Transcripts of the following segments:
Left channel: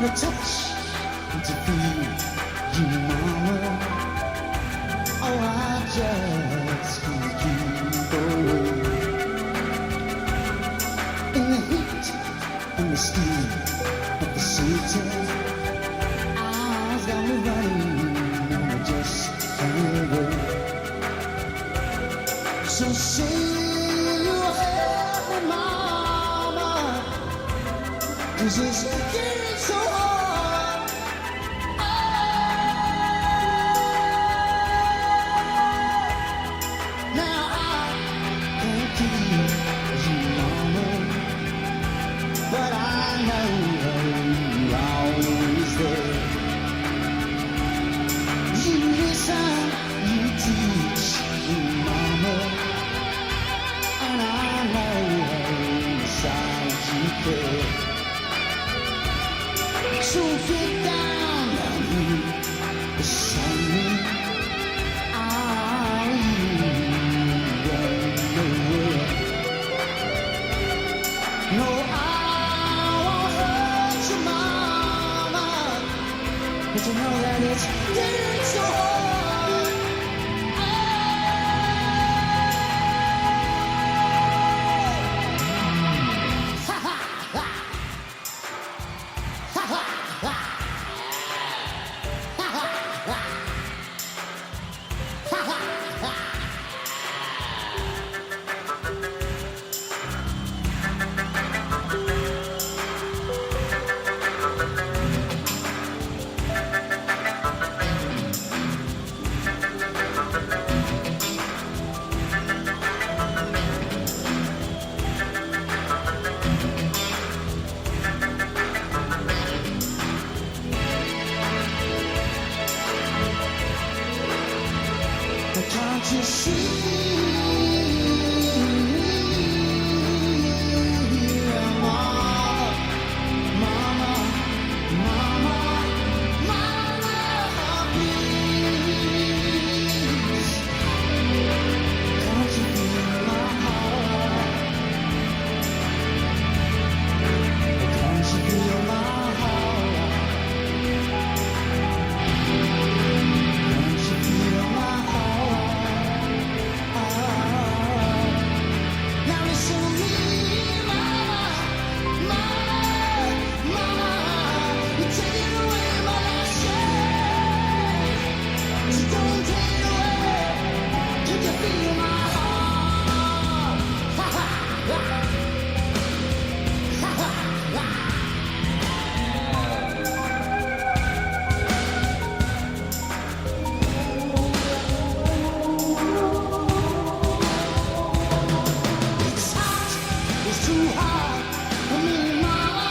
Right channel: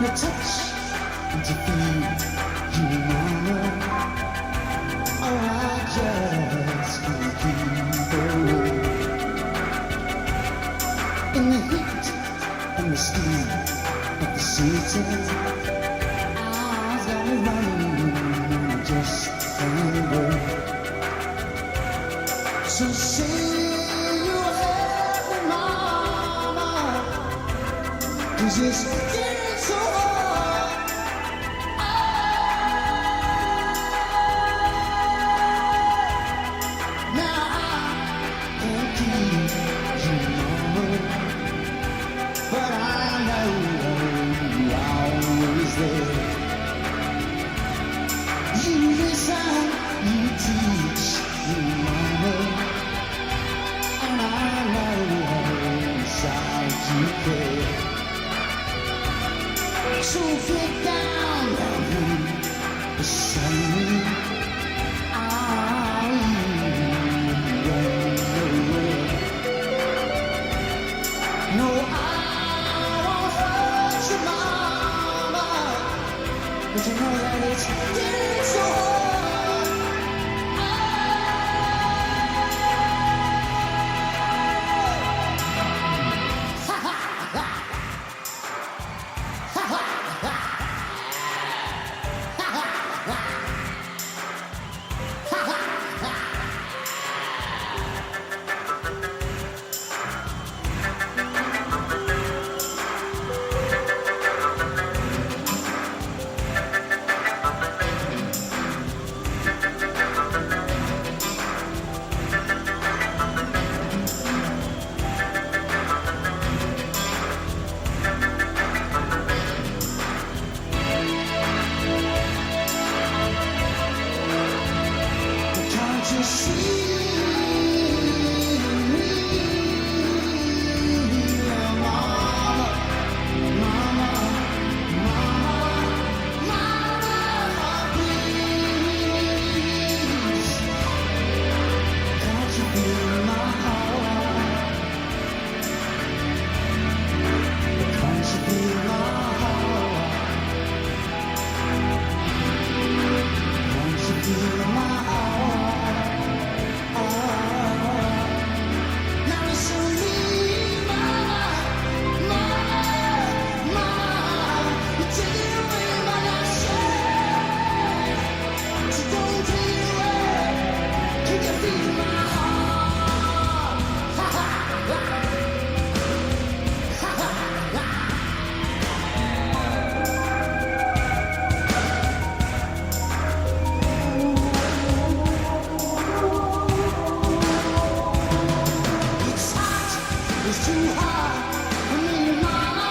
to touch and to feel you, mama. Oh, I just can't keep away. In the heat and the steam of the city, eyes got me running and I just can't wait. So say you help me, mama, 'cause it's getting so hard. Oh, now I can't keep you, mama, but I know you're always there. You listen, you teach me, mama, and I know inside you care. So get down here beside me. Are you going nowhere? No, I won't hurt you, mama, but you know that it's getting so hard. Ha ha ha! Ha ha ha! Ha ha ha! Ha ha ha! Can't you see me, mama, mama, mama, mama, please? Can't you feel my heart? Can't you feel my heart? Can't you feel my heart? Now listen to me, mama, mama, mama. You're taking away my last chance. So don't take it away. Can you feel my heart? Ha ha ha. Ha ha ha. It's too hard for me, mama,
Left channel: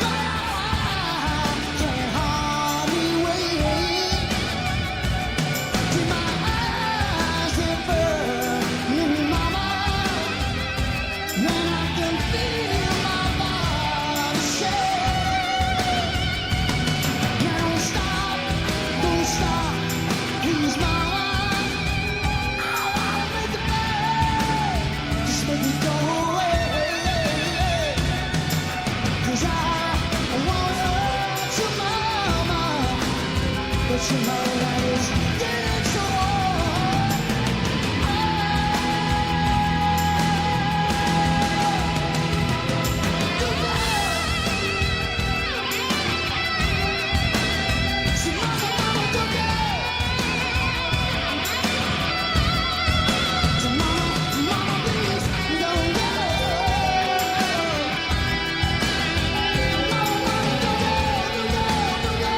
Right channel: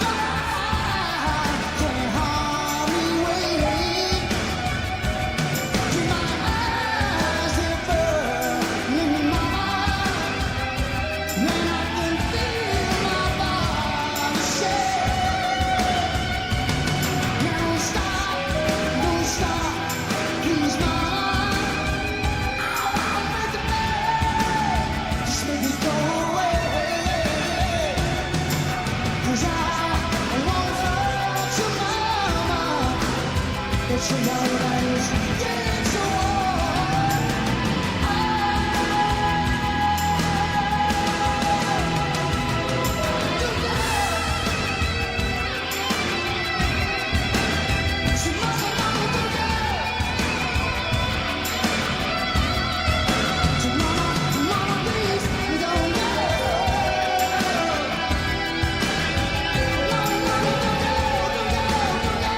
but I can't hardly wait. Till my eyes are burning, mama, then I can feel my body shake. Now don't stop, please, mama. I won't make it back. Just make me go away, 'cause I won't hurt you, mama, but you know that it's getting so hard. You know. So mama, don't go. So mama, please, don't go. Mama, don't go, don't go, don't go.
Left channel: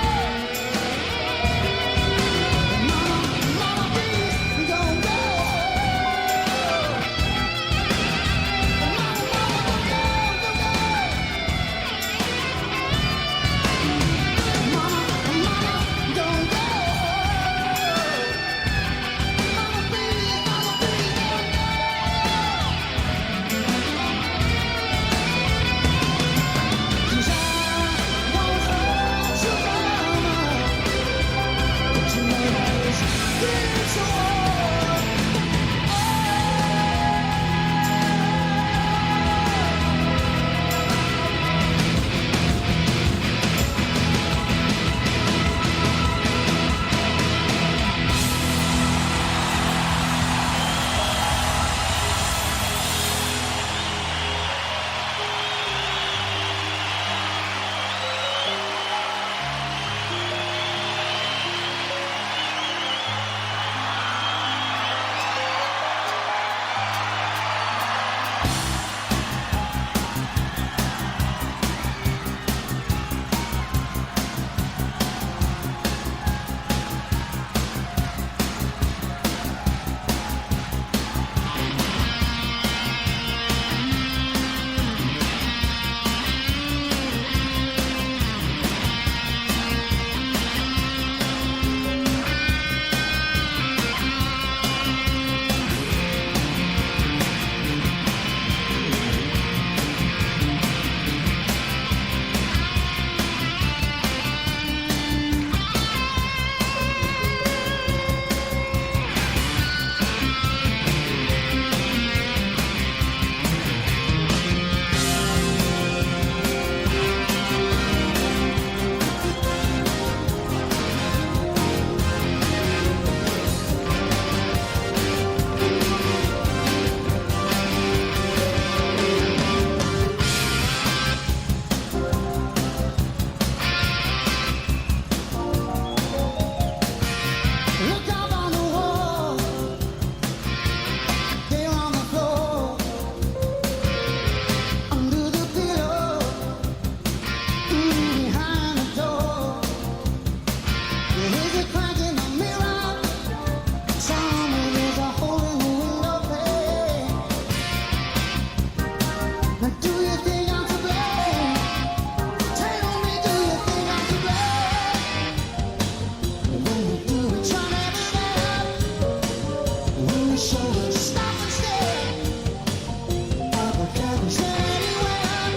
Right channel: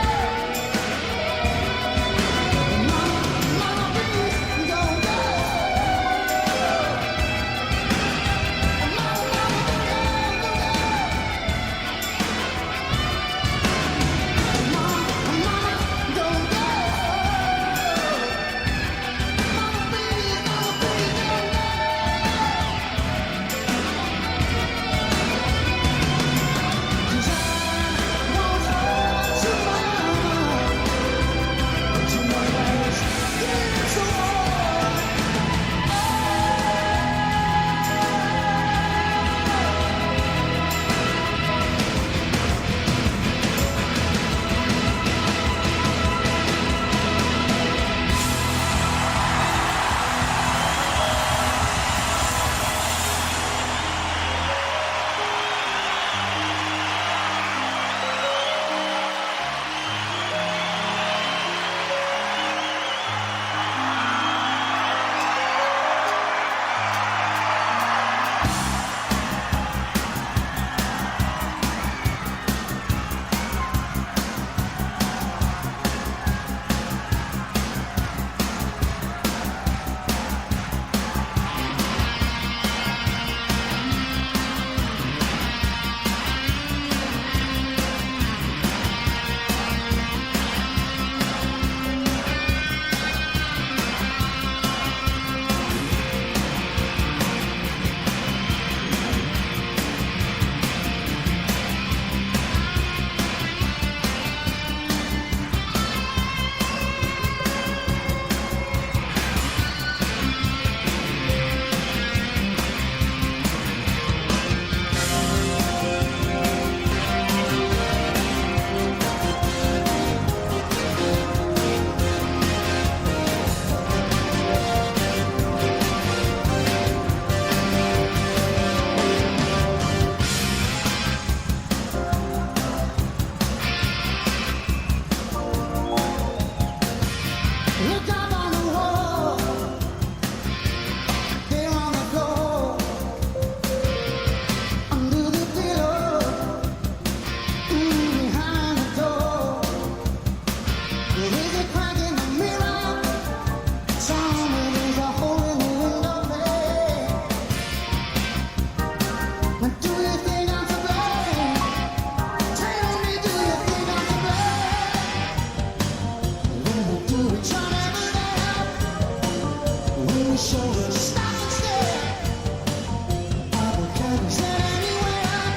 get anywhere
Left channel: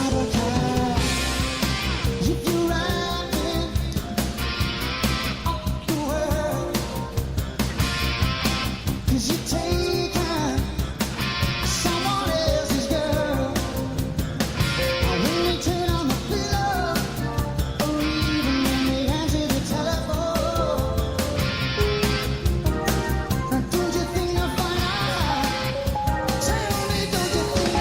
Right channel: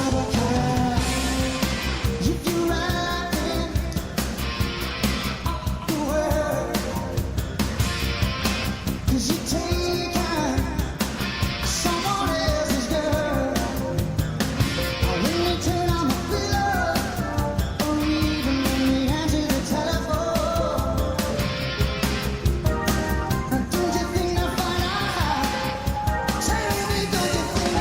out of care. If you're wrapping up the world, 'cause you're taking someone else's girl. When they turn on the pillow, or even when they answer the telephone, don't you think they'll find out? Tell me, don't you think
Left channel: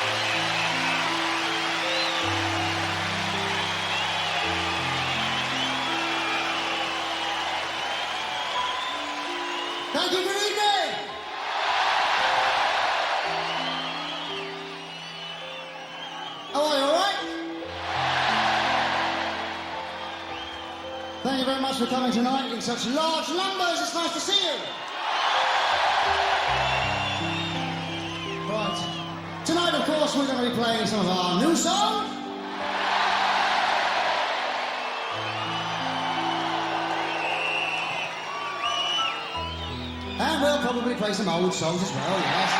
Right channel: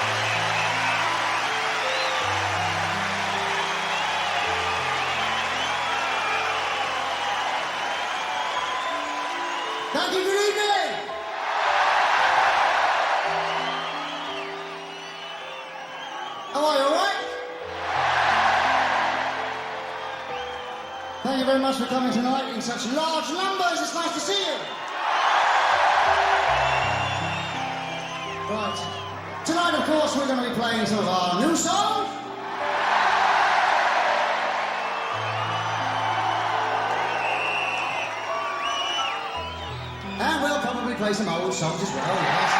Thank you, good evening. How are you, all right? Thank you very much for coming tonight in such large numbers. It's nice to see you. Right. Tonight, of course, we're going to be playing some of our new songs. And we'll probably play some old songs as well, yes.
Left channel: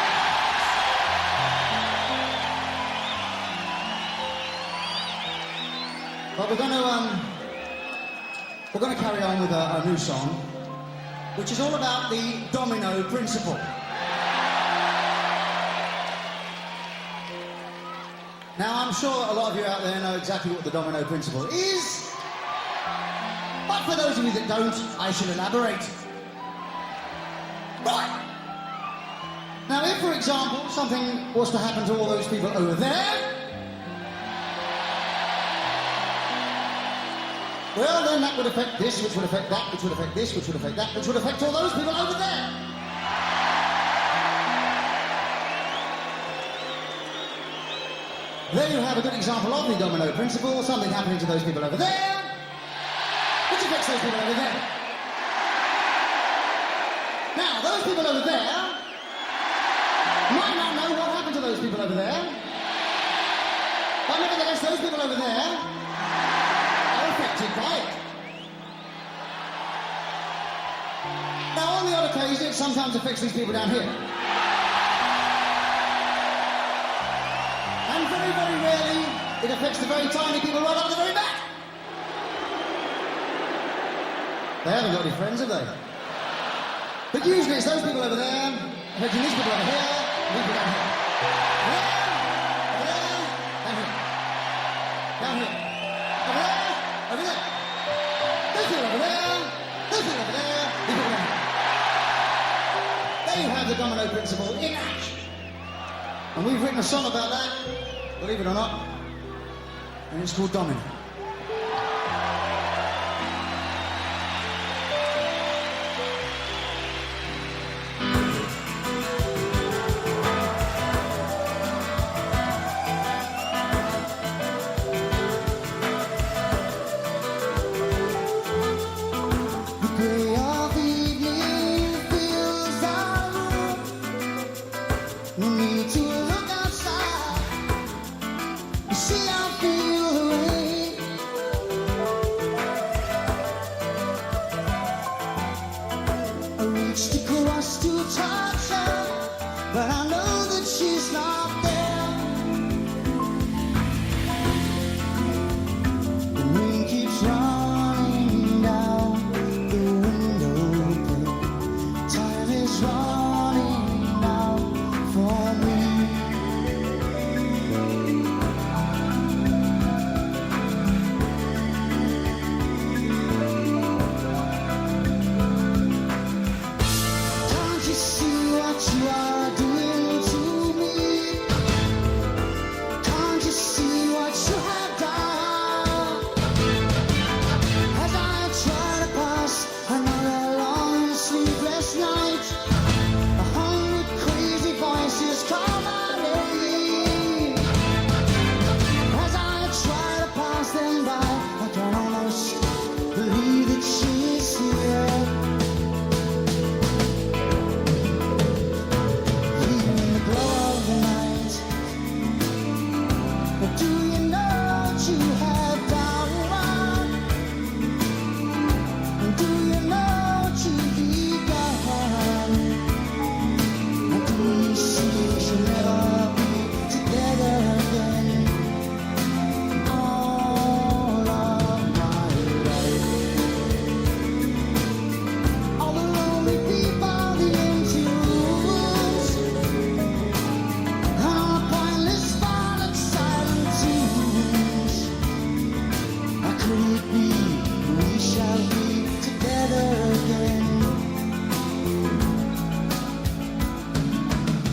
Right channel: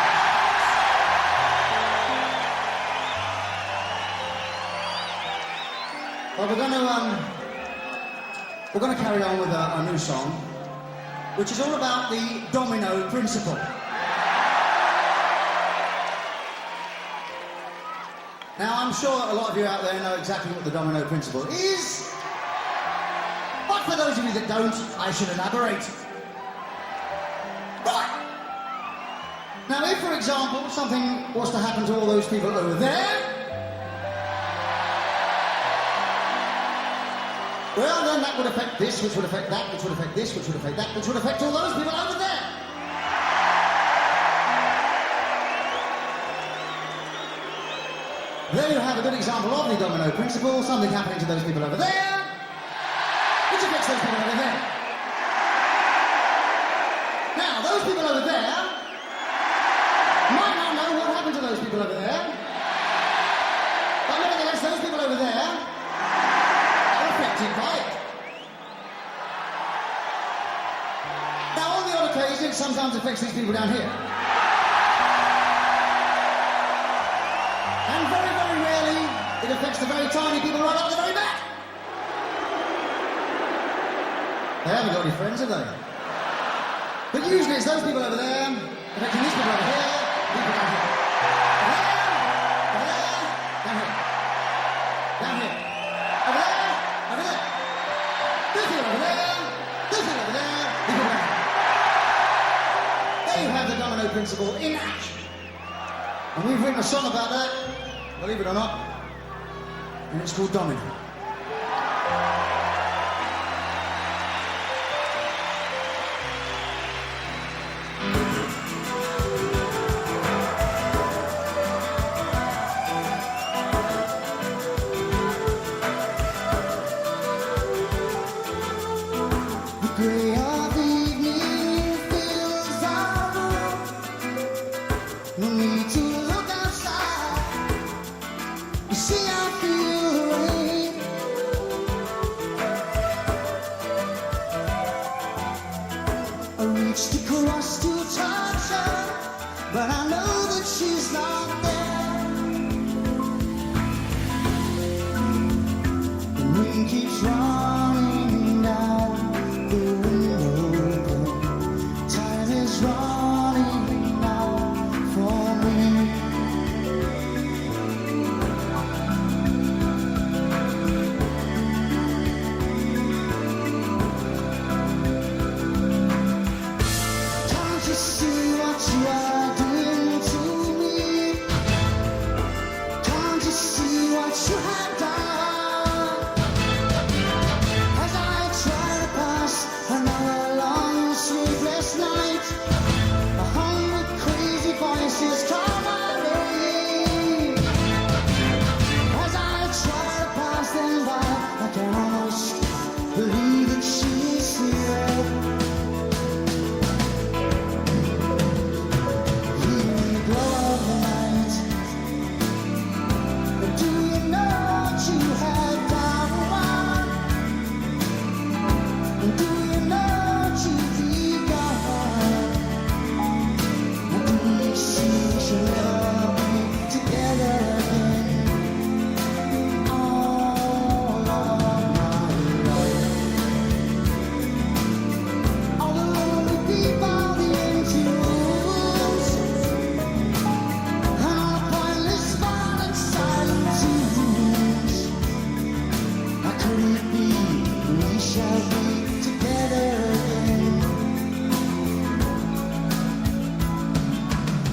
But we're going to carry on with a new song, which is all about the domino principle. Now, I'm sure that a lot of you out there know exactly what the domino principle is, but for those of you that don't, I shall elaborate. Right. Now, if, for example, something was to happen to all those people over there, well, then that would affect this, which would affect that, which would affect this, which would affect that, which would affect all those people over there. There you have a good example of the domino principle, something happening to those people over there, which affects those people over there. Now, those people over there might not know what happened to those people over there, but nevertheless, those people over there are affected by it. Now, on the odd occasion, it sometimes affects these people down here. And very, very rarely, it affects the very tiny people right up at the very back. They haven't got any friends, have they? But usually it's those people over there affecting these people over here, and people down here. Over there, down here. Down here. Over there, over there. Those people over there, those people over there, these people down here. There you have the domino principle in action. And we've written a song about that, believe it or not, and it's called Domino. Gray of evening fills our room. No need to look outside. You see, I feel the rain. I reached across to touch her, but I know that she's not there. The rain keeps running down the window pane. Time is running out for me. Can't you see what you are doing to me? Can't you see what you have done? As I try to pass another long sleepless night, 100 crazy voices call my name. As I try to pass them by, I can almost believe that she is here. Here in the glow of the night. But do you know what you have done? And do you know what you've begun? And do you see we shall never be together again? All of my life, all the lonely people, the empty rooms, and all the pointless, violent, silent tunes. How could it be we shall be together again?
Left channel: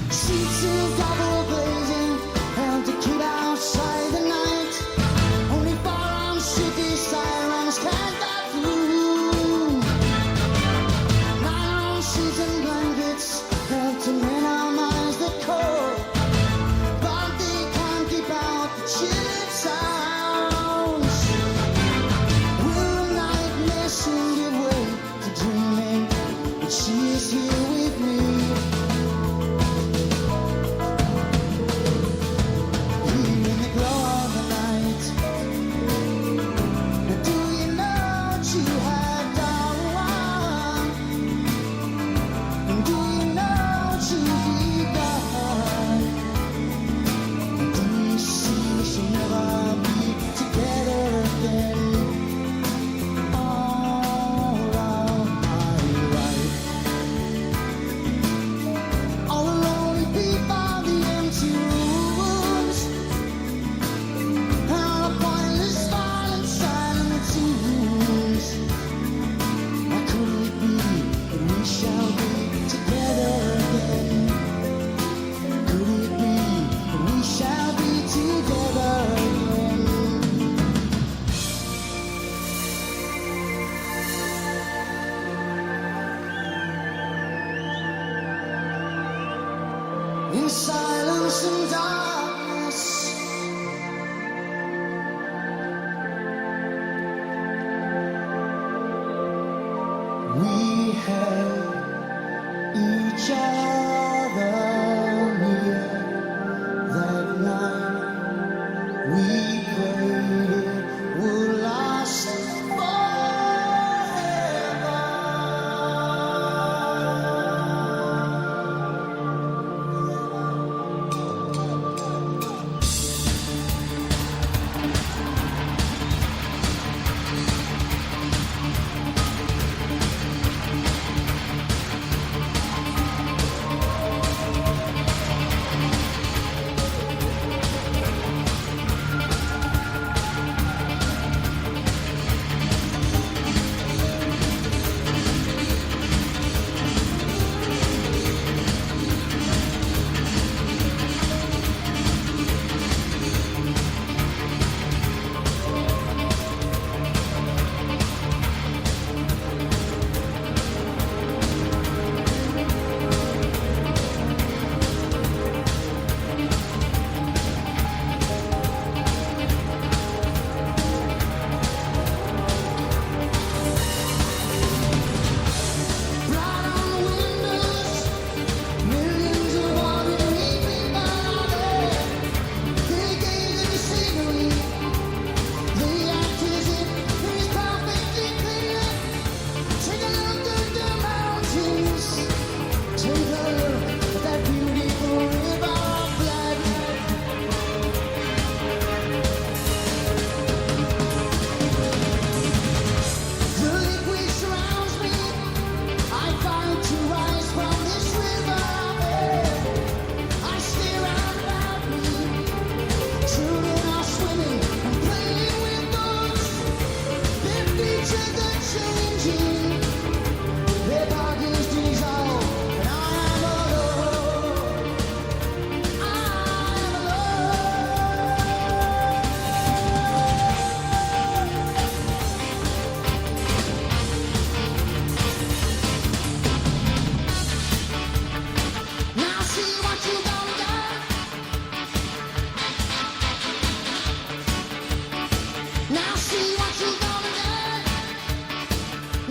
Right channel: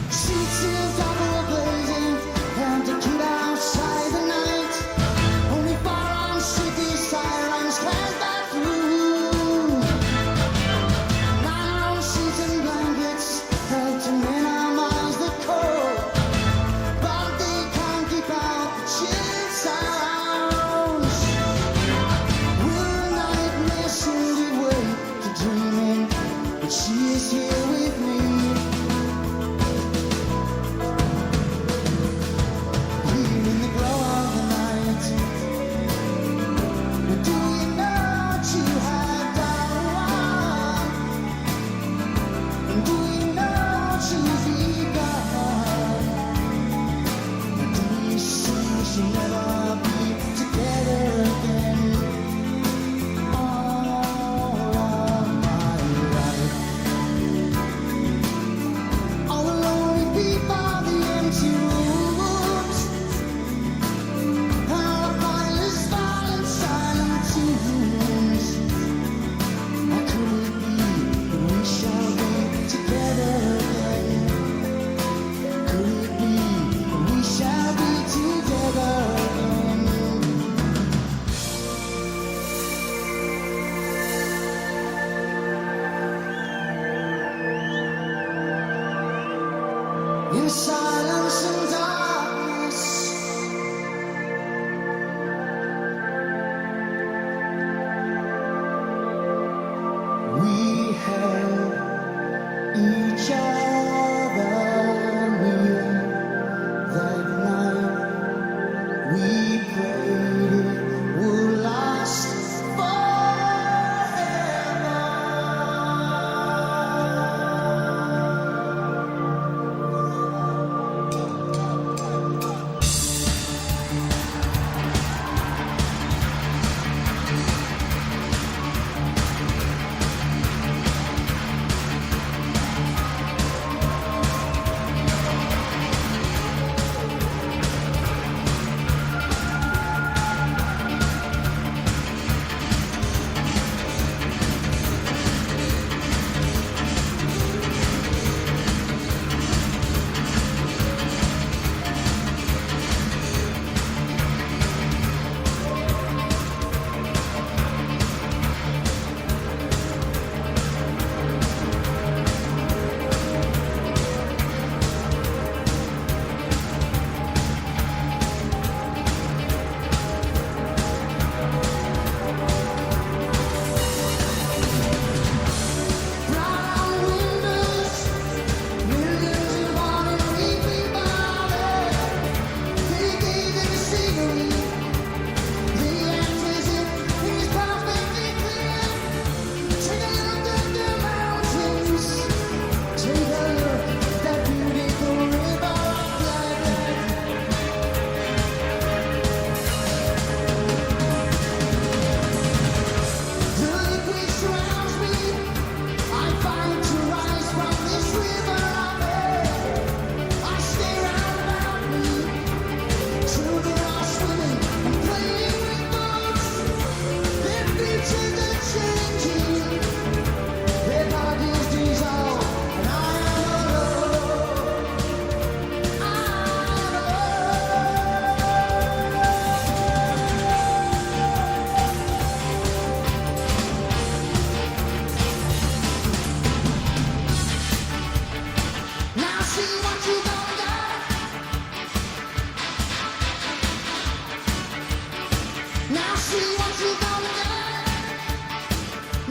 Sheets of double glazing in silence and darkness. We held each other near that night. We prayed it would last forever. Now see what you gonna do.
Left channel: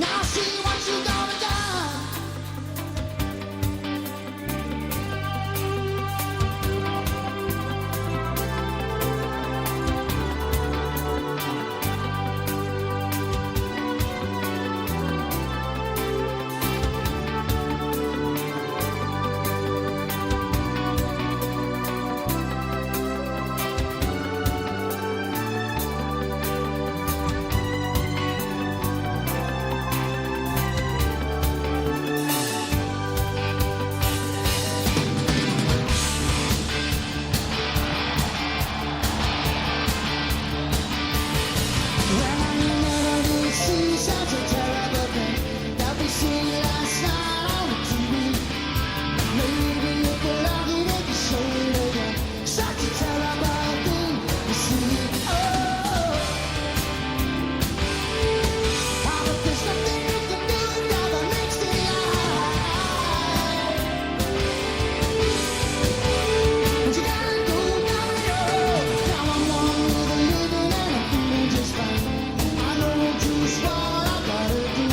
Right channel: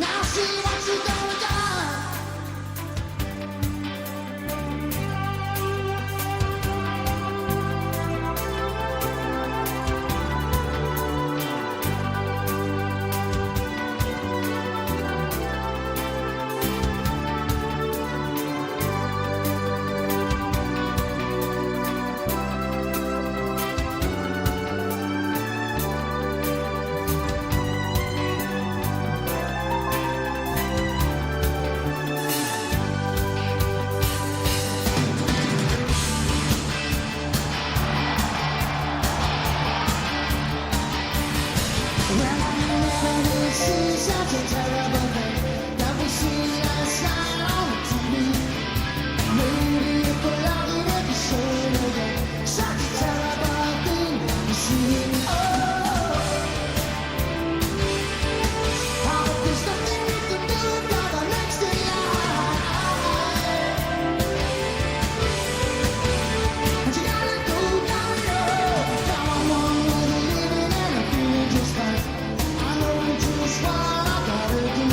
Now see what you gonna do. Well, I never did see such a terrible thing that we seen last night on the TV. Maybe if we're lucky they can show it again. Such a terrible thing to see. Oh, how but there's nothing you can do about the next in line. And you gotta go down the road. Now I'm on with the living and I'm feeling just fine. I know just what I gotta do.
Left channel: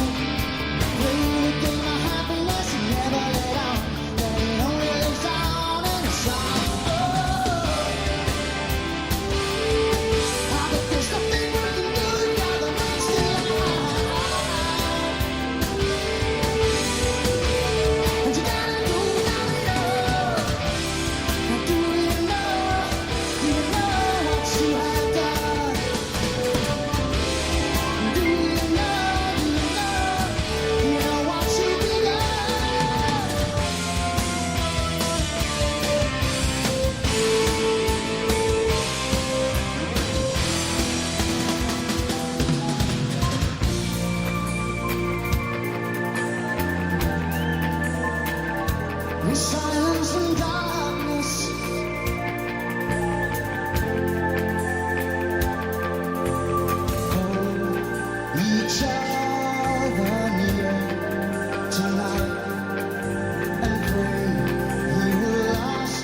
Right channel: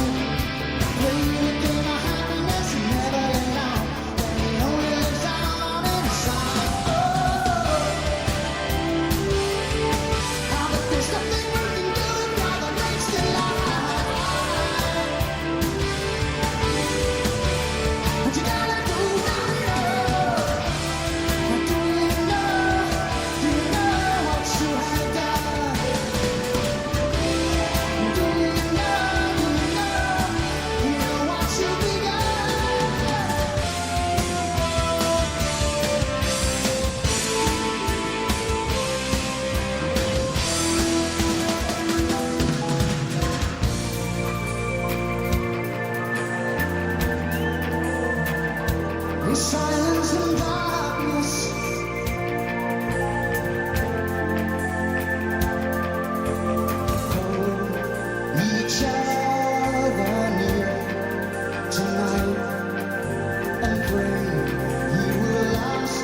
Play the game of happiness and never let on that it only lives on in a song. Oh, ah, but there's nothing you can do about the next in line. And you gotta go down the road. Now do you know what you have done? Do you know what you've begun? In silence and darkness, hold each other near tonight and pray He will last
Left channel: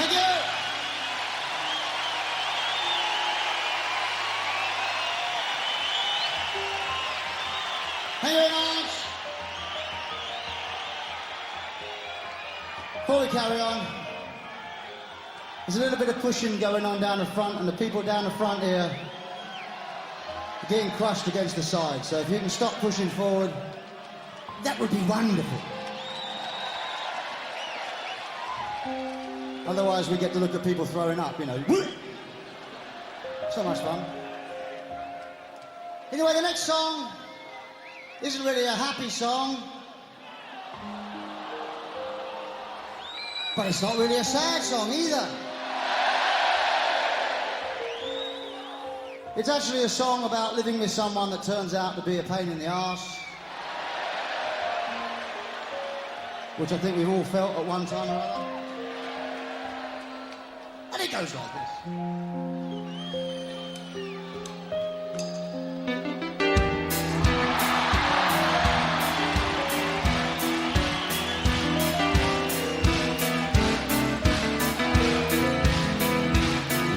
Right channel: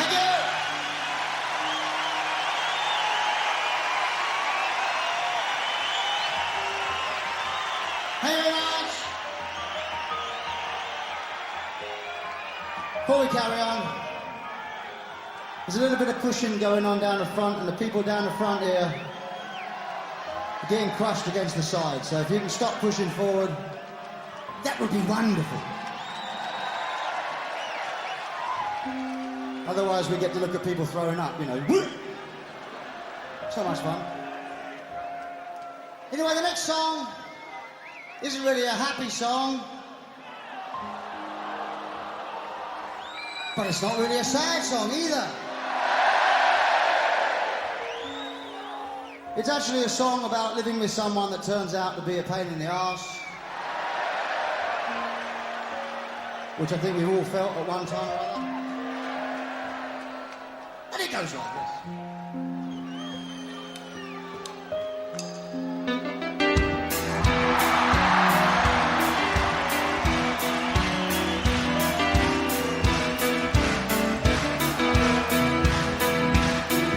Thank you. Thank you very much. Before we carry on, there's a little bit of pushing going on down the front, and the people down the front here are getting crushed against the side. So if you can stop pushing forward, that would be wonderful. Otherwise, we get to look at people throwing up, you know. It's not much fun. Anyway, the next song isn't really a happy song, but it's not really a sad song either. It's actually a song about living with someone that turns out to be a pain in the arse, which I think we've all felt at one time or other. And it goes like this.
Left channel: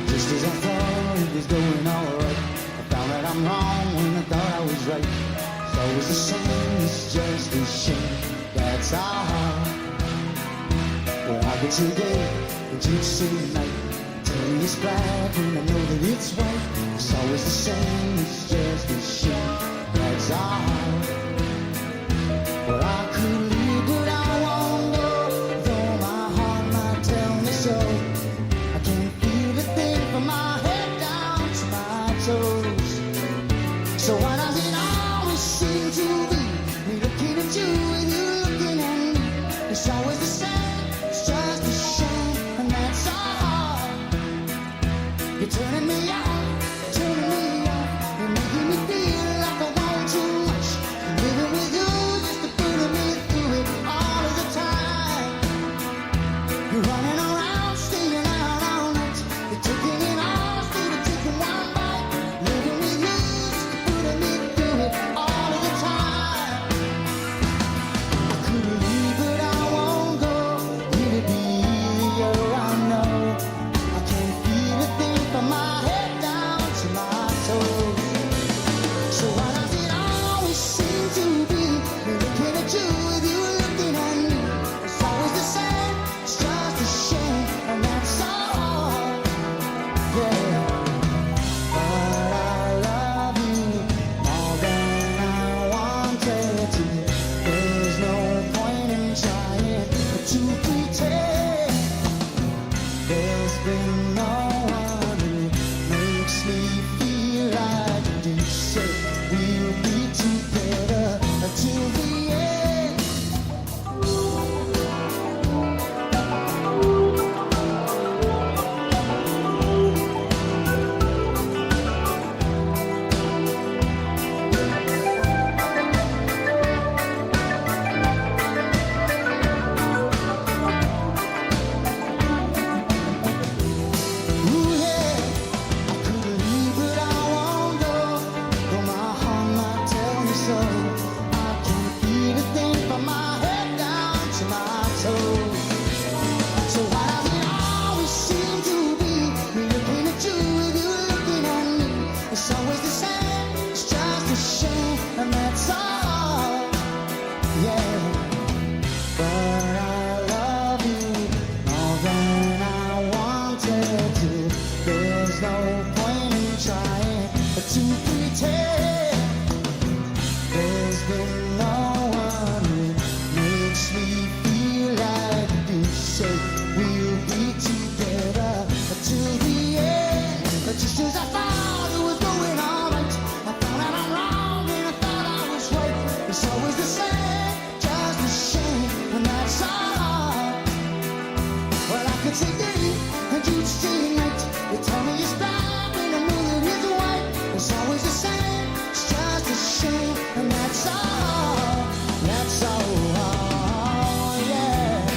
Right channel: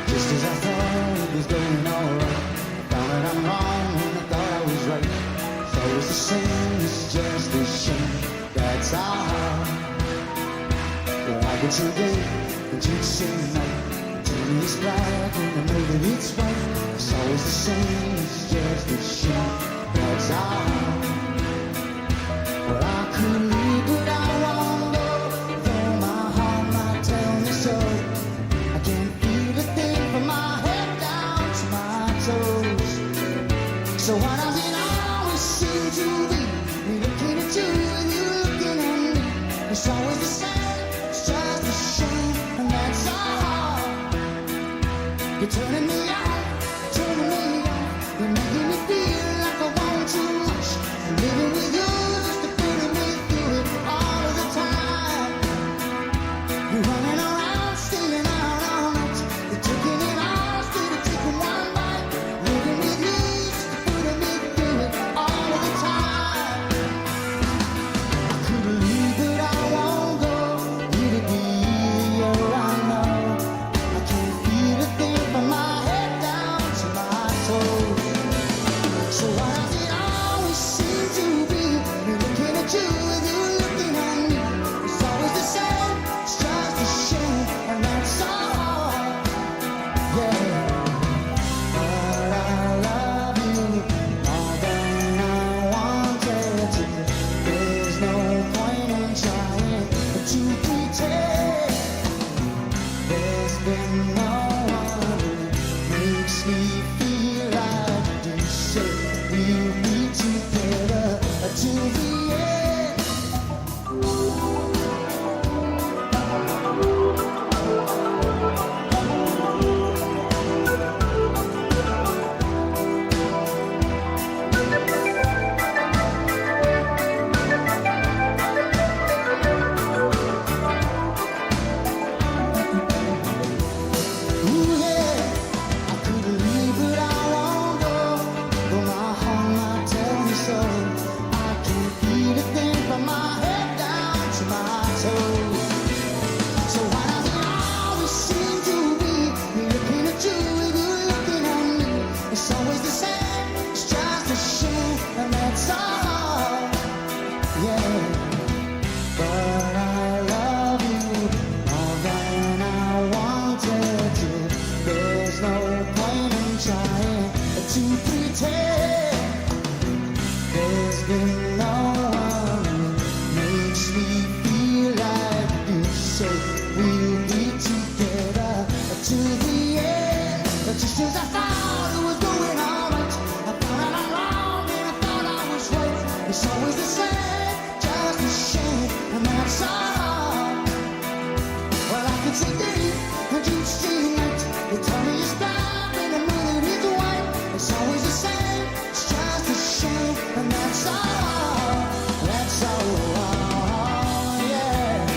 Just as I thought it was going alright, I found that I'm wrong when I thought I was right. It's always the same, it's just a shame. That's our heart. Well, I could say day and you'd say night. Tell me it's black when I know that it's white. It's always the same, it's just a shame. That's our heart. Well, I could leave, but I won't go. Though my heart might tell me so. I can't feel a thing from my head down to my toes. So why does it always seem to be me looking at you and you looking at me? It's always the same, it's just a shame, and that's all. You're turning me on, you're making me feel like I want too much. Living with you just to put me through it all of the time. You're running around, staying out all night. You're taking it all instead of taking one bite. Living with you just to put me through it all of the time. I could leave, but I won't go. It'd be easier, I know. I can't feel a thing from my head down to my toes. So why does it always seem to be me looking at you with you looking at me? It's always the same, it's just a shame, and that's all. Yeah. But I love you more than I wanted to. There's no point in trying to pretend. There's been no one who makes me feel like you said we'll be together till the end. Ooh, yeah, I could leave, but I won't go. Though my heart might tell me so. I can't feel a thing from my head down to my toes. So why does it always seem to be me looking at you and you looking at me? It's always the same, it's just a shame, and that's all. Yeah. But I love you more than I wanted to. There's no point in trying to pretend. There's been no one who makes me feel like you said we'll be together till the end. But just as I thought it was going alright, I found out I'm wrong and I thought I was right. It's always the same, just a shame, and that's all. Well, I could say day and you'd say night. You tell me it's black and I know that it's white. It's always the same, it's just a shame, and that's all. That's all, yeah.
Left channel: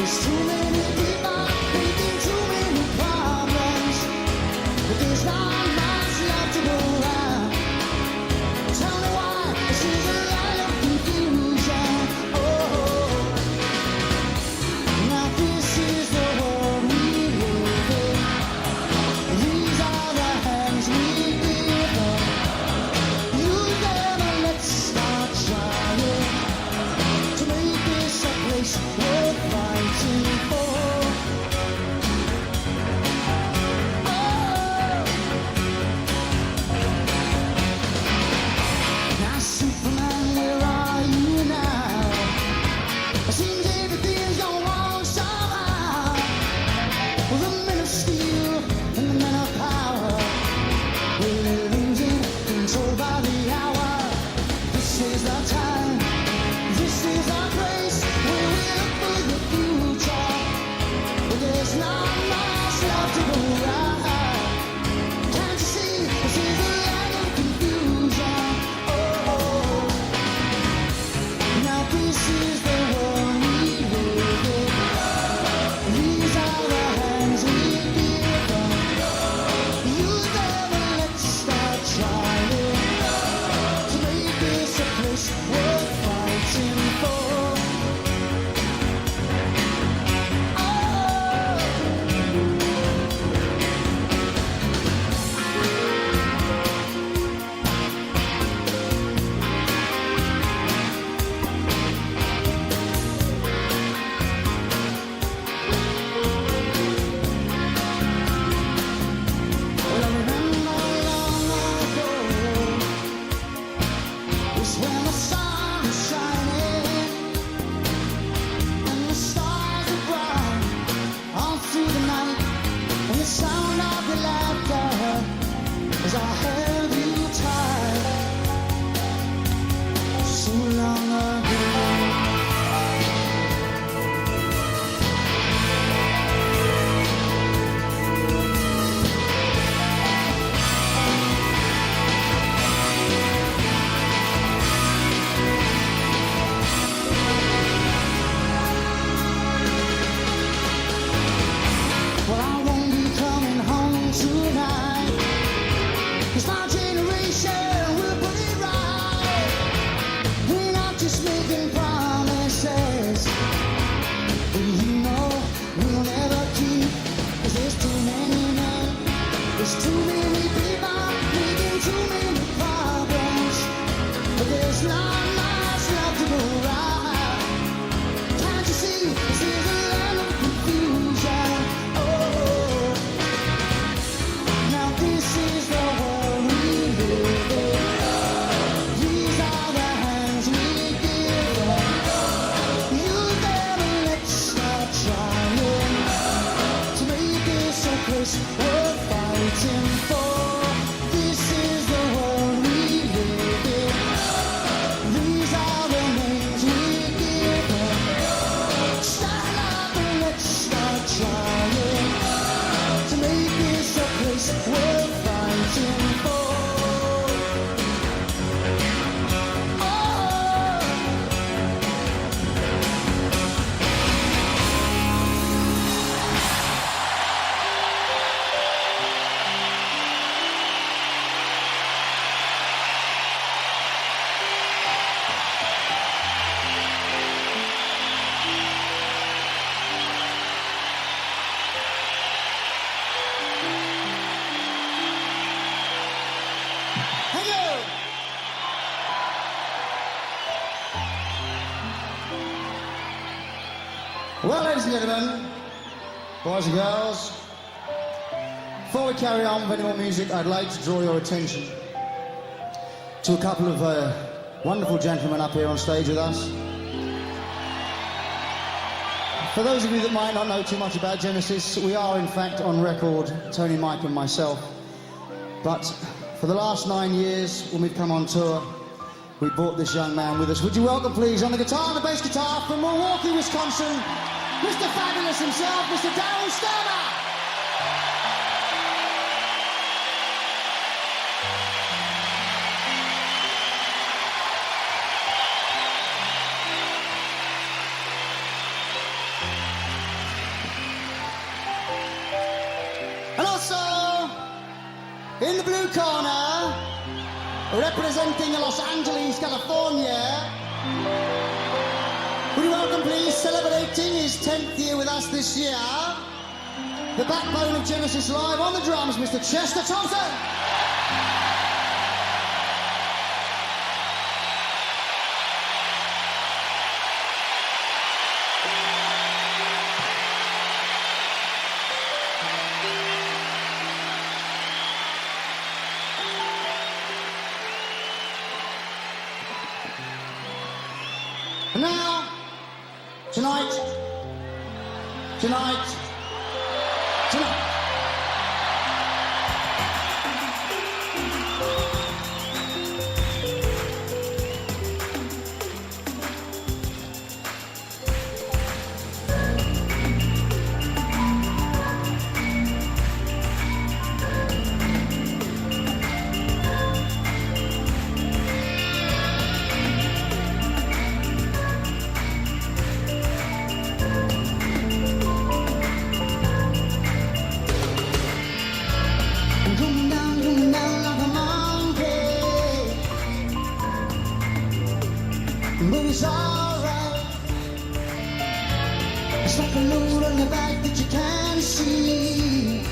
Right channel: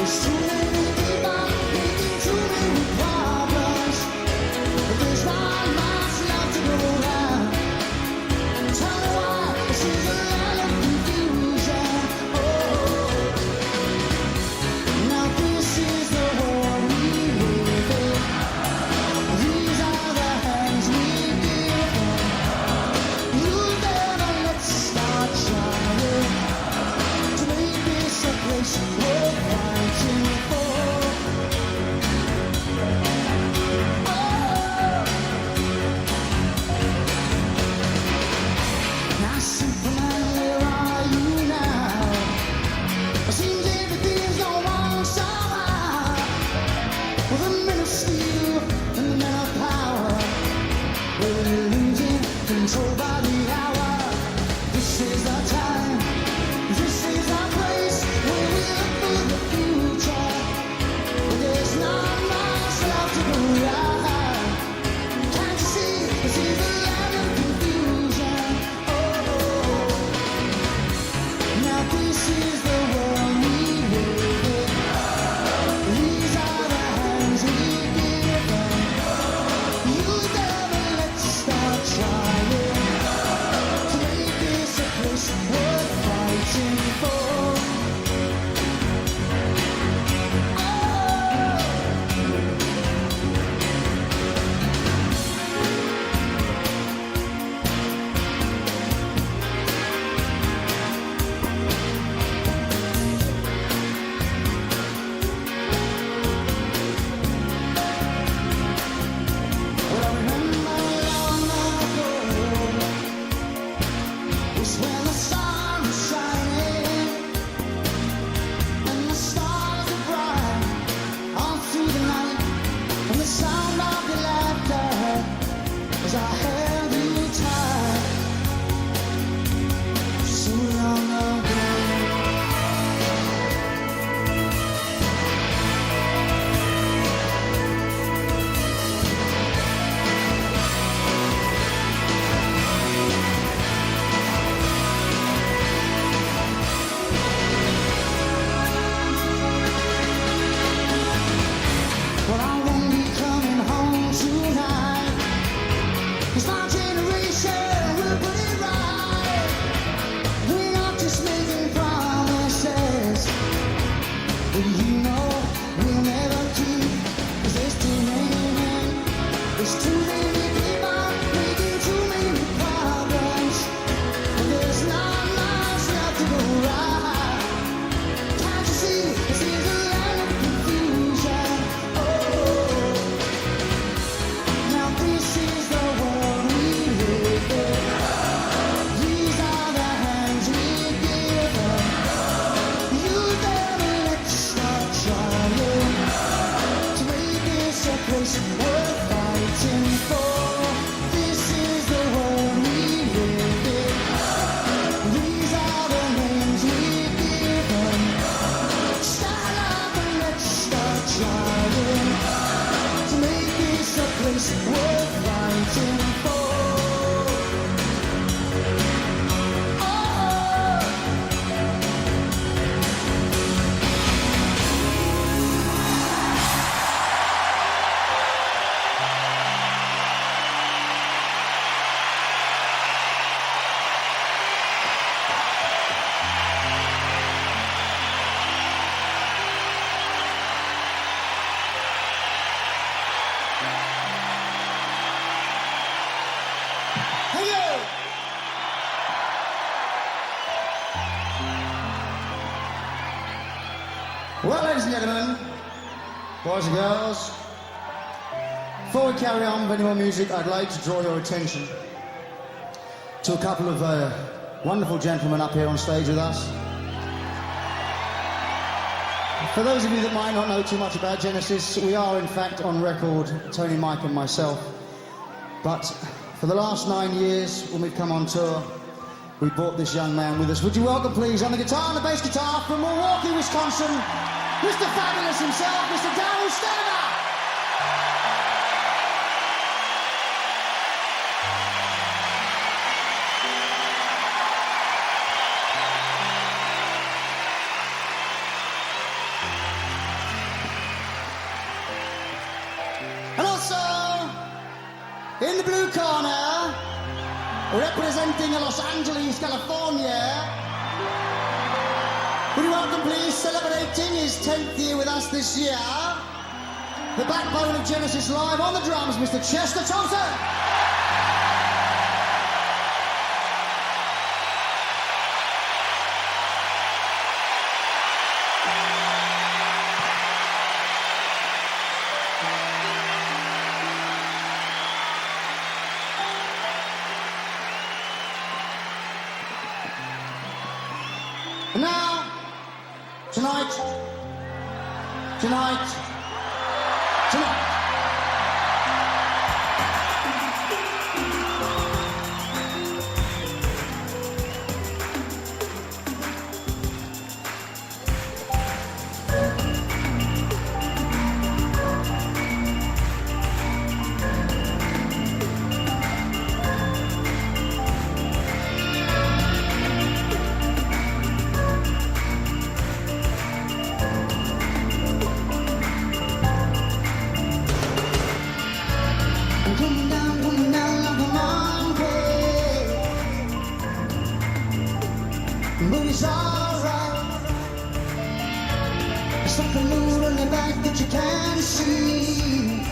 There's too many people making too many problems, but there's not much love to go around. Tell me why this is a land of confusion. Oh, now this is the world we live in. These are the hands we give up. Use them and let's start trying to make this a place worth fighting for. Oh, now Superman, where are you now? It seems everything's gone wrong somehow. Well, the men of steel and the men of power, we're losing control by the hour. This is our time, this is our place, where we look for the future. But there's not much love to go around. Can't you see, this is the land of confusion. Oh, now this is the world we live in. These are the hands we give them. Use them and let's start trying to make this a place worth fighting for. Oh, well, I remember long ago was when the sun was shining and the stars were bright all through the night, and the sound of your laughter as I held you tight so long ago. Well, I won't be coming home tonight, 'cause my generation will put it right. We're not just making promises that you know we'll never keep, 'cause there's too many men, there's too many people making too many problems, but there's not much love to go around. Can't you see, this is a land of confusion. Oh, now this is the world we live in. These are the hands we give up. Use them and let's start trying to make this a place worth fighting for. This is the world we live in. These are the names we give them. Stand up and let's start trying to make this a place worth fighting for. Oh, thank you. Well, ladies and gentlemen, boys and girls, before we carry on with any more music, I'd like to draw your attention to a couple of wonderful gentlemen up here on stage with us. For those of you that might not know too much about Genesis, we are in fact on record, Tony, Mike and myself. But for the last 9 years, when we've come on tour, we brought this young man with us. Would you welcome, please, on the guitar and the bass guitar from Milwaukee, Wisconsin, Mr. Fabulous himself, Mr. Daryl Stammer. And also, in the blue corner, representing Los Angeles, California, would you welcome, please, celebrating his 10th year with us this year, the backbone of Genesis Live on the drums, Mr. Chester Thompson. And now, tonight. Coming down like a monkey, but it's alright. It's like a load on your back that you can't see,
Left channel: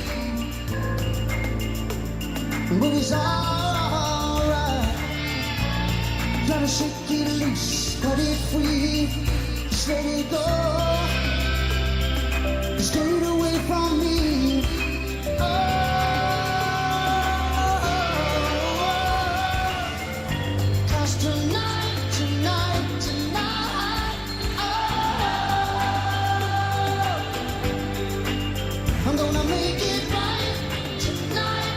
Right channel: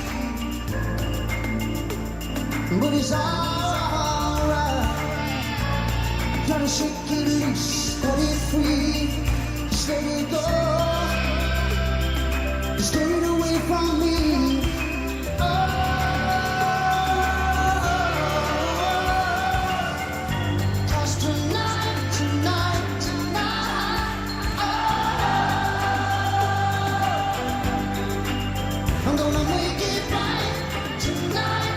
but it's alright. Gotta shake it loose, cut it free, just let it go, just get it away from me. I'm gonna make it right tonight.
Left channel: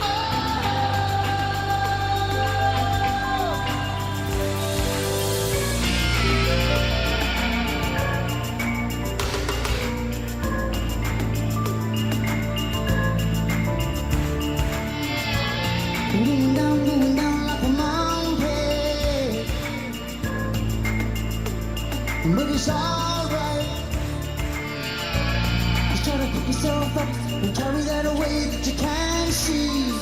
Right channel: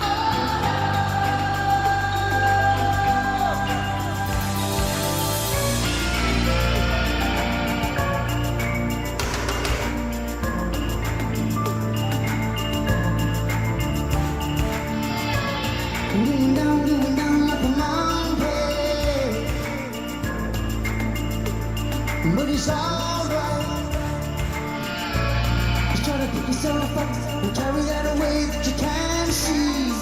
Oh, going down like a monkey, but it's alright. Try to pick yourself up and carry that away that you can't see.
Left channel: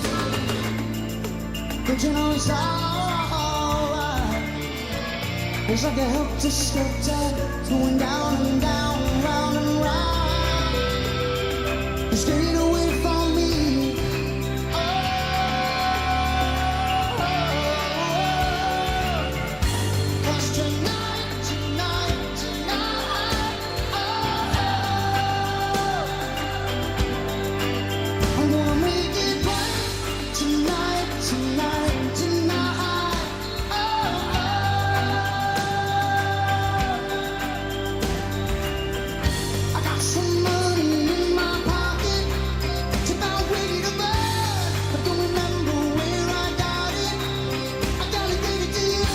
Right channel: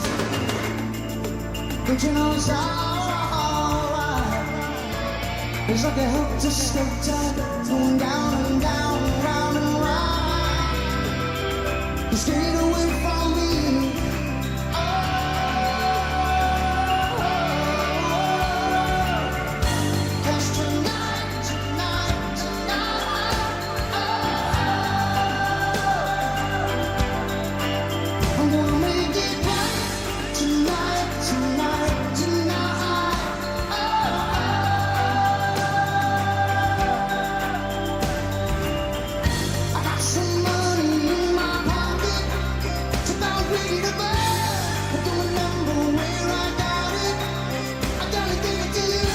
But you know it's alright. It's like a helter-skelter going down and down, round and round. Just get it away from me. Cause tonight. I'm gonna make it right tonight. Oh, I got some money in my pocket, it's about ready to burn. I don't remember where I got it, I gotta give it to you.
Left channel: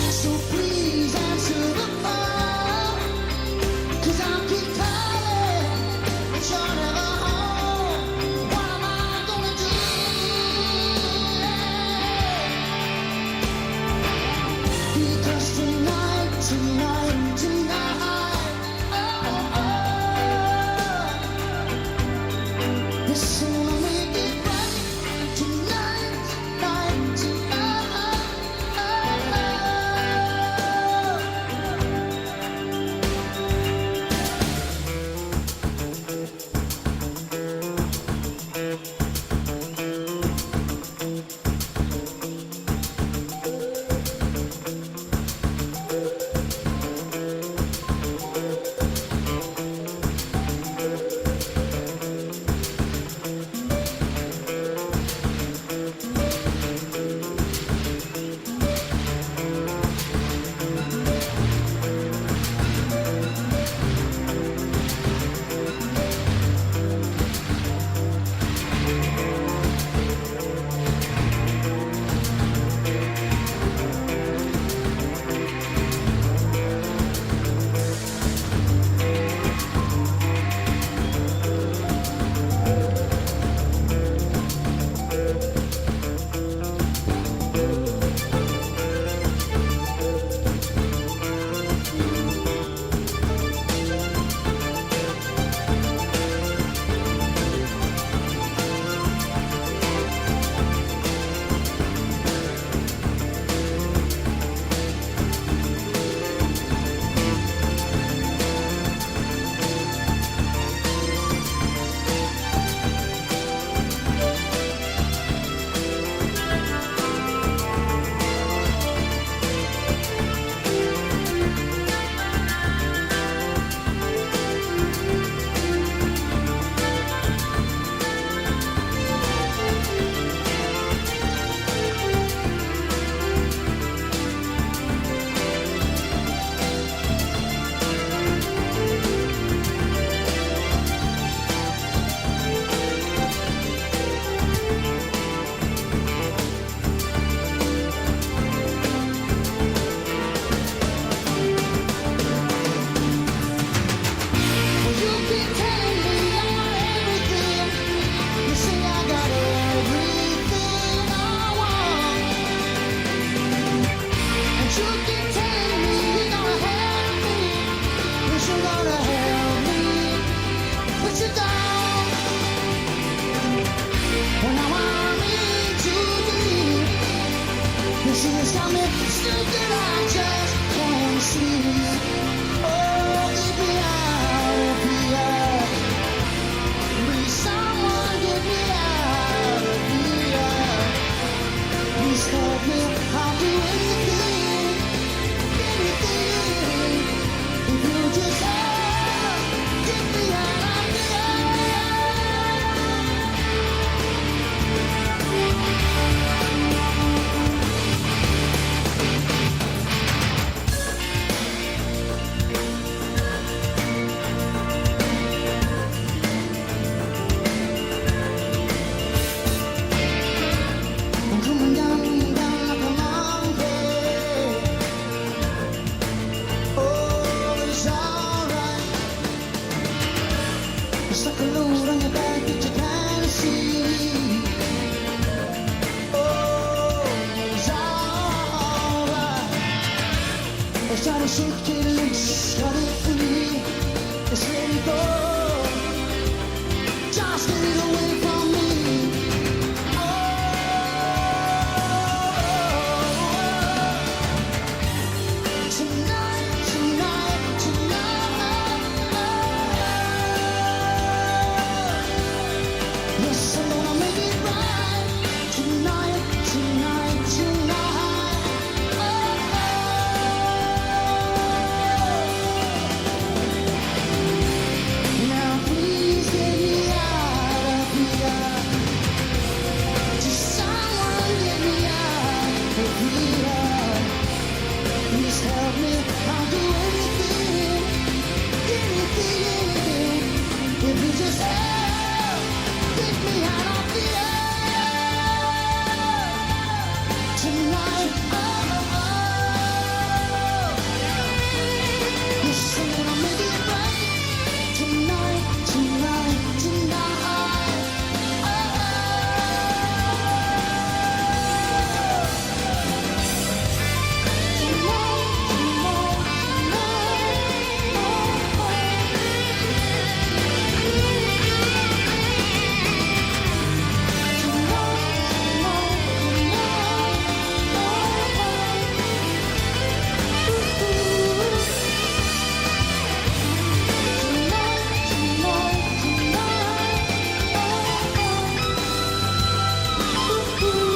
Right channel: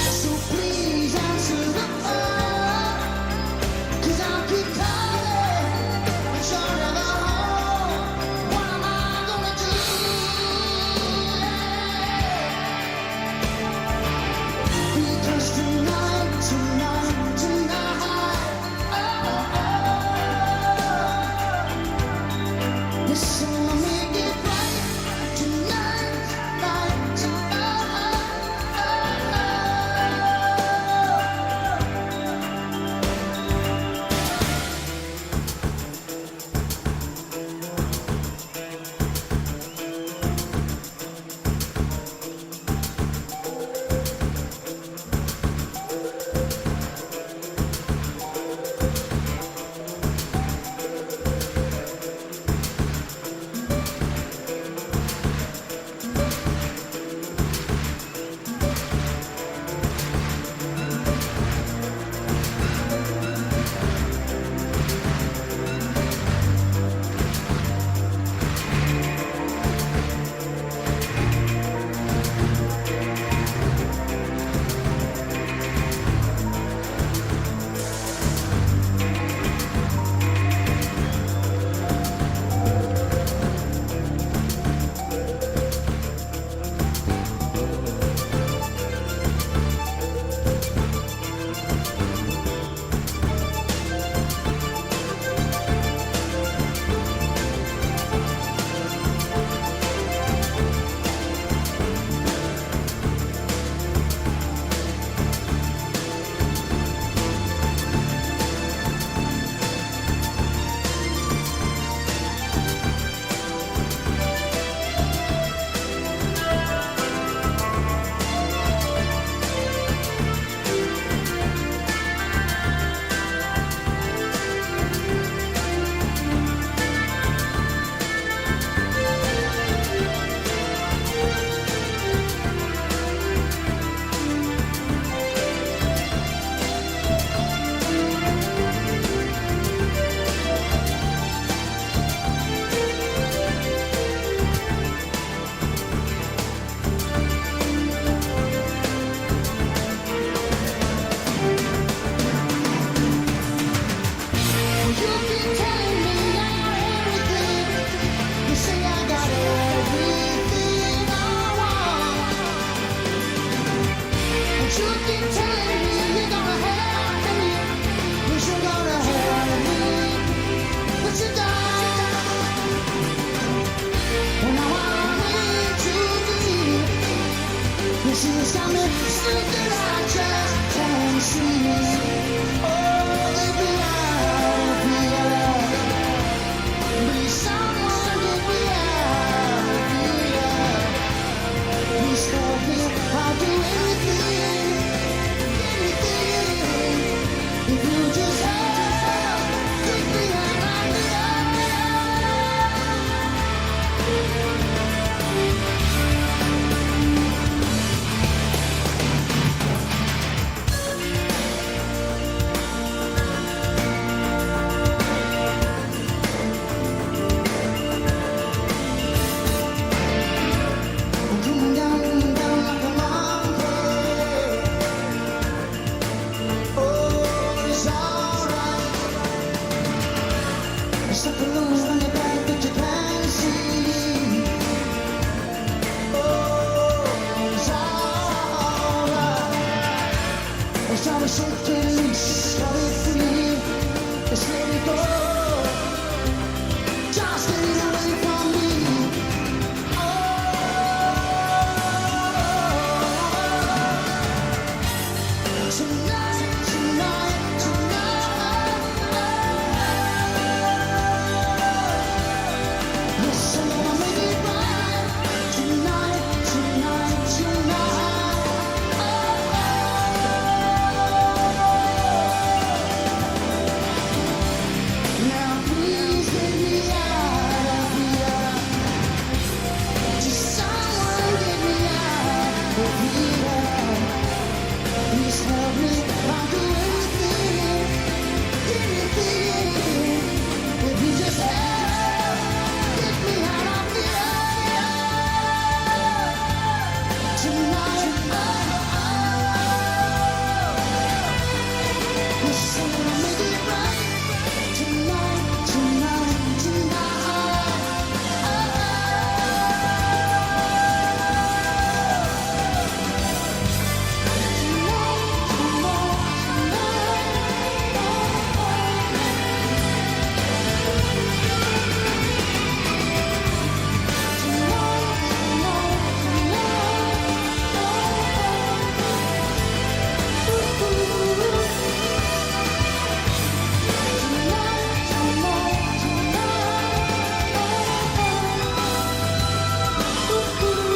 So please answer the phone, 'cause I'll keep calling, but you're never home. What am I gonna do? Because tonight, yes, I'm gonna make it right tonight. you keep telling me you're gonna help me. Yes, you're gonna help me, but you don't. Well, now I'm in too deep. You see, it's got me stuck that I just can't sleep. Oh, get me out of here. Please, someone get me out of here. Please help me, I'll do anything, anything. If you just help, get me out of here. I'm coming down like a monkey. Oh, it's alright. It's like a load on your back that you can't see. Oh, it's alright. It's trying to shake it loose, cut it free. Just let it go. Just get it away from me. Tonight, tonight, tonight. Yes, I'm gonna make it right. Tonight, tonight, tonight. Now please get me out of here. Just someone get me out of here. Please help me, I'll do anything, anything. If you just help, get me out of here. Tonight, oh, oh. Yes, I'm gonna make it right. Tonight, tonight, tonight. Oh, thank you.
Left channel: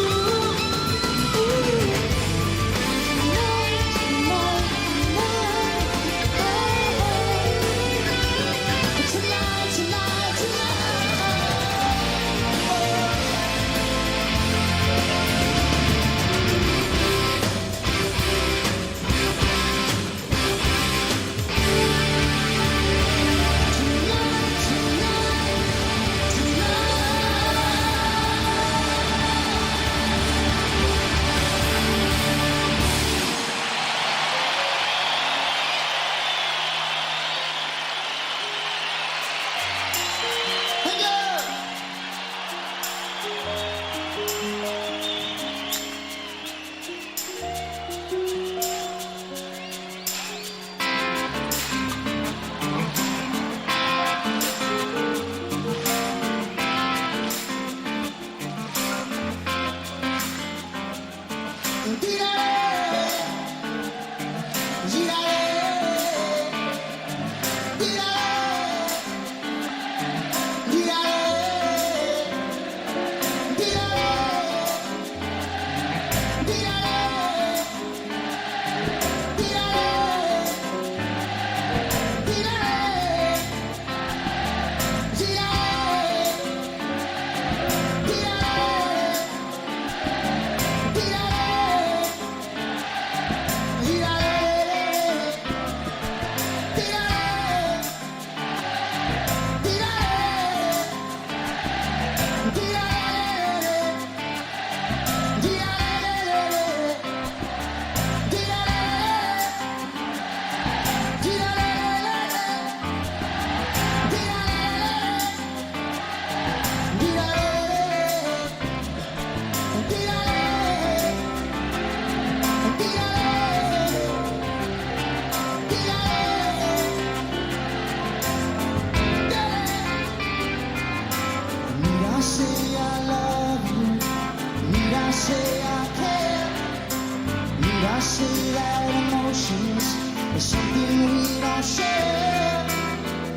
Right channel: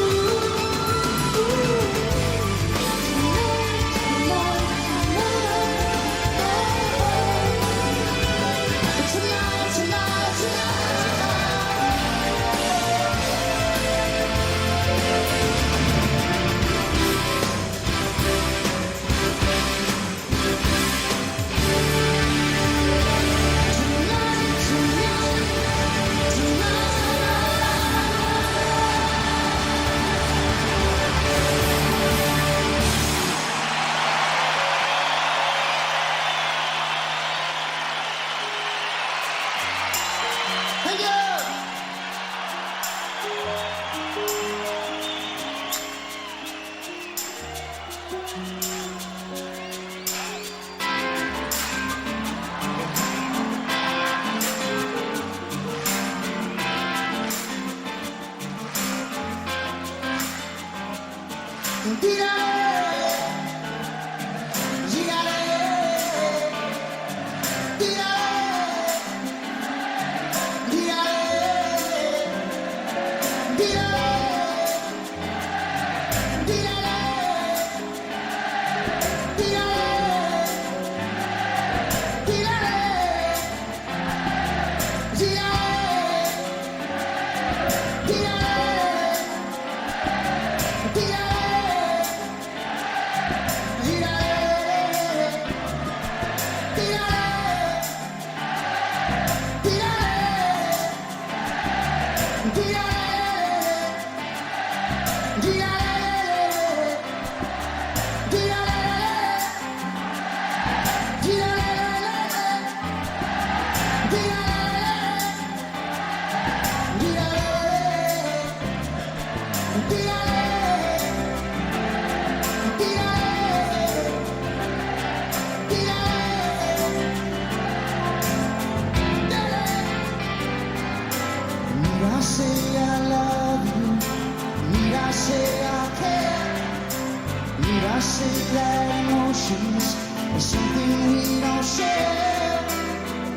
I say that emotions are something we don't share?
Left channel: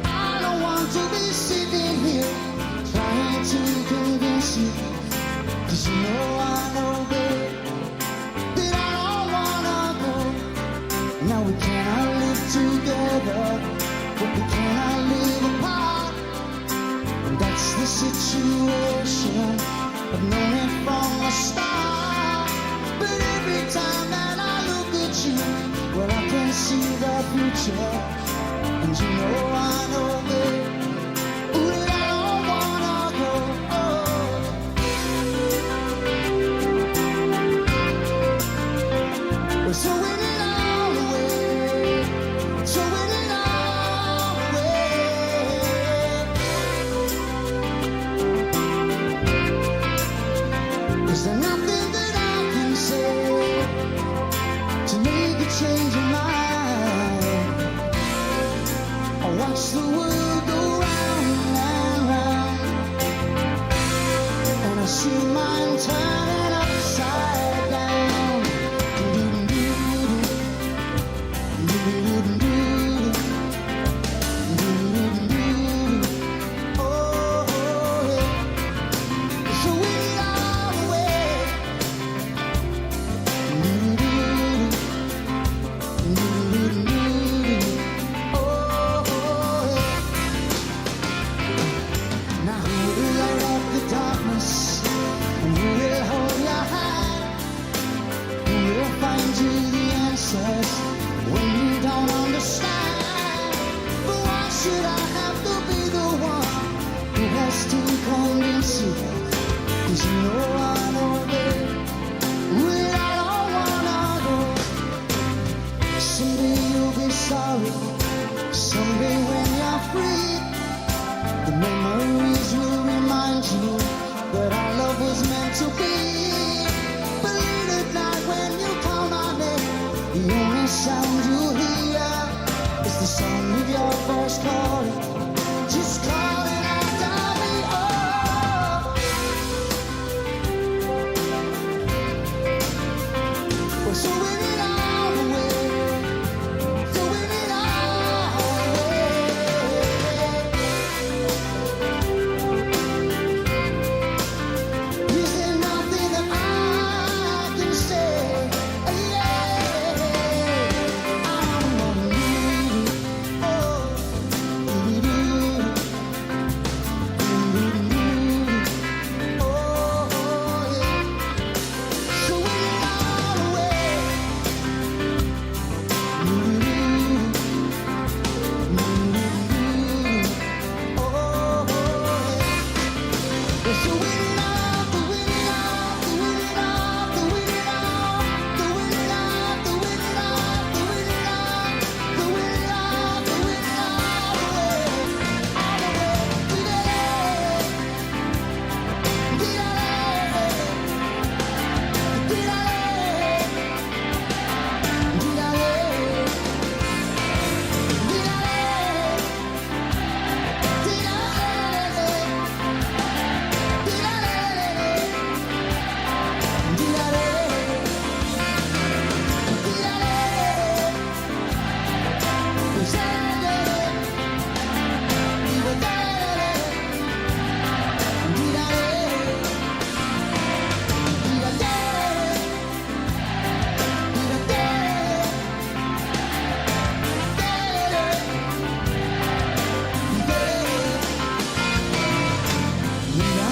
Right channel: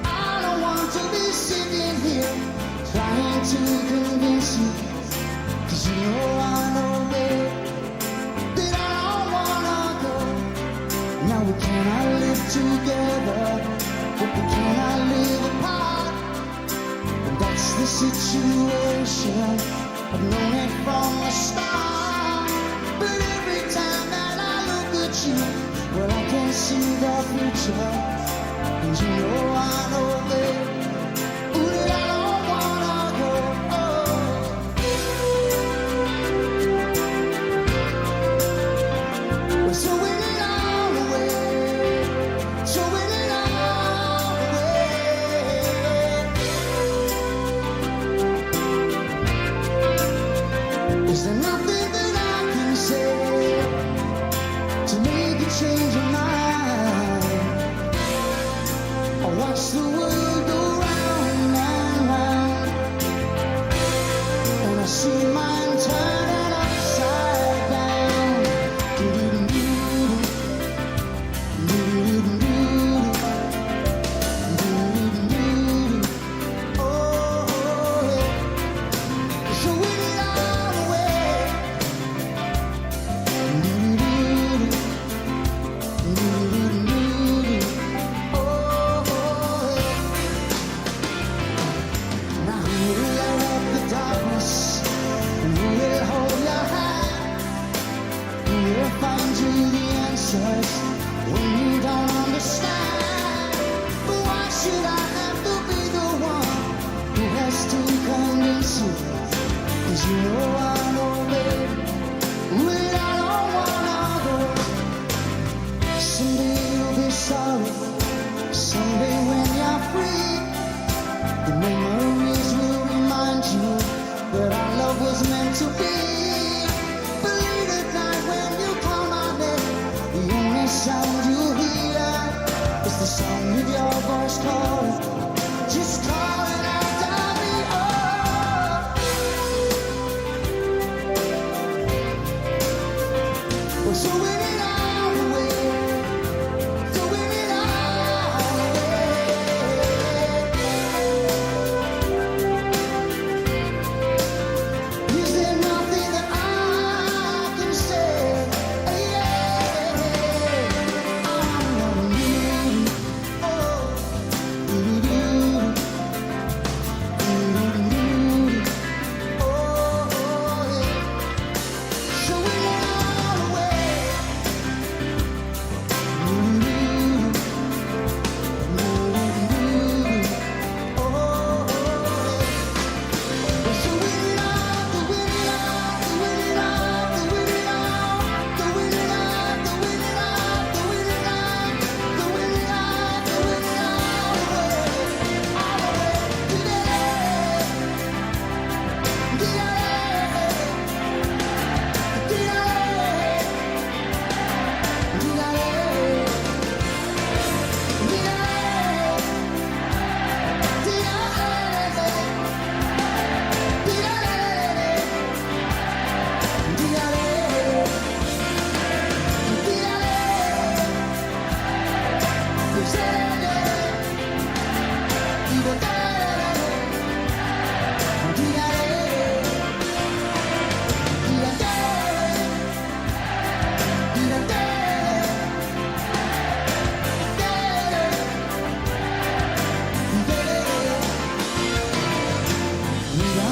I don't want to be sitting here trying to convince you, 'cause you know babe, that I don't wanna go. Now we cannot live together, but we cannot live apart. And that's the situation, I've known it from the start. But every time that I look at you, well, I can see the future. And you know babe, ooh, that I don't wanna go. We're throwing it all away, throwing it all away. Is there nothing that I can say to make you change your mind? I watch the world go round and round, and I see mine turning upside down. Oh, yeah. So we it all away. Now who will light up the darkness, and who will hold your hand? Who will find you the answers when you don't understand? But why should I have to be the one who has to convince you? 'Cause you know babe, that I don't wanna go. Someday you'll be sorry, someday when you're free, the memories will remind you that our love was meant to be. But late at night when you call my name, the only sound you hear is the sound of your voice calling, just calling after me. Oh, we're throwing it all away, throwing it all away. Is there nothing that I can say? Yeah, I'm on you. Oh, oh, yeah. Throwing it all away.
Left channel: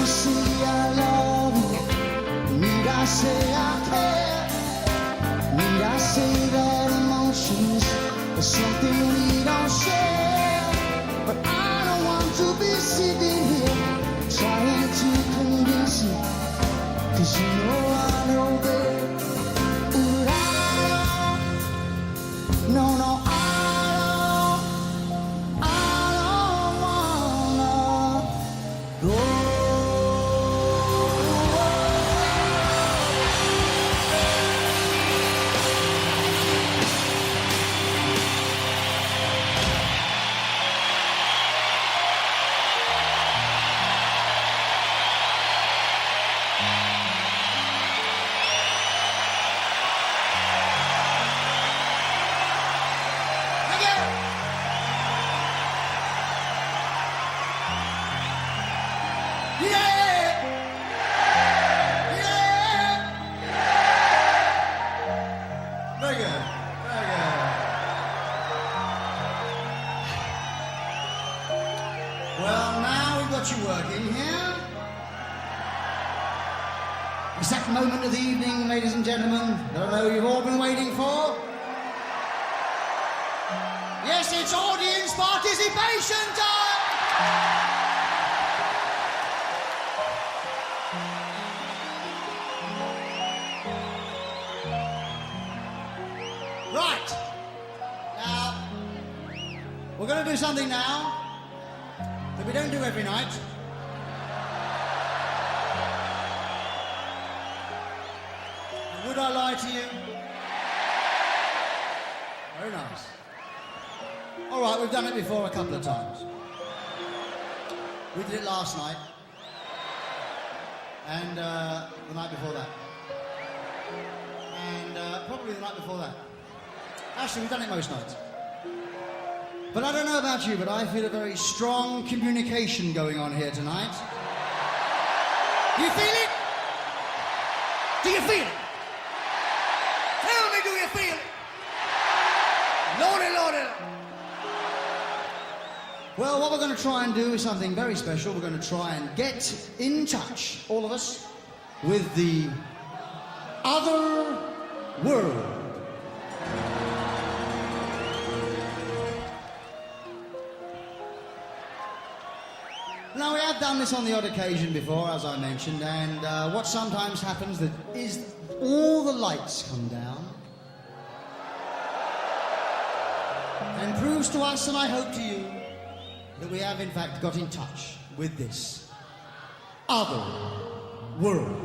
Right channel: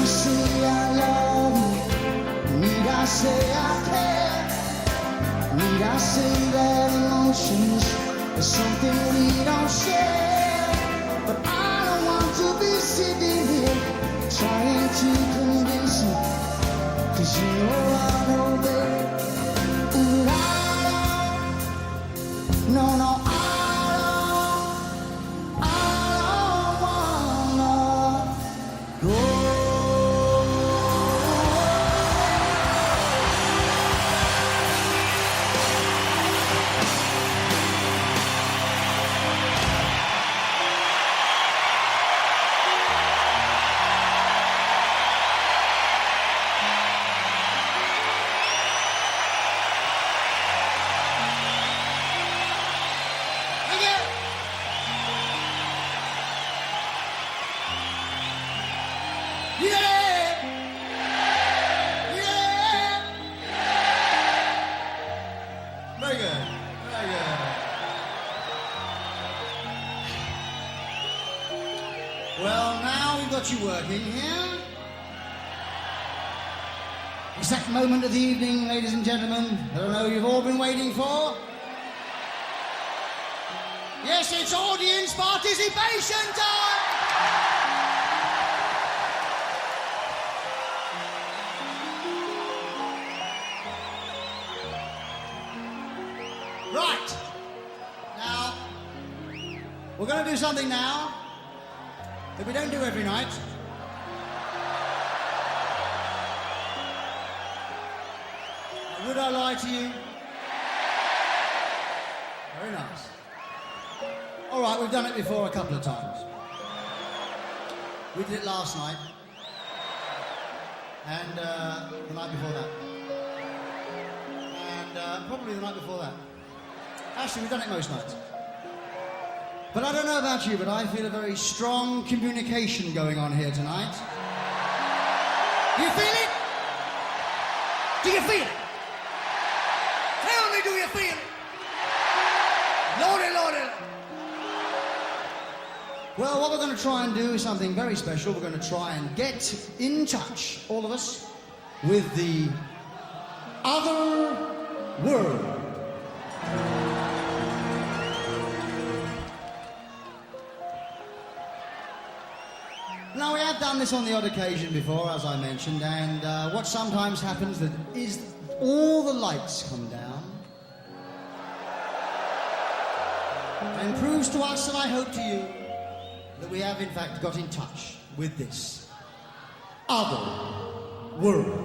Say I love you, need I say I care? Need I say that emotions are something we don't share? But I don't want to be sitting here trying to convince you, 'cause you know babe, ooh, I don't, no, I don't wanna go. Very good. Very good. Well, now we've got you working here. It's that moment of the evening, ladies and gentlemen, that I know you've all been waiting for. Yes, it's audience participation time! Right. Now, we're going to do something now that we don't do every night. Now, would I lie to you? Very nice. All right, we've done it before a couple of times. We did it last night. And the night before that. And probably the night before that. Actually, we've done it most nights. But I don't know about you, but I feel a very strong communication going on here tonight. Do you feel it? Do you feel it? Tell me, do you feel it? Lordy, lordy, lordy. Well, what we're going to try and do is something very special. We're going to try and get in touch, all of us, with the other world. Now, we have done this on the odd occasion before, as I mentioned, and what sometimes happens is all the lights come down and proves to us, and I hope to you, that we have in fact got in touch with this other world.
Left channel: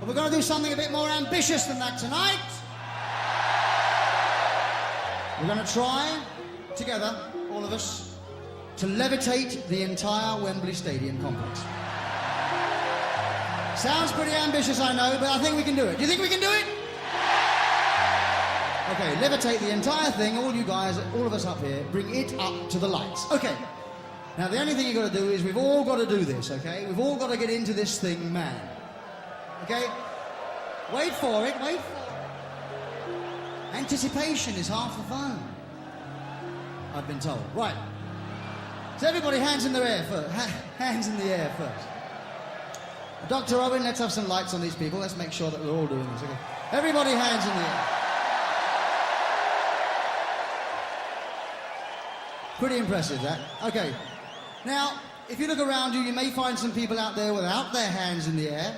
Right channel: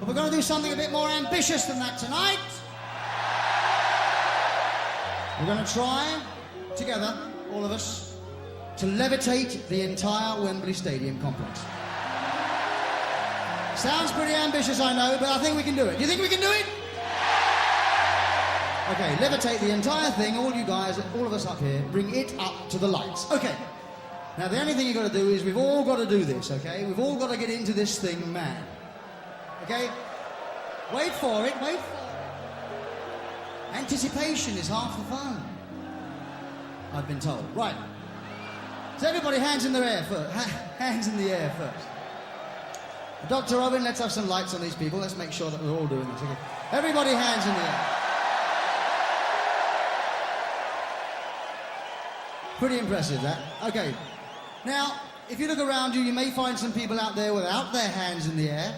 But we're going to do something a bit more ambitious than that tonight. We're going to try, together, all of us, to levitate the entire Wembley Stadium complex. Sounds pretty ambitious, I know, but I think we can do it. Do you think we can do it? Okay, levitate the entire thing, all you guys, all of us up here, bring it up to the lights. Okay. Now, the only thing you've got to do is we've all got to do this, okay? We've all got to get into this thing, man. Okay? Wait for it, wait for it. Anticipation is half the fun, I've been told. Right. So everybody, hands in the air first. Hands in the air first. Dr. Owen, let's have some lights on these people. Let's make sure that we're all doing this, okay? Everybody, hands in the air. Pretty impressive, that. Okay. Now, if you look around you, you may find some people out there without their hands in the air.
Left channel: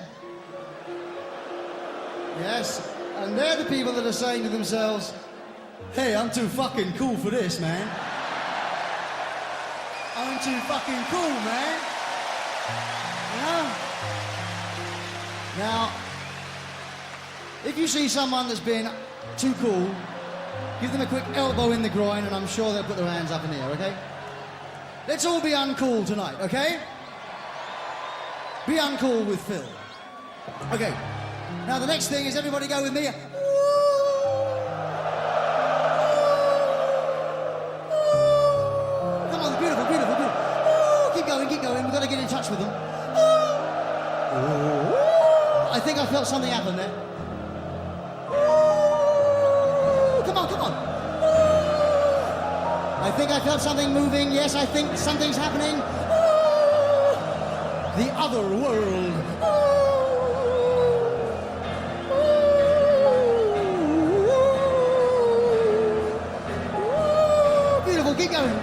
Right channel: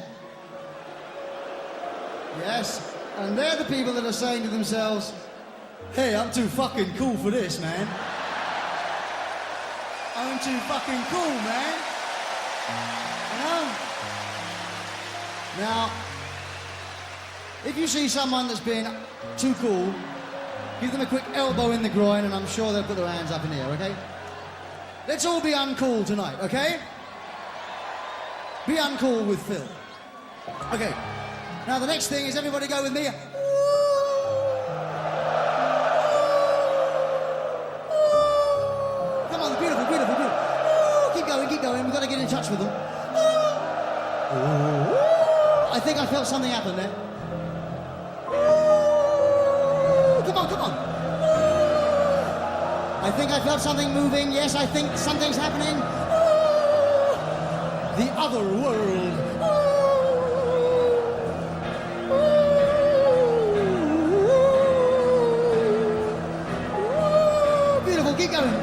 Yes. And they're the people that are saying to themselves, hey, I'm too fucking cool for this, man. I'm too fucking cool, man. You know? Now, if you see someone that's been too cool, give them a quick elbow in the groin, and I'm sure they'll put their hands up in the air, okay? Let's all be uncool tonight, okay? Be uncool with Phil. Okay. Now, the next thing is everybody go with me. Come on, beautiful, beautiful, beautiful. Keep going, keep going. We've got to get in touch with them. I think I felt something happen there. Come on, come on. I think I felt something moving. Yes, I think something's happening. The other world. Beautiful, keep going.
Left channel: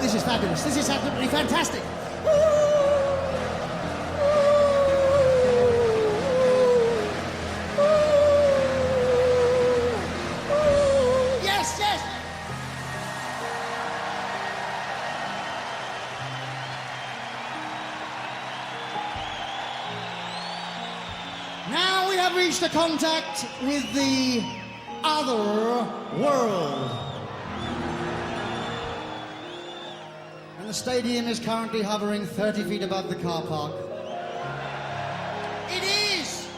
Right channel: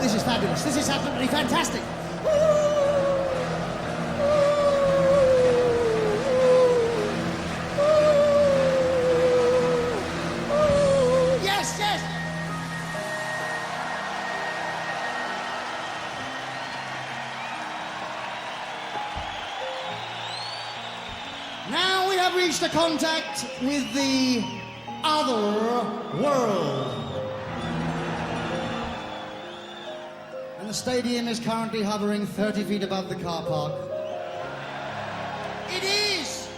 This is fabulous. This is absolutely fantastic. Yes, yes. Now we have reached a contact with the other world. And the stadium is currently hovering 30 feet above the car park. It is!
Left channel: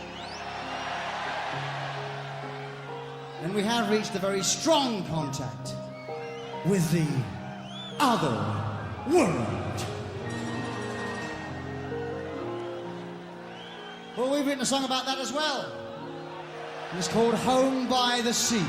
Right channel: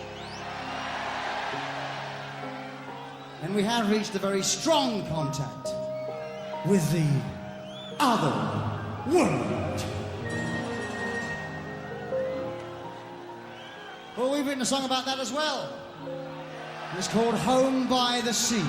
And we have reached a very strong contact with the other world. Well, we've written a song about that as well. And it's called Home by the Sea.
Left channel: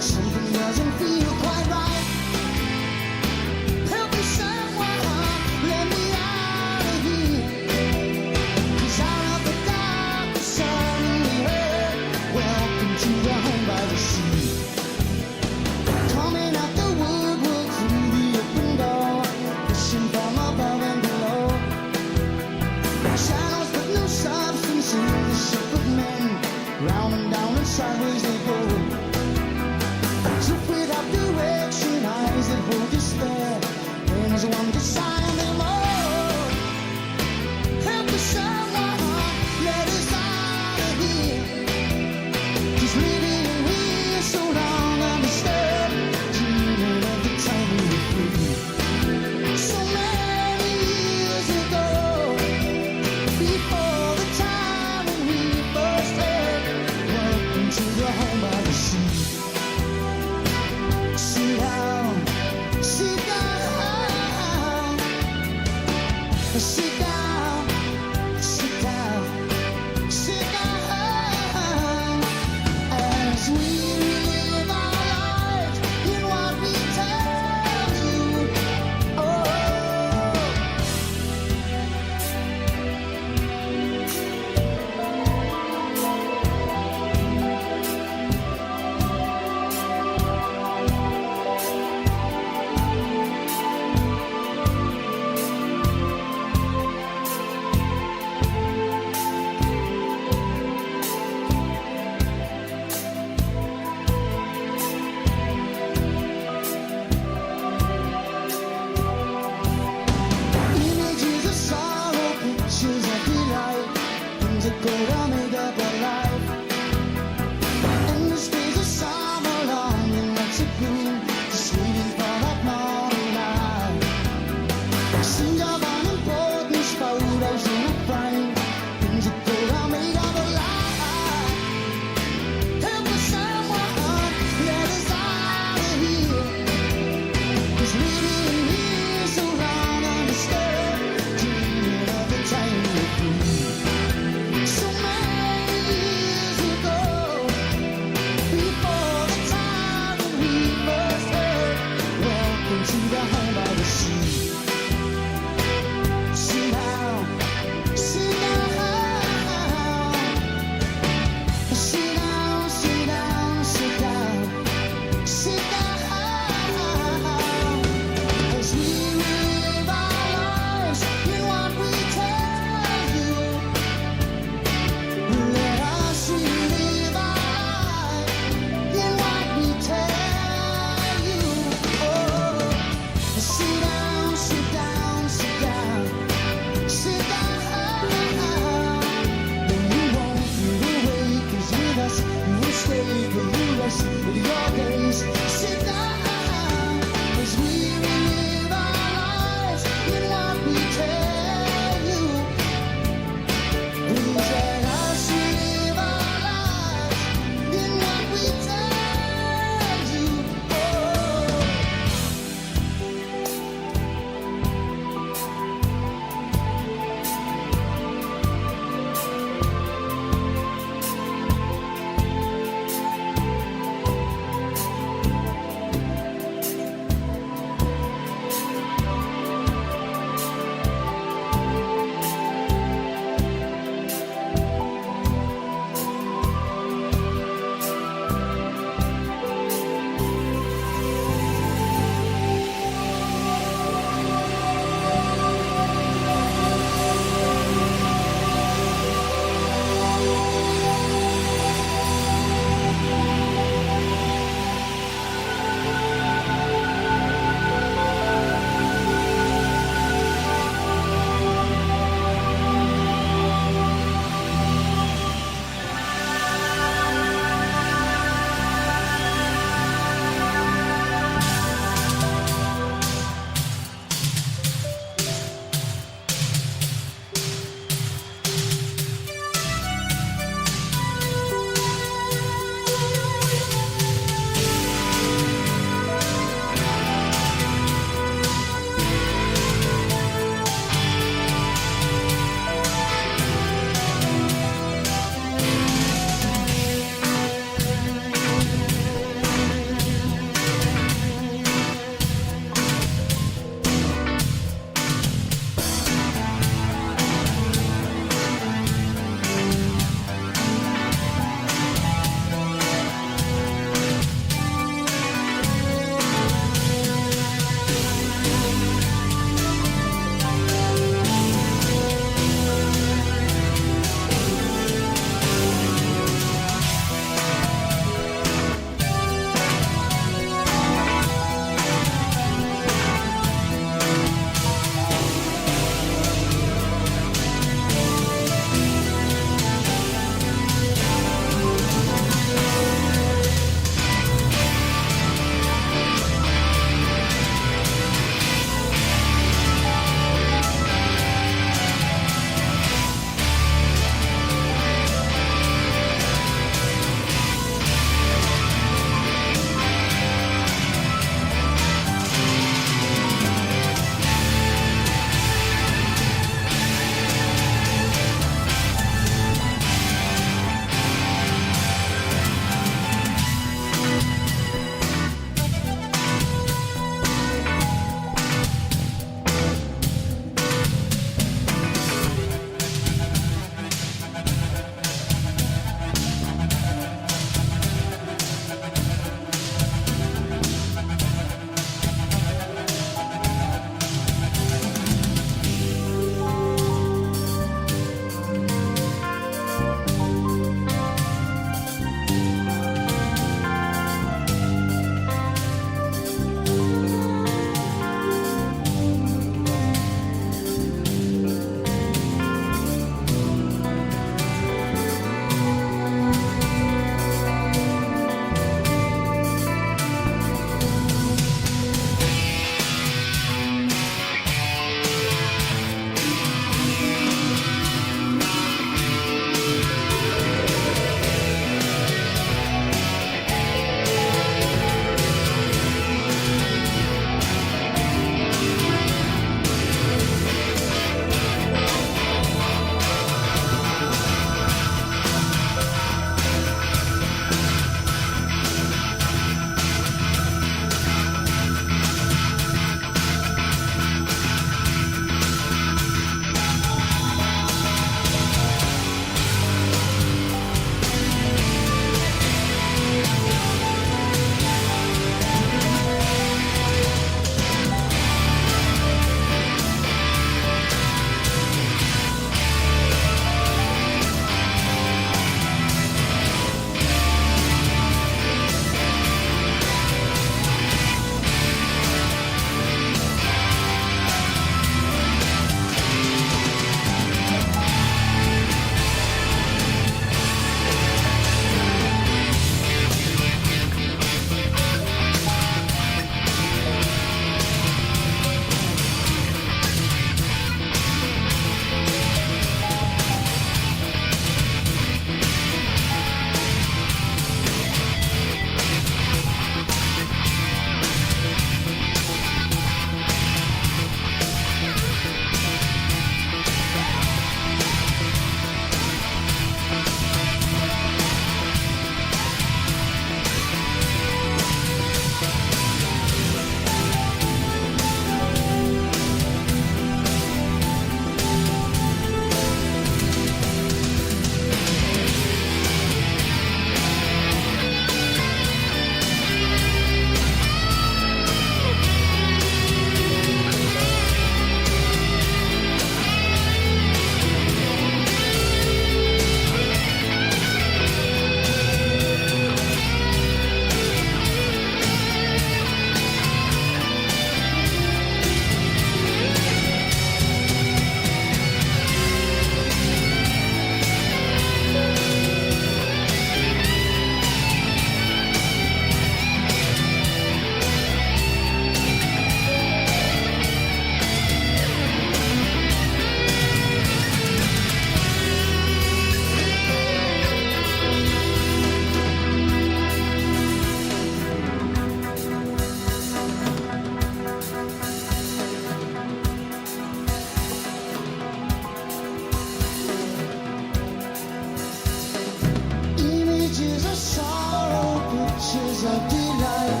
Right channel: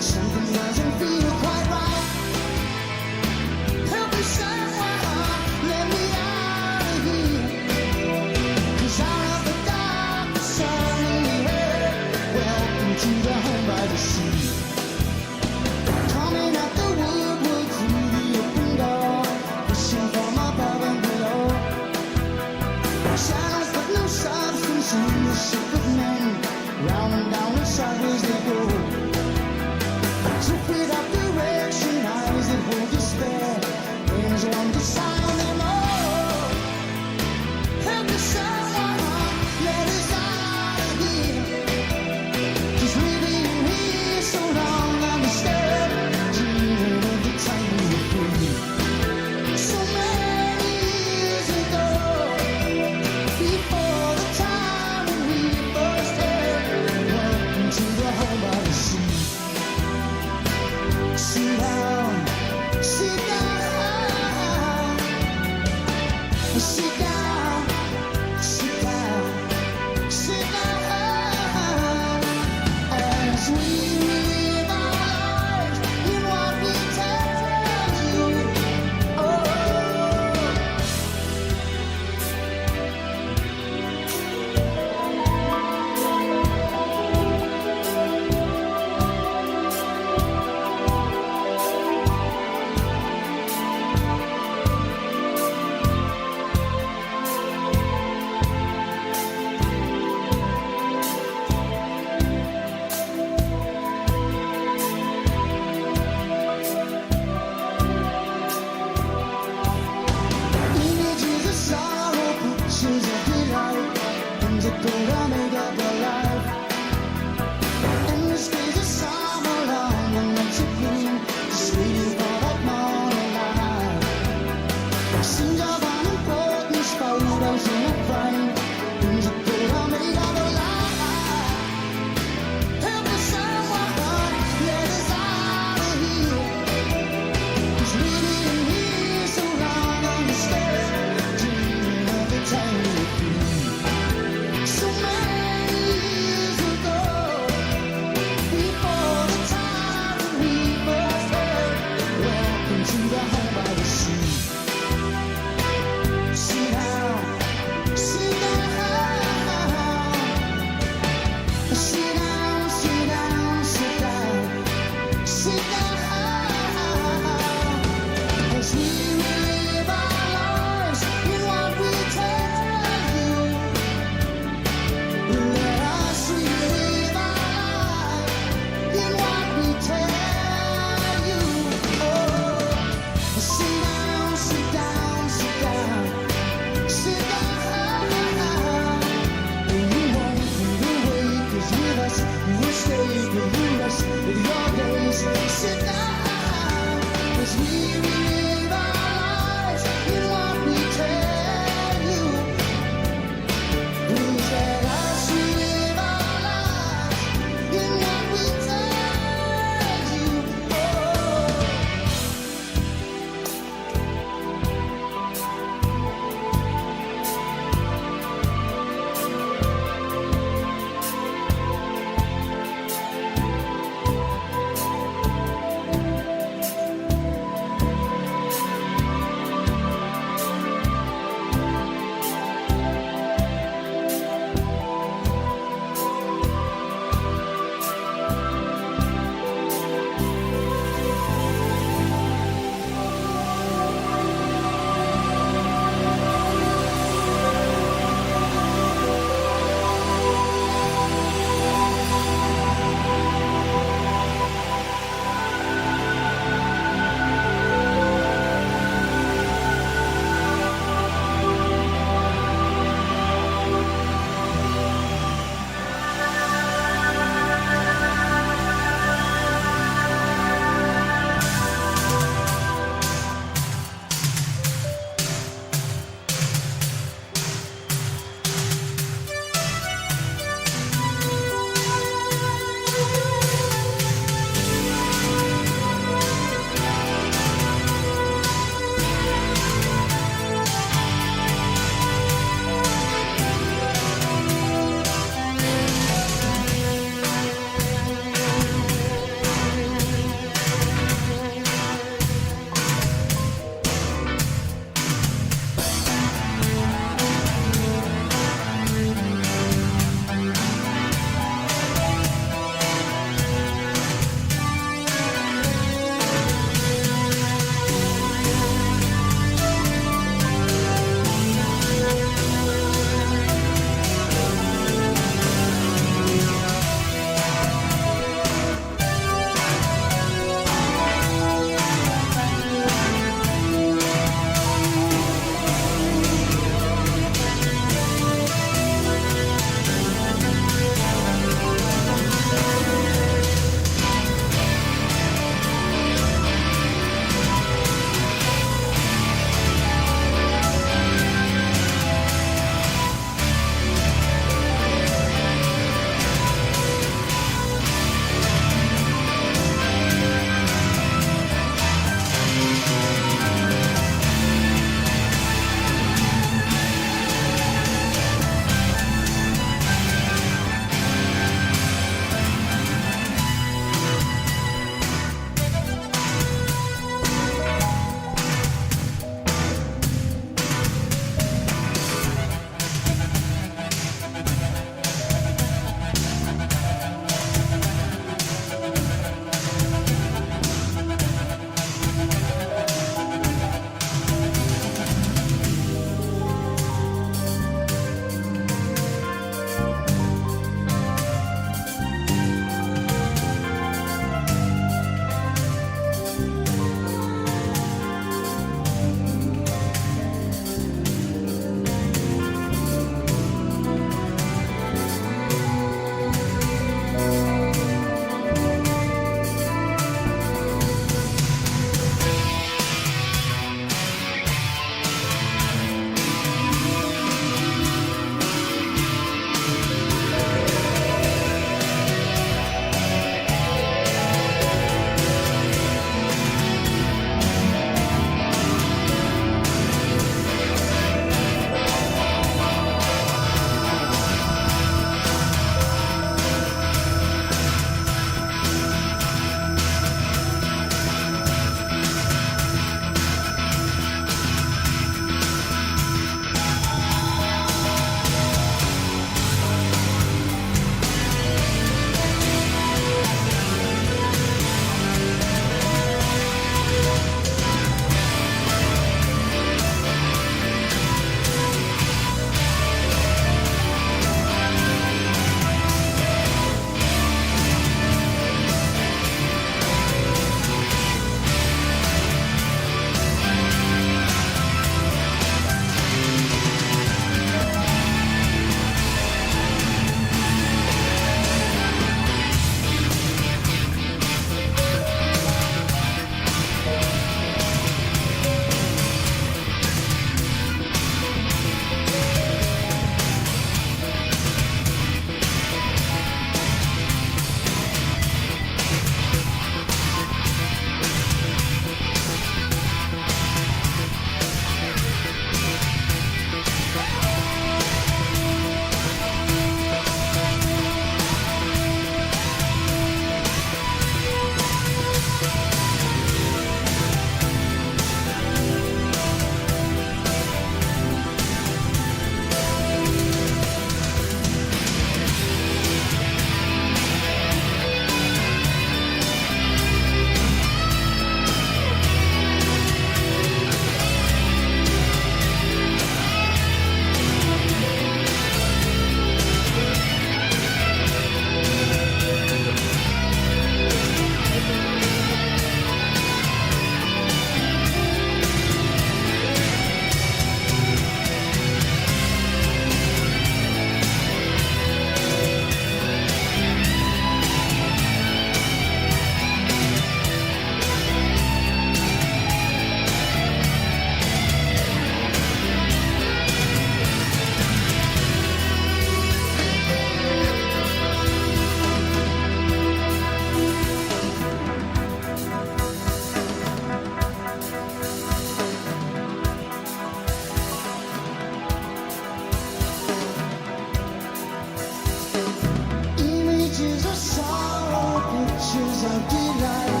pictures of delight,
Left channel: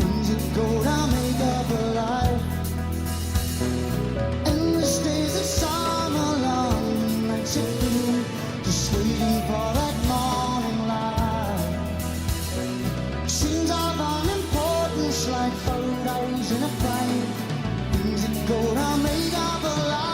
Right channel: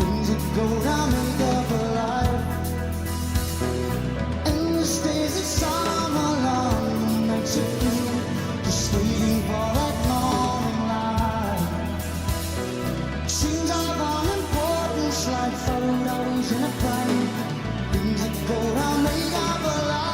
things that go to make up a life. Endless days of summer long, nights of gloom, just waiting for that morning light. Scenes of unimportance like photos in a frame, things that go to make up a life.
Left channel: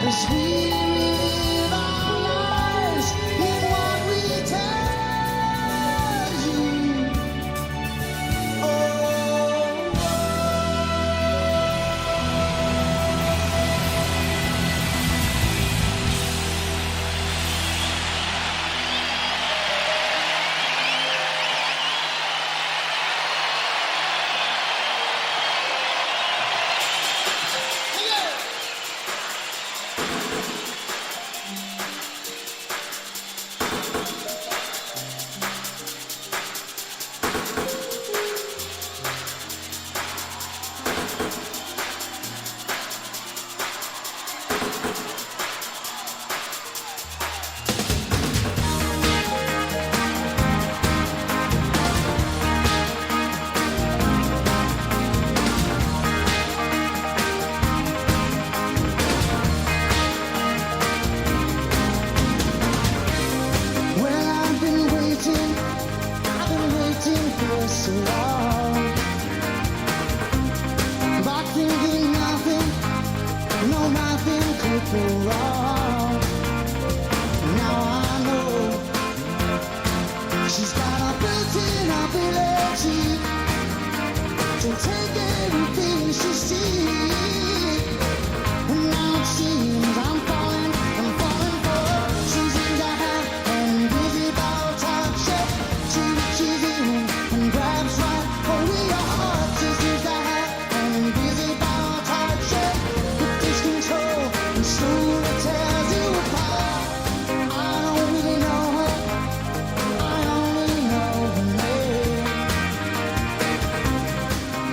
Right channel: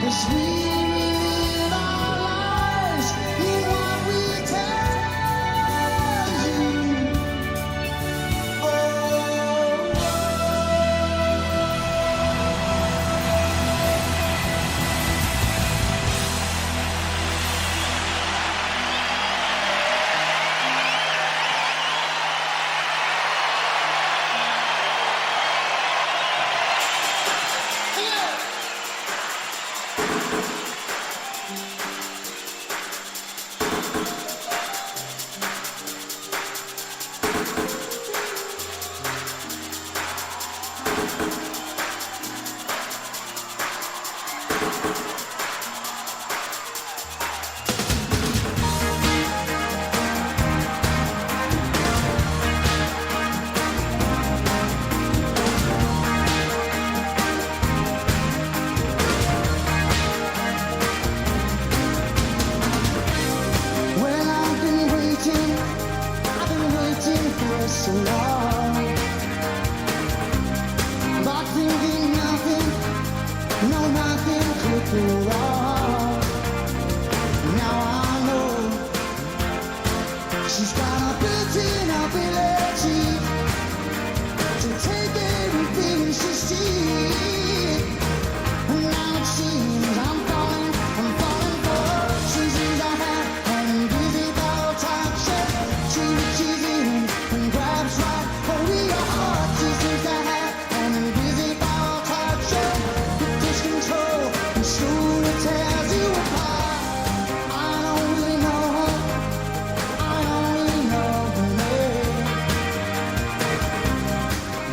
As we relive our lives in what we tell you. Oh, yeah. I've been waiting for so long, but thinking nothing, no, nothing could go wrong. Now I know she's got a built-in ability to take everything she sees. And now it seems I'm falling for her. She's in the hand and busy about touch it. She reaches in and grabs right hold of your heart. She sees the hand and busy about touch it. It takes control and slowly tears you apart. I don't really know her, I only know her name.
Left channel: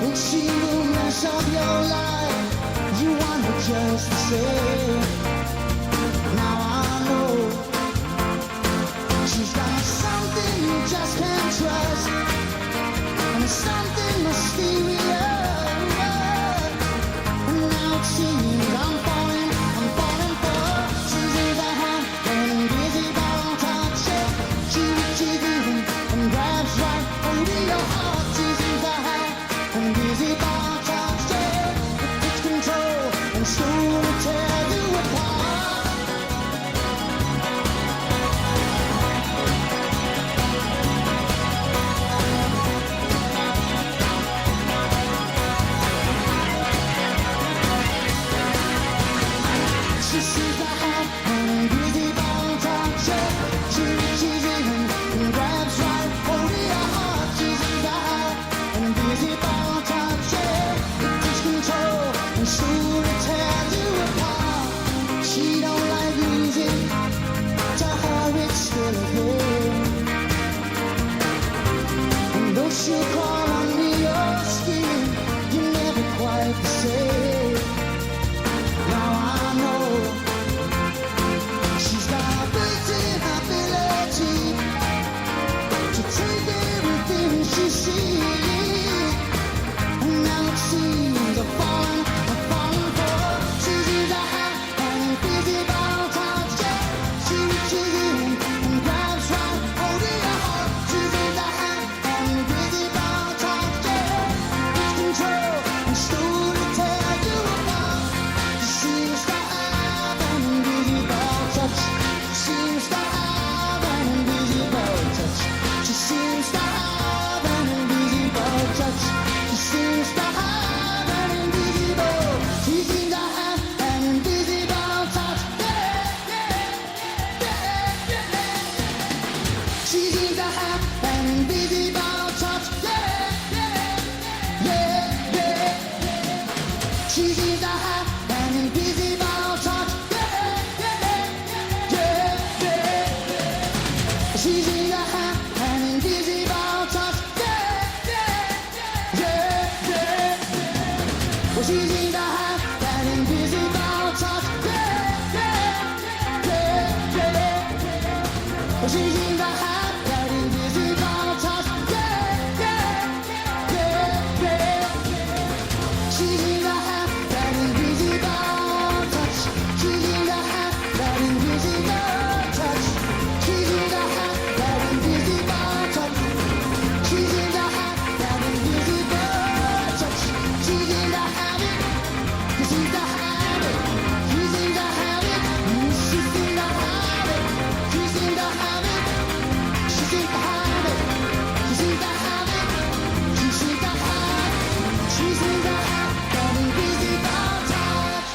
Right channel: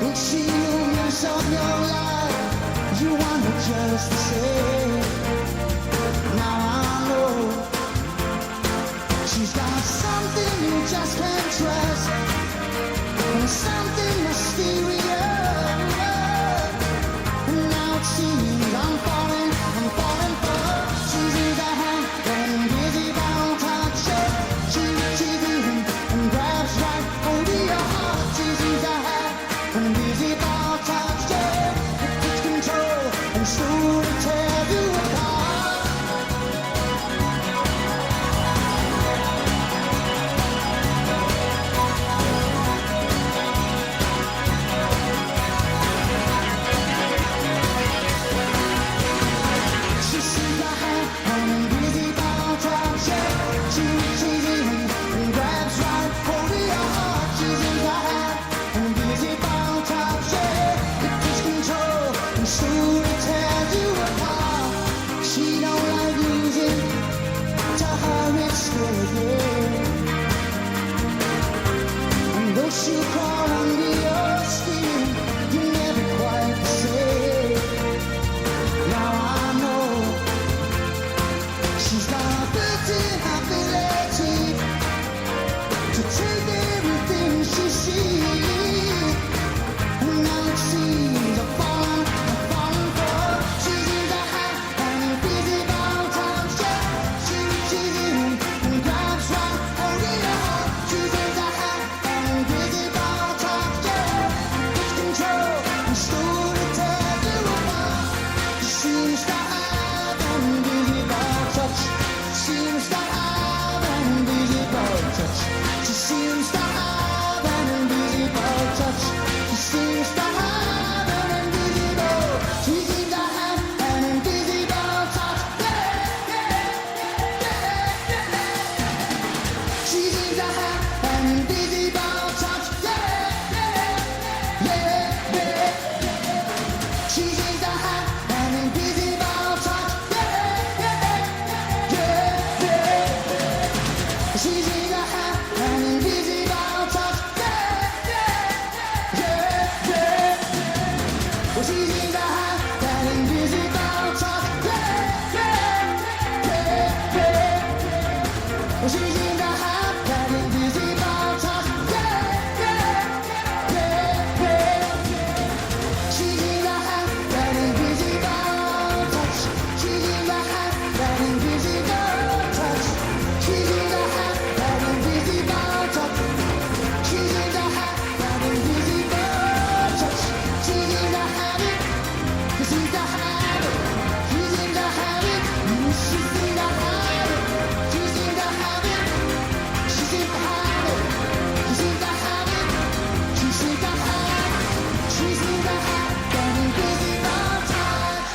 And she will mess up your life, you want her just the same. Now I know she's got something you just can't trust, and something mysterious. And now it seems I'm falling for her. She's in the hand and busy about touch it. She reaches in and grabs right hold of your heart. She's in the hand and busy about touch it. It takes control and slowly tears you apart. she's in the heart, that invisible touch. Yeah, yeah. She's in the heart, that invisible touch. She's in the heart, that invisible touch. She's in the heart, that invisible touch. She's in the heart, that invisible touch. She's in the habit, she's in the habit. She's in the habit, she's in the habit. She's in the habit, she's in the habit. She's in the habit, she's in the habit. She's in the habit, that invisible touch.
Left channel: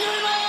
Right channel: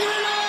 Thank you very much.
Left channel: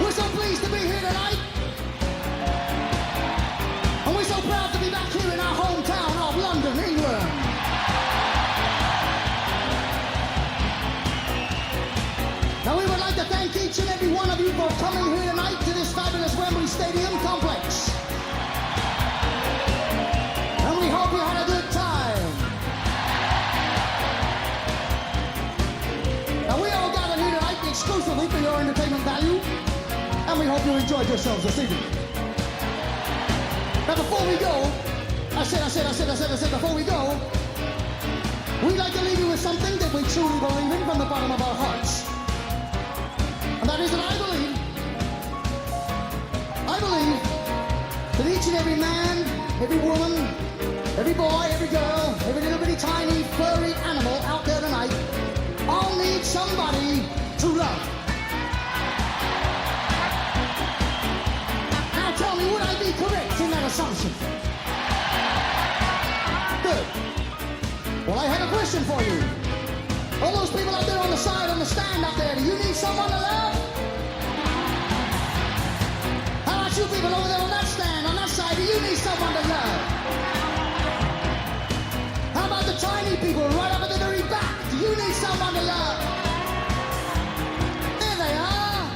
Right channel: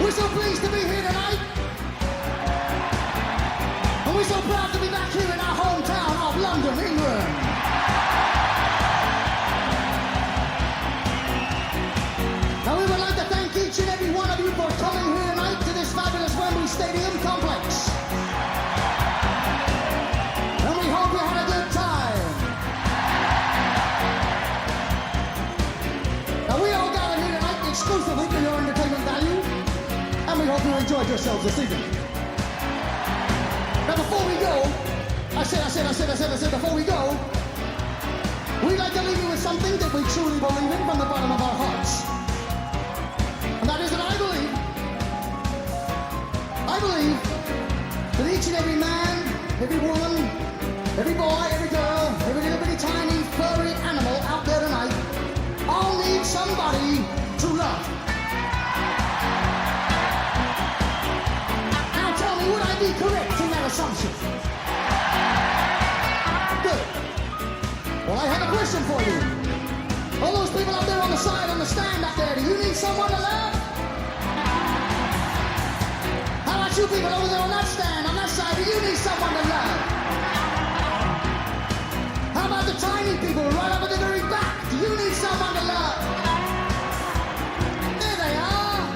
We're so pleased to be here tonight. And we're so proud to be back here in our hometown of London, England. Now we would like to thank each and every one of you for coming here tonight to this fabulous Wembley Stadium complex. And we hope you had a good time. Now we all gathered here tonight exclusively for your entertainment value. And we hope you enjoyed yourselves this evening. Now before we go, I said, before we go, we'd like to leave you with something that we truly believe in from the bottom of our hearts. And that is that I believe that each and every man, every woman, every boy, every girl, every little bitty tiny furry animal out there tonight all need somebody to love. Now tell me, would I be correct in that assumption? Good. Well, I have a question for you. All those people out there on the side, on the stand up there, do you need someone to love? How about you people over there on that stand, on that side, do you need someone to love? How about the tiny people right up at the very back? Do you need someone to love? There they are.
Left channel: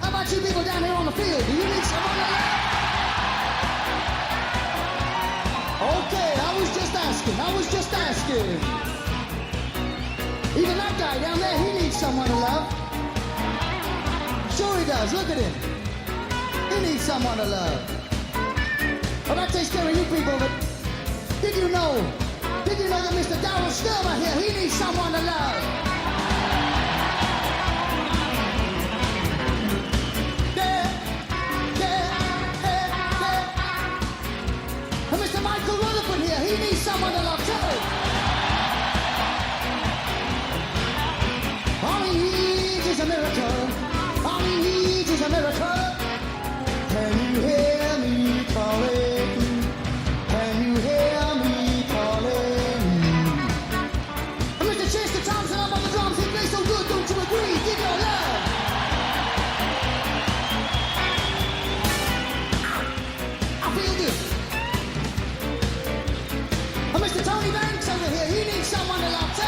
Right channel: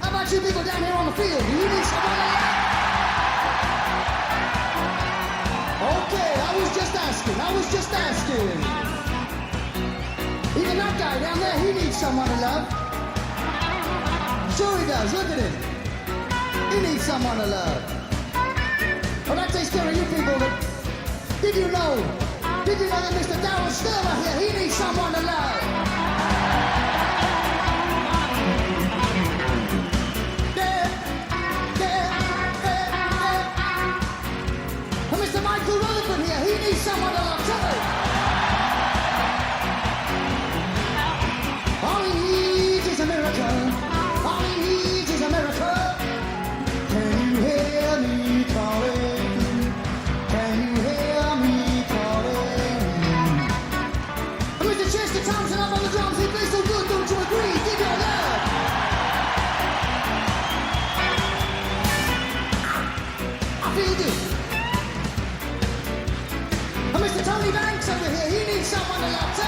How about you people down here on the field? Do you need someone to love? Okay, I was just asking. Even that guy down there, he needs someone to love. Sure he does, look at him. He needs someone to love. Well, that takes care of you people, but did you know that Mr. Darryl Sturmer here, he needs someone to love? And Mr. Michael Rutherford here, he needs someone to love too. All he needs is a miracle. All he needs is a miracle. Can you hear me calling? Can you hear me calling? And Mr. Chester Thompson up on the drums, he plays so good, don't you agree? Give your love. I feel good. And Mr. Tony Banks over here, he needs someone to love too.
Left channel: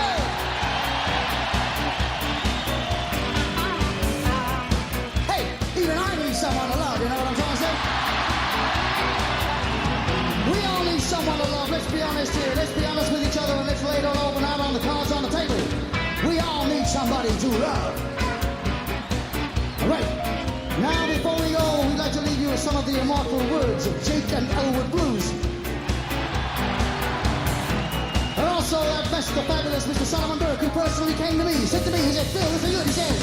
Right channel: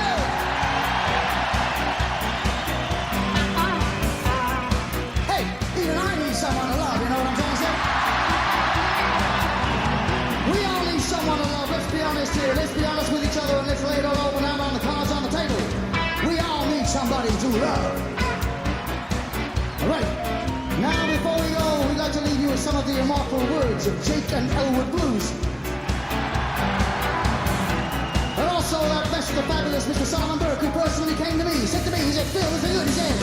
Even I need someone to love, you know what I'm trying to say? We all need someone to love, let's be honest here. Let's be honest with each other and let's lay it all open out on the cards on the table. We all need somebody to love. All right, now before we go, we'd like to leave you with some of the immortal words of Jake and Elwood Blues. And also that best, the fabulous Mr. Solomon Burke, who personally came to me, said to me, he said, Phil, this is good, he said,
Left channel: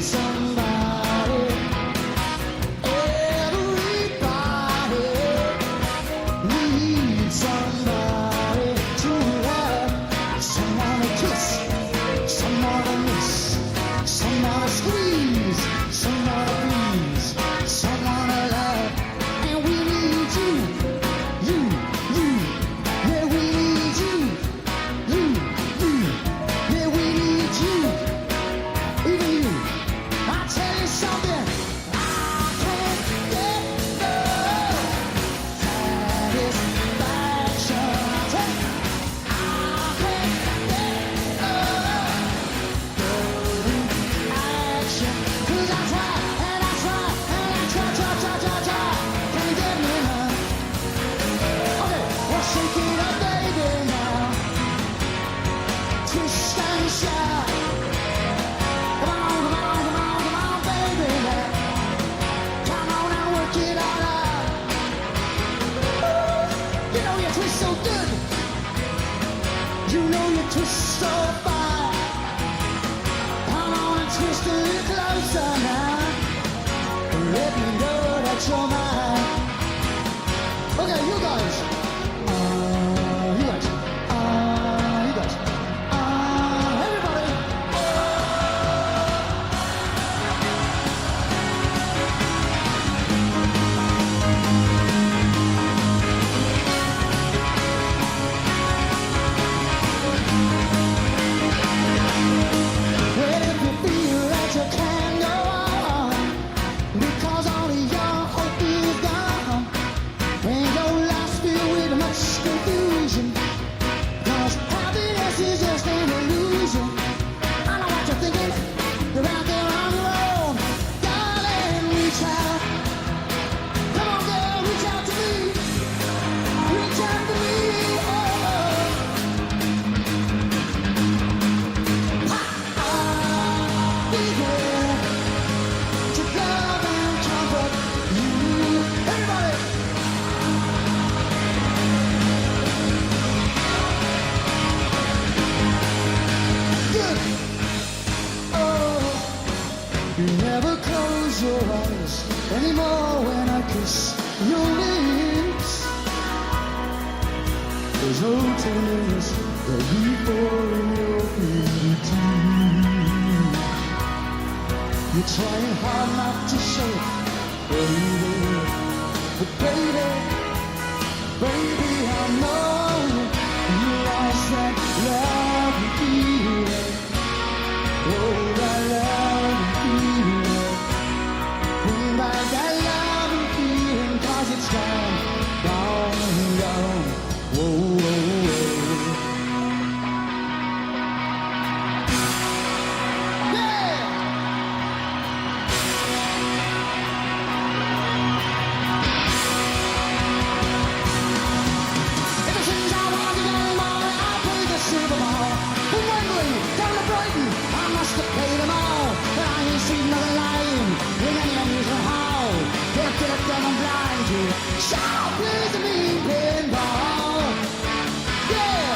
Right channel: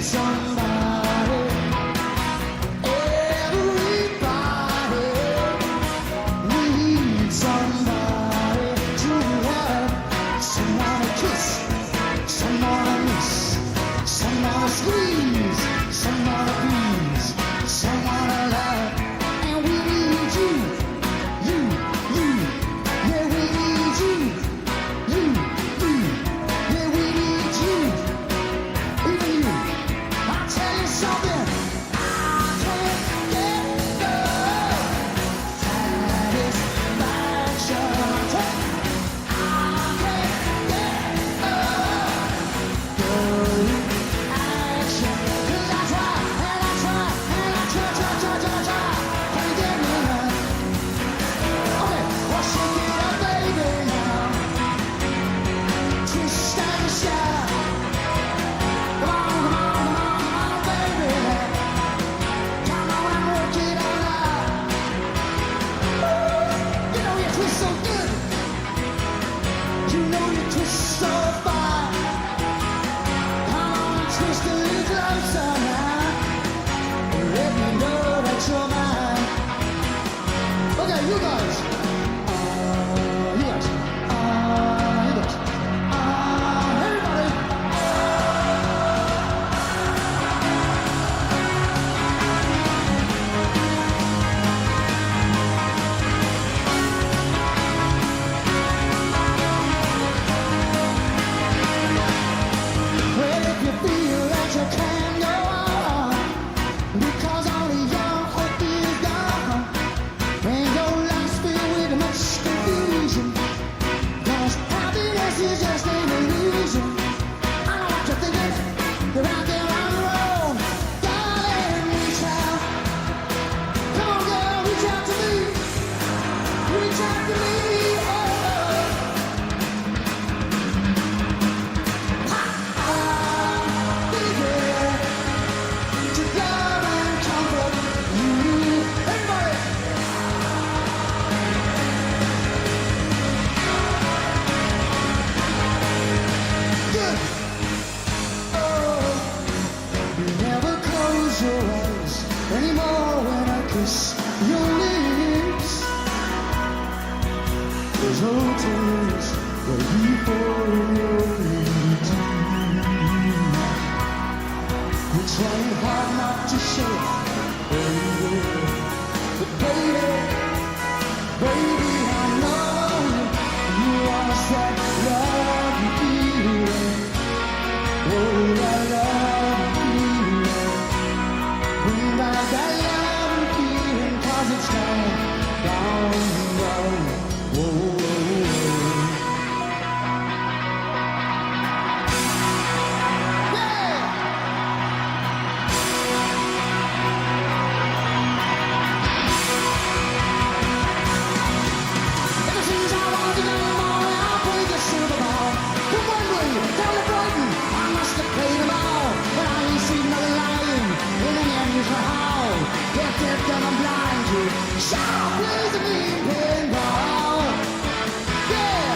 somebody, everybody needs somebody to love, someone to kiss, someone to miss, someone to squeeze, someone to please, someone to love, and we need you, yeah, we need you, yeah, we need you, even you. I tell you something, I can't get the satisfaction. I can't get the action. 'Cause I try, and I try, and I try. Can't get me enough. Okay, well shake it up, baby, now. Twist and shout. Come on. Twist so good, you know you twist so fine. Come on and twist a little closer now, and let me know that you're mine. Okay, you guys, everybody. You can go on, because all of your hope is gone, and your life's filled with much confusion, 'cause happiness is just an illusion. I know what you're thinking, you're out there on your own. Darling, reach out. Come on, girl, reach out to me. Reach out to me. Never close your eyes. anymore when I kiss your lips. There's no tenderness before your fingertips. You're trying hard not to show it, baby. But baby, baby, I know you lost that love and feeling. Oh, that love and feeling. Bring back that love and feeling, 'cause it's gone, gone, gone. Whoa, whoa, whoa. Yeah! Ever since I was a young boy, I played the Super Bowl. From Wembley down to Brighton, I must have played them all. But I ain't seen nothing like him in any amusement hall. Deaf, deaf, dumb, and blind kid. Shaw plays the mean pinball. Yeah!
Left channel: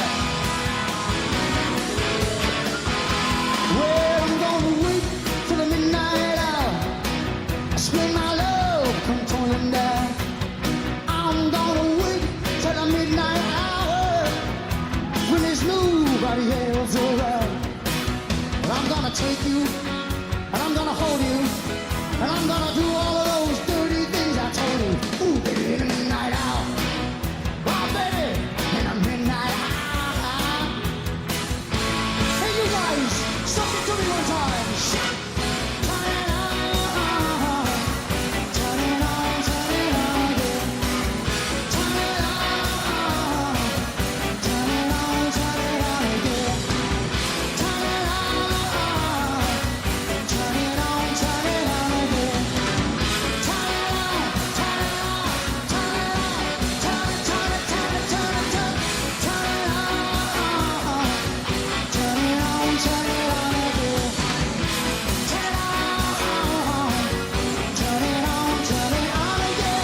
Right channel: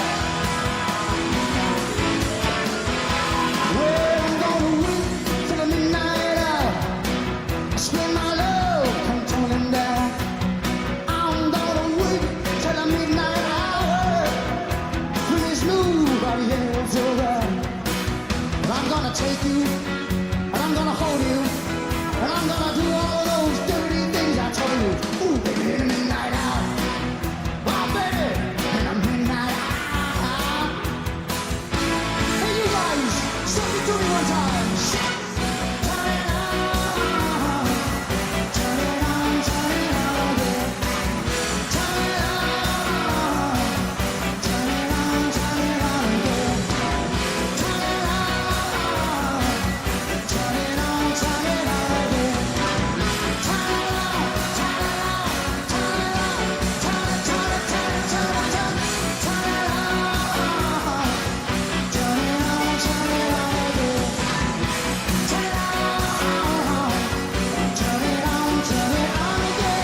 Well, I'm gonna wait till the midnight hour. I swear my love come tumbling down. I'm gonna wait till the midnight hour when there's nobody else around. But I'm gonna take you, and I'm gonna hold you, and I'm gonna do all of those dirty things I told you. Ooh, baby, in the midnight hour. Oh, baby, in the midnight hour. Hey, you guys, sing it to me one time. Turn it on, turn it on, turn it on again. Turn it on, turn it on, turn it on again. Turn it on, turn it on, turn it on again. Turn it on, turn it on, turn it on, turn it, turn it, turn it, turn it, turn it, turn it on, turn it on, turn it on again. Turn it on, turn it on, turn it on again.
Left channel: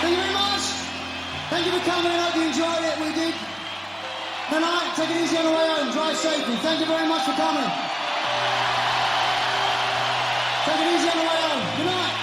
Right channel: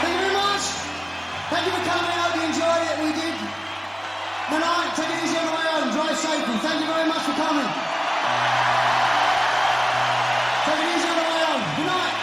Thank you very much. Thank you for coming. Hope you enjoyed it. We did. Good night. Take it easy on the way home. Drive safely. Thank you very much for coming. Take it easy on the way home. Good night.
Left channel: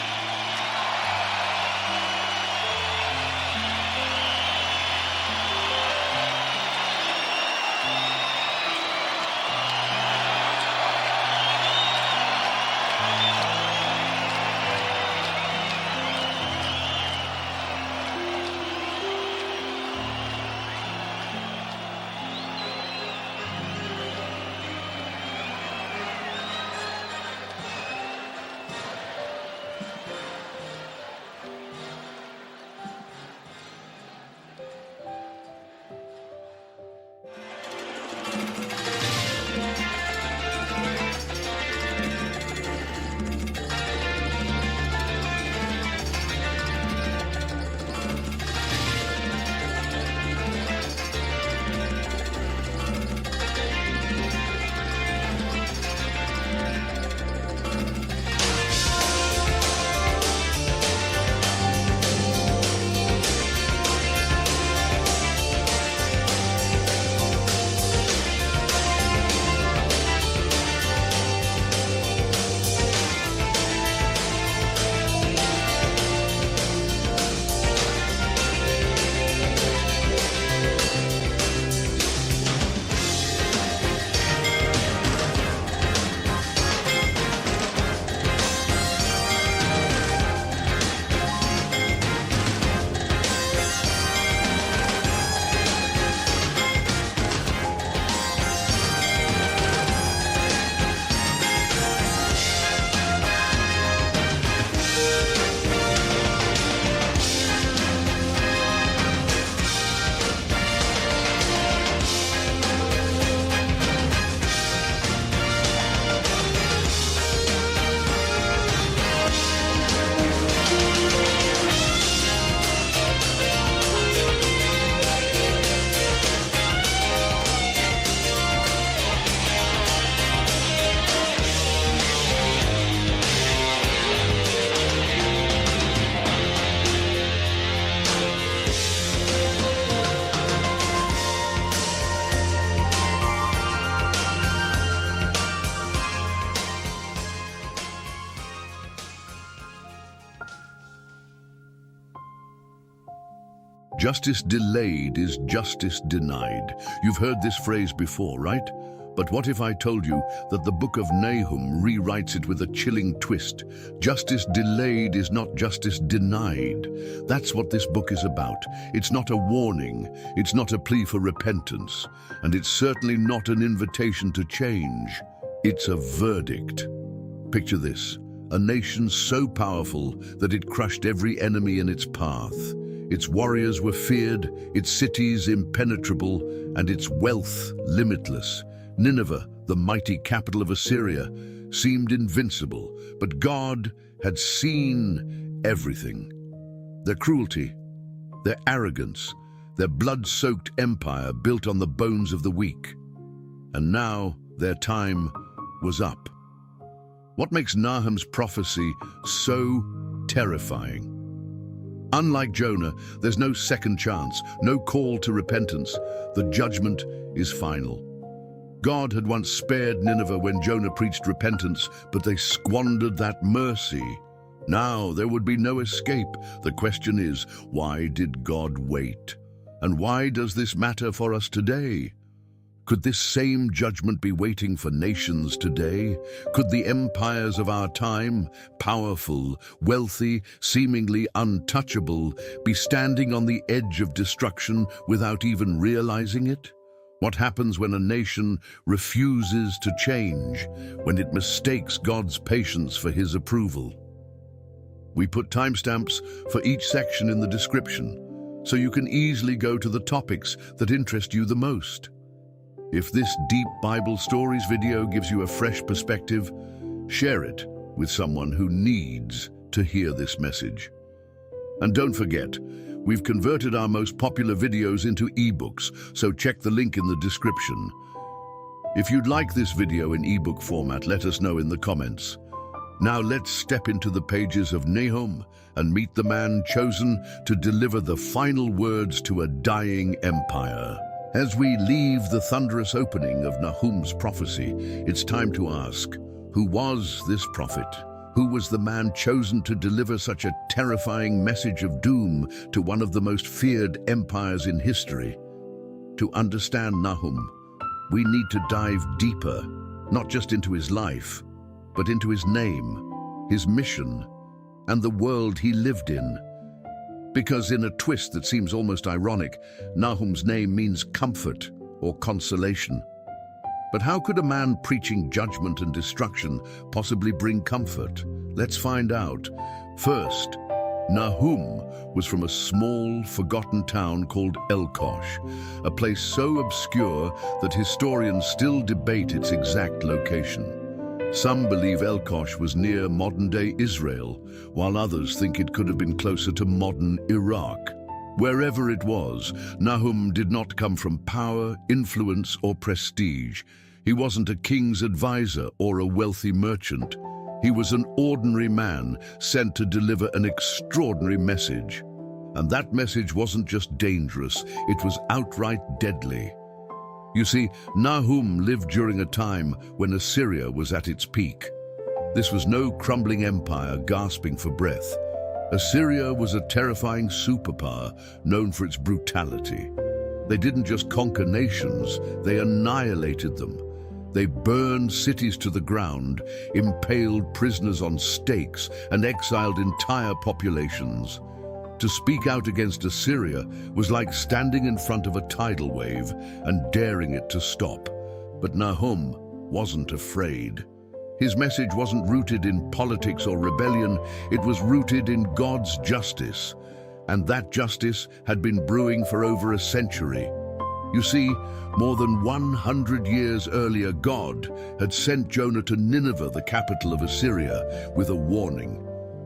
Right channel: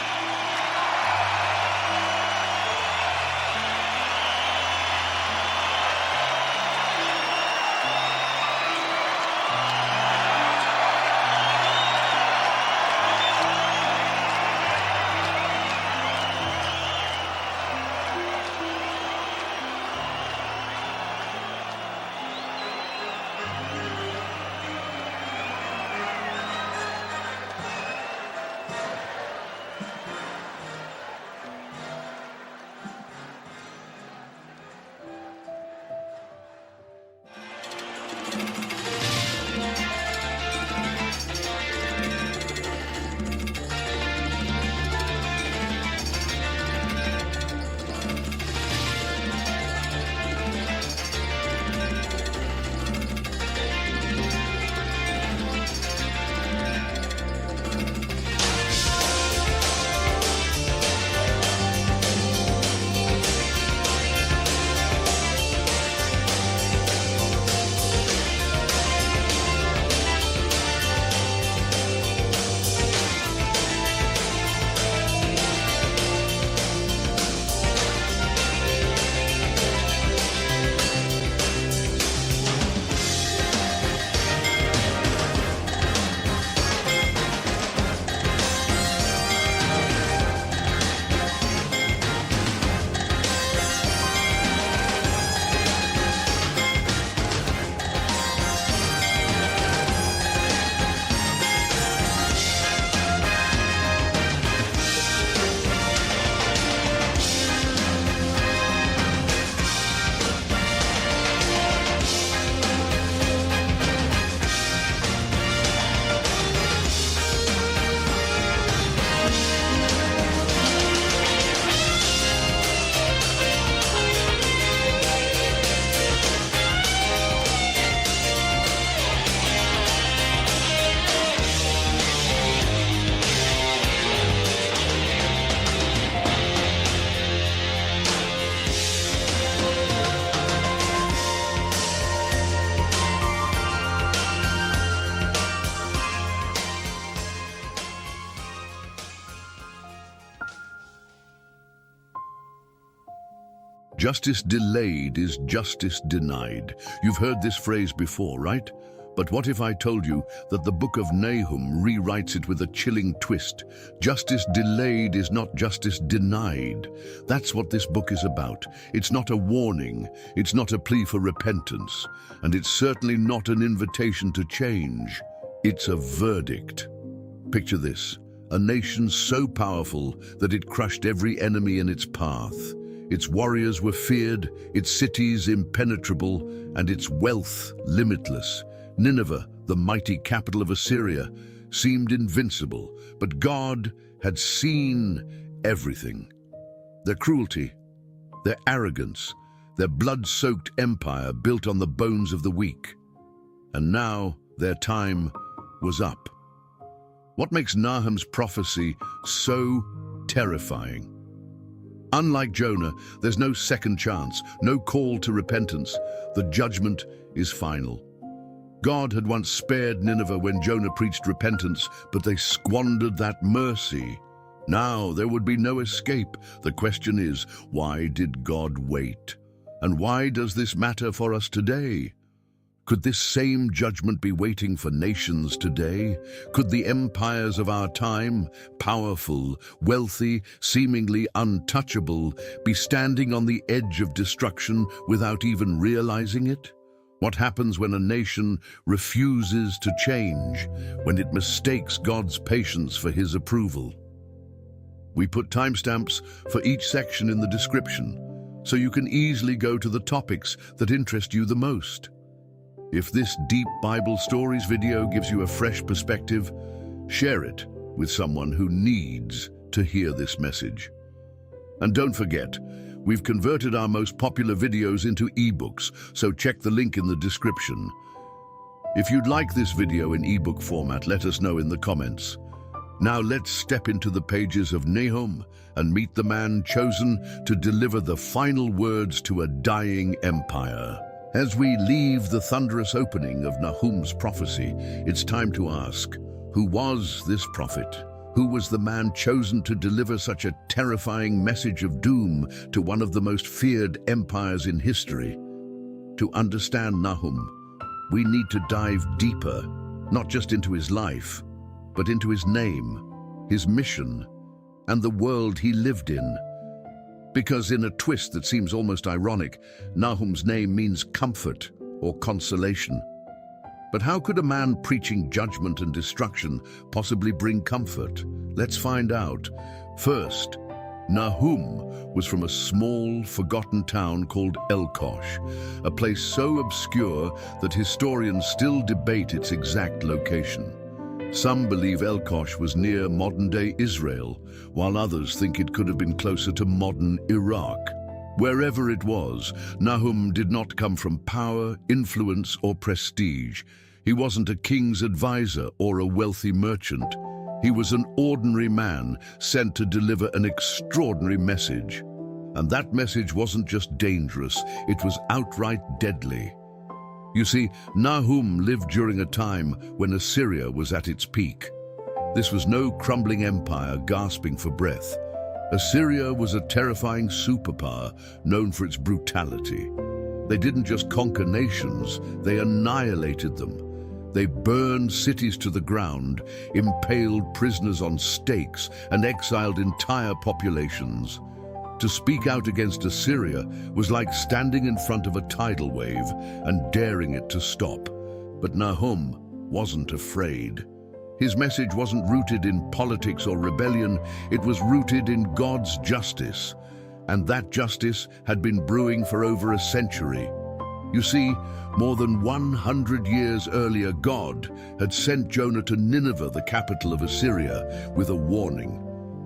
Justice delayed is justice denied. You've heard this phrase before, right? But what if I told you that the book of Nahum rewrites it with a chilling twist? Justice delayed is not justice denied. That's what this book is about. It's not a warning, it's not a plea for repentance, and it's certainly not an invitation to change. It's a verdict. Picture this, a nation so powerful that it crushed every enemy in its path. Its warriors were feared, its cities impenetrable, and its wealth limitless. Nineveh, the mighty capital of Assyria, seemed invincible, but God had seen everything. Their cruelty, their arrogance, their blood-soaked empire built on the bones of the weak. And now their time was up. What makes Nahum's prophecy so terrifying? Unlike Jonah, there's no second chance, no call to repentance. The judgment is final. God had once spared Nineveh when Jonah preached repentance, but they squandered that mercy. Now there would be no escape. The question is, why did God wait? And why does this matter for us today? Could this same judgment be waiting for nations today? Could the empires of our time, powerful, wealthy, seemingly untouchable, be standing on the edge of destruction without even realizing it? What happens when a nation refuses to change, when it mistakes God's patience for His approval? We put timestamps for each section in the description, so you can easily go to the topics that interest you the most. If this deep Bible stories video gives you a fresh perspective, share it with someone who needs to hear this message. And don't forget, we've converted our most popular videos into ebooks, so check the link in the description. If you'd like this video in ebook format, let us know in the comments. Now let's step into the pages of Nahum and meet the man chosen to deliver the final words to a dying empire. As we leave the thunderous opening of Nahum's prophecy, it's time to ask, who was this prophet? Who was the man chosen to deliver such a terrifying message of doom to one of the most feared empires in history? To understand Nahum, we need to dive deeper, not just into his life, but into his name, his mission, and the world he lived in. Because in a twist that seems almost ironic, Nahum's name means comfort or consolation. But how could a man preaching judgment and destruction possibly bring comfort? Let's find out. First, Nahum was from a small, forgotten town called Elkosh, a place so obscure that historians still debate its exact location. Some believe Elkosh was near modern-day Israel, while others think it could have been closer to modern Iraq. Wherever it was, Nahum did not come from power, influence, or prestige. He wasn't a king's advisor or a wealthy merchant. He was an ordinary man sent to deliver an extraordinary message. And that message wasn't just dangerous, it was outright deadly. You see, Nahum lived during a time when Assyria was at its peak. This was no crumbling empire gasping for breath. Assyria was a terrifying superpower known for its brutality. They didn't just conquer nations, they annihilated them. They burned cities to the ground, impaled prisoners on stakes, and exiled entire populations. To speak out against Assyria was like standing in front of a tidal wave and daring it to stop. But Nahum wasn't afraid. His message wasn't rooted in politics or rebellion, it was rooted in God's justice. And that justice had been brewing for over a century. You see, more than 100 years earlier, God had sent Jonah to Nineveh, the capital of Assyria, with a warning.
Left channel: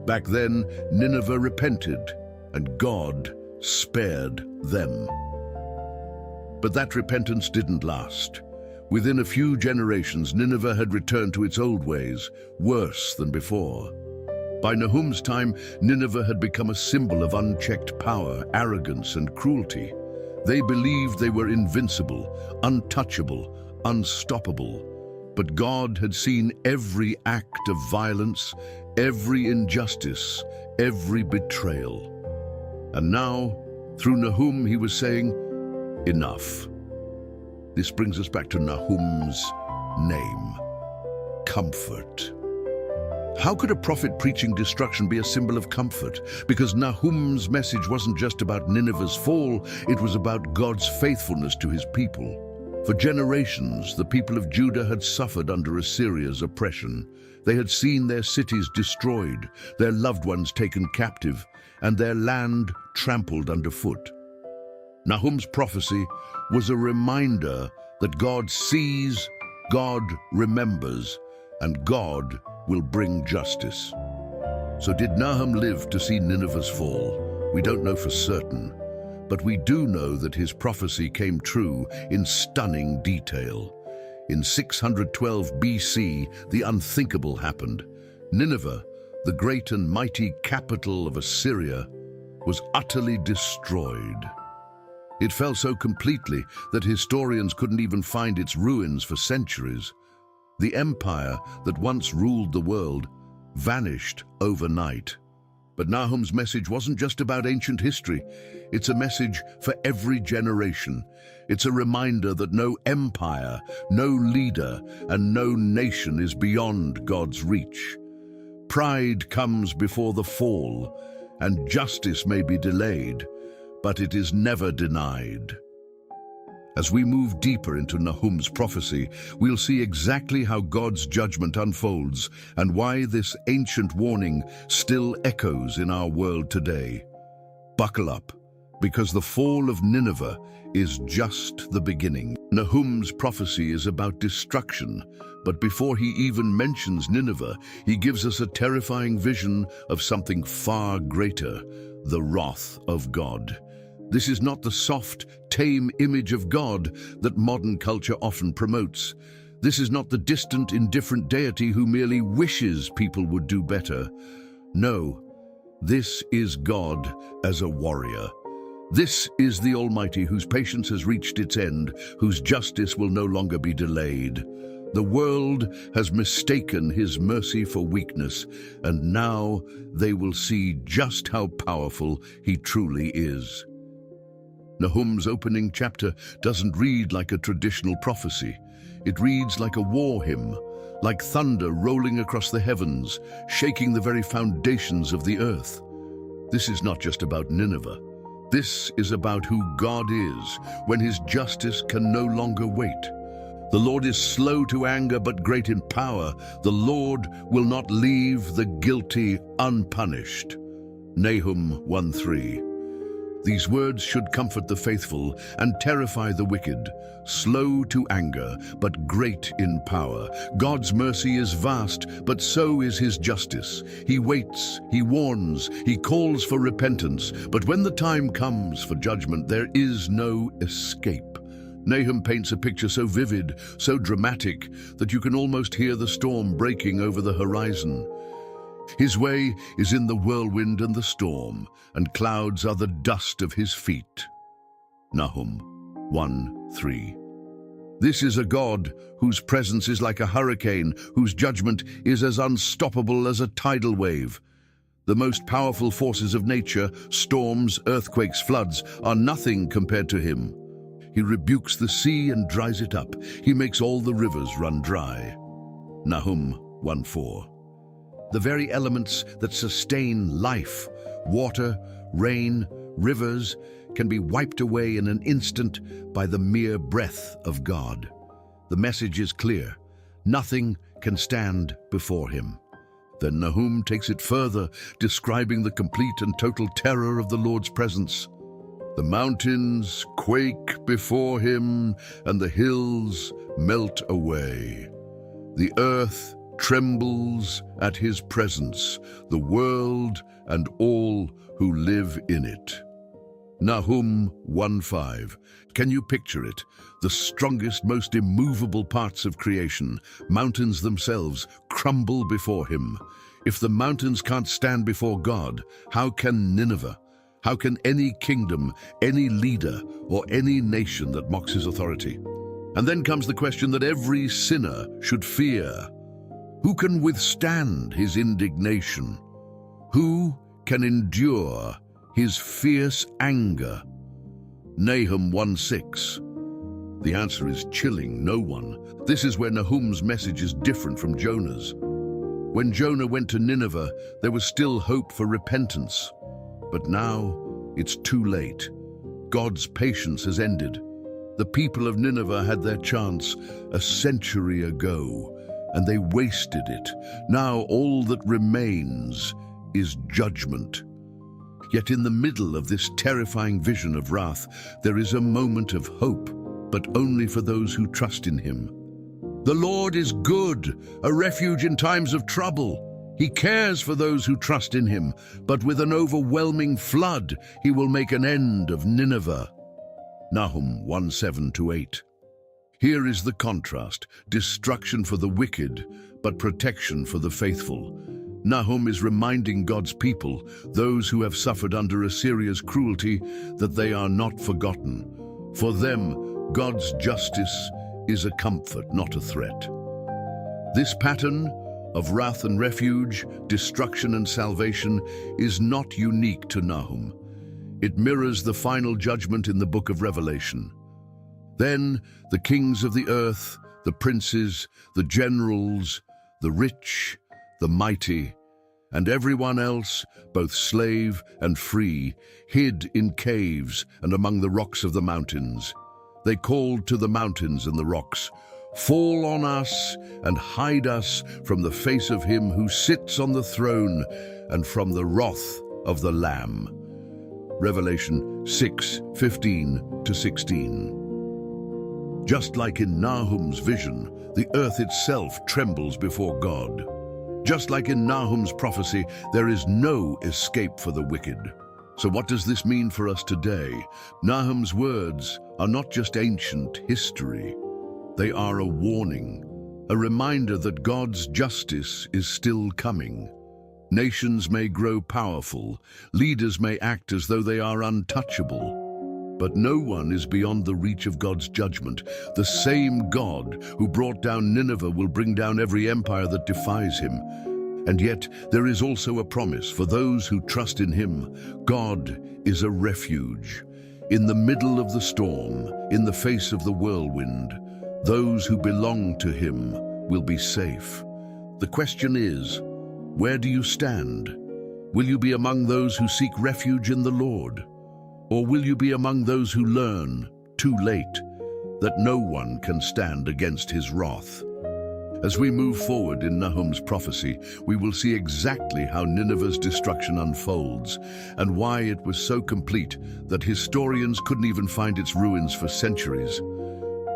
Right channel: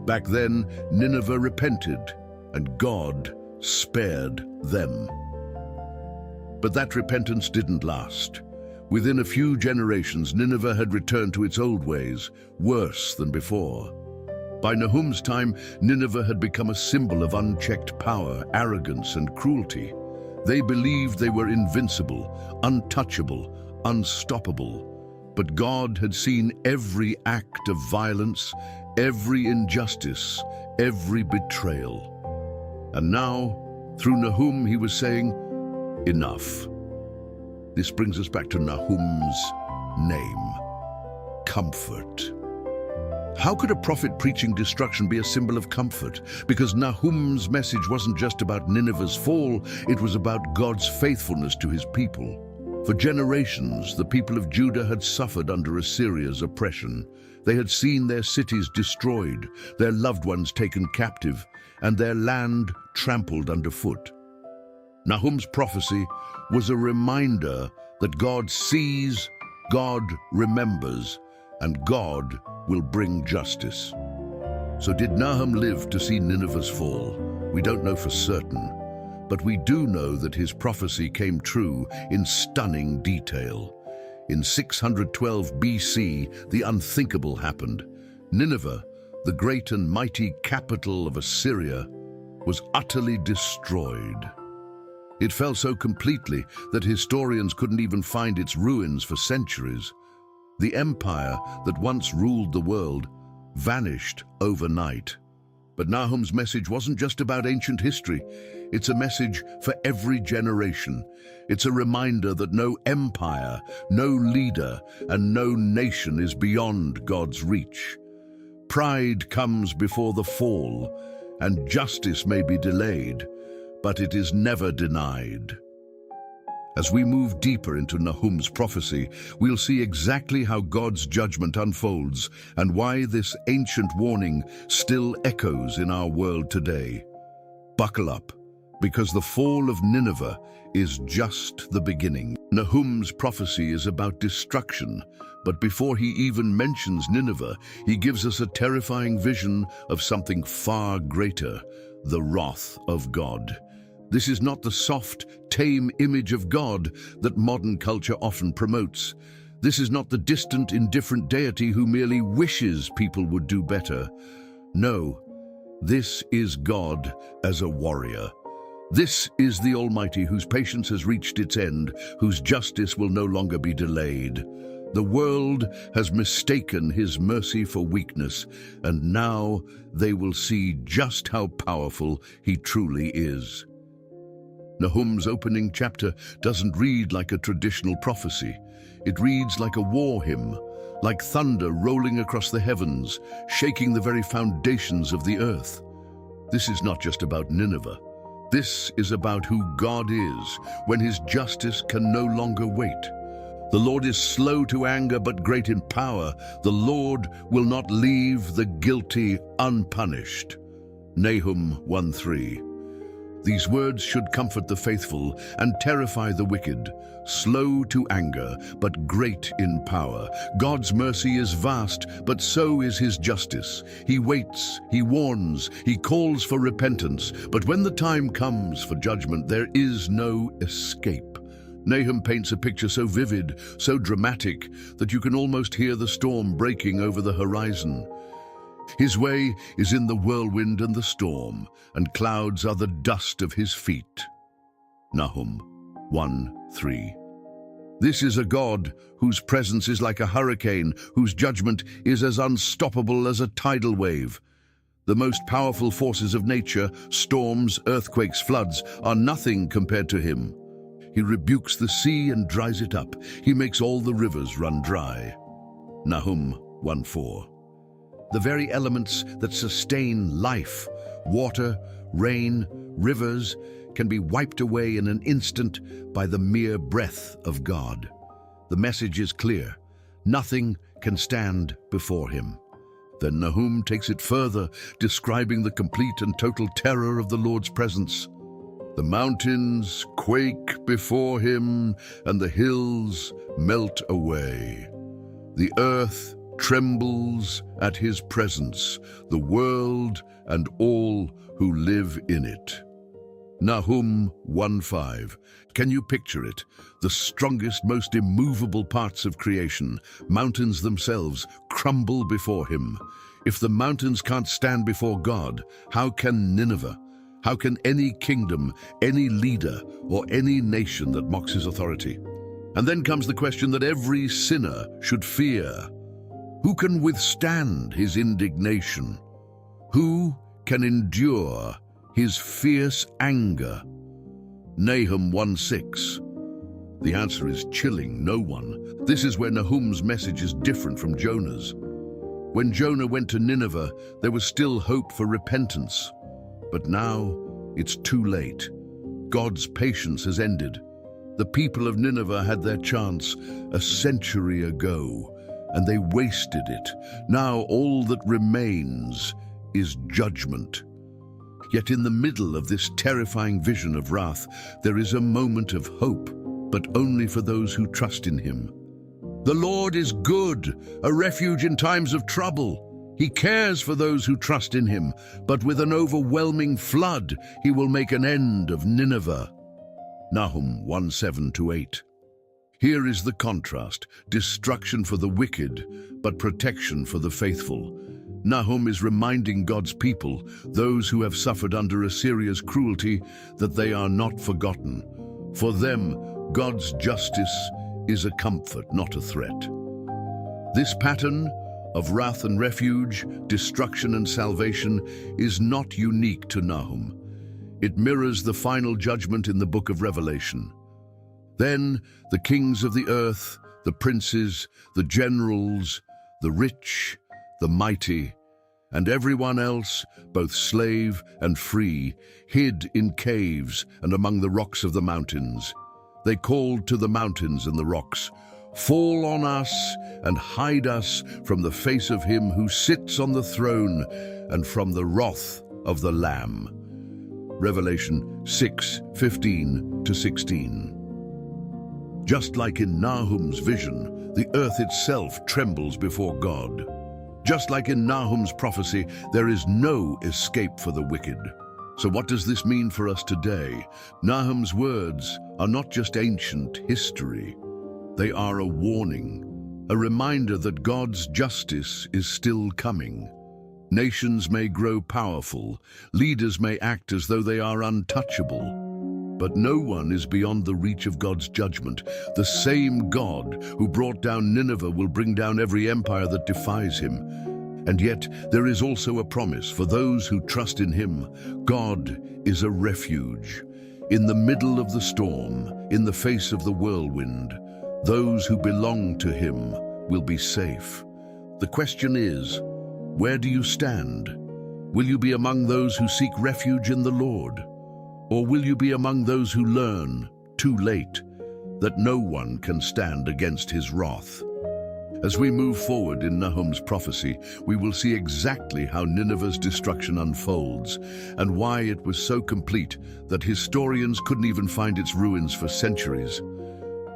Back then, Nineveh repented, and God spared them. But that repentance didn't last. Within a few generations, Nineveh had returned to its old ways, worse than before. By Nahum's time, Nineveh had become a symbol of unchecked power, arrogance, and cruelty. They believed they were invincible, untouchable, unstoppable. But God had seen every act of violence, every injustice, every betrayal. And now, Through Nahum, he was saying, enough. This brings us back to Nahum's name, comfort. How could a prophet preaching destruction be a symbol of comfort? Because Nahum's message wasn't just about Nineveh's fall, it was about God's faithfulness to his people. For generations, the people of Judah had suffered under Assyria's oppression. They had seen their cities destroyed, their loved ones taken captive, and their land trampled underfoot. Nahum's prophecy was a reminder that God sees, God remembers, and God will bring justice. So did Nahum live to see Nineveh's fall? We don't know for certain, but we do know that his prophecy came true in stunning detail. In 612 BC, the unthinkable happened. Nineveh, the great and mighty capital of Assyria, was utterly destroyed. It fell so completely that historians couldn't even find its ruins for centuries. The empire that once ruled the world vanished overnight. But Nahum's message wasn't just about ancient history. It's a message for every generation. It's a reminder that no empire, no leader, and no nation is beyond God's reach. Pride comes before the fall, and justice may be delayed, but it is never denied. As we move deeper into Nahum's prophecy, we'll see exactly how God's judgment unfolds and why this ancient warning still echoes in our world today. Buckle up, because the fall of Nineveh is just the beginning. Nahum's prophecy is about destruction, but before he even mentions Nineveh, he gives us a terrifying vision of something far greater, the wrath of God. This is not the soft, tame image of God that modern culture often promotes. This is not the distant, indifferent deity who merely wishes people would do better. No, this is God as a warrior. This is the Almighty whose patience has reached its end, whose justice will no longer be delayed. The world has mistaken his mercy for weakness, and now they will see just how powerful he truly is. Nahum's opening chapter doesn't read like a traditional prophecy. It reads like a war hymn, like thunder rolling across the heavens, shaking the very foundations of the earth. This is not just about Nineveh. This is about who God is when his justice can no longer wait. The Lord is slow to anger but great in power. The Lord will not leave the guilty unpunished. Nahum 1:3. These words should comfort the faithful and terrify the wicked. Slow to anger, but great in power. God's mercy is vast, but so is his justice. He waits, he warns, he calls for repentance, but when the time comes for judgment, there is no escape. Nahum paints a picture so vivid, so dramatic, that you can almost hear the storm breaking over the horizon. His way is in the whirlwind and the storm, and clouds are the dust of his feet. Nahum 1:3. This is a God whose presence is like a hurricane, whose judgment is as unstoppable as a tidal wave. The most powerful forces of nature, storms, earthquakes, floods, are nothing compared to him. He rebukes the sea and dries it up. He makes all the rivers run dry. Nahum 1:4. The very elements that sustain life, water, rain, rivers, can be wiped away in an instant by the mere breath of God. The message is clear. Nothing can stand before him. Then Nahum takes it further, describing the complete and total terror of the Lord's presence. The mountains quake before him, and the hills melt away. The earth trembles at his presence, the world and all who live in it. Nahum 1:5. Can you picture it? The strongest, most immovable parts of creation, mountains themselves, crumble before him. If the mountains can't stand before God, how can Nineveh? How can any kingdom, any leader, or any nation that mocks his authority? And then comes the question that every sinner should fear. Who can withstand his indignation? Who can endure his fierce anger? Nahum 1:6. The answer is chilling, no one. This is where Nahum's message is different from Jonah's. When Jonah went to Nineveh, there was still hope for repentance. But now, it's too late. God's patience has ended. The people of Nineveh had their chance a century ago, and they wasted it. Now all that remains is judgment. Yet in the middle of this terrifying vision of wrath, there is a moment of hope, but only for those who trust in him. The Lord is good, a refuge in times of trouble. He cares for those who trust in him, but with an overwhelming flood, he will make an end of Nineveh. Nahum 1:7-8. Here is the contrast: destruction for the wicked, but protection for the faithful. Nahum is reminding God's people, those who have suffered under Assyria's cruelty, that they are not forgotten. For them, God's justice is a comfort, not a threat. This pattern of wrath and refuge, destruction and salvation is not unique to Nahum. It mirrors the final judgment in the book of Revelation. Then the kings of the earth, the princes, the generals, the rich, the mighty, and everyone else, both slave and free, hid in caves and among the rocks of the mountains. They called to the mountains and the rocks, "Fall on us and hide us from the face of him who sits on the throne and from the wrath of the Lamb." Revelation 6:15-16. Just like in Nahum's vision, the earth itself trembles before God. Just like in Nahum's prophecy, there is no escape for the wicked. So what does this mean for us today? Nahum's words are not just ancient history. They are a warning, a reminder that God's justice is still coming. Nations may grow powerful, leaders may act as though they are untouchable, but no one is beyond the reach of God's judgment. The same God who brought down Nineveh will bring down every empire that defies him. And yet there is also a promise for those who trust in him. God is a refuge. In the middle of the storm, in the face of the whirlwind, those who belong to him will be safe. The question is, where do you stand? Will you be among those who seek refuge in the Lord? Or will you be among those who learn, too late, that no one can stand against his wrath? As we move forward in Nahum's prophecy, we will see exactly how Nineveh's destruction unfolds and why it was so complete that historians couldn't even find its ruins for centuries.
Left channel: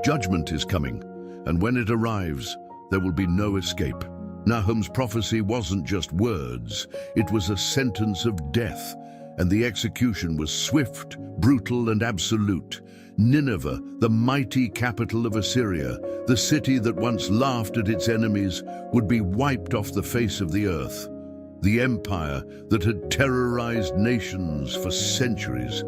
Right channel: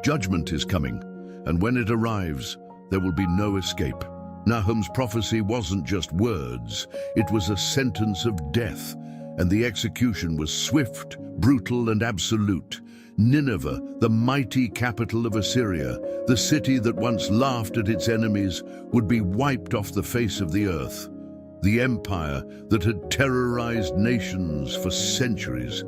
Judgment is coming, and when it arrives, there will be no escape. Nahum's prophecy wasn't just words, it was a sentence of death, and the execution was swift, brutal, and absolute. Nineveh, the mighty capital of Assyria, the city that once laughed at its enemies, would be wiped off the face of the earth. The empire that had terrorized nations for centuries,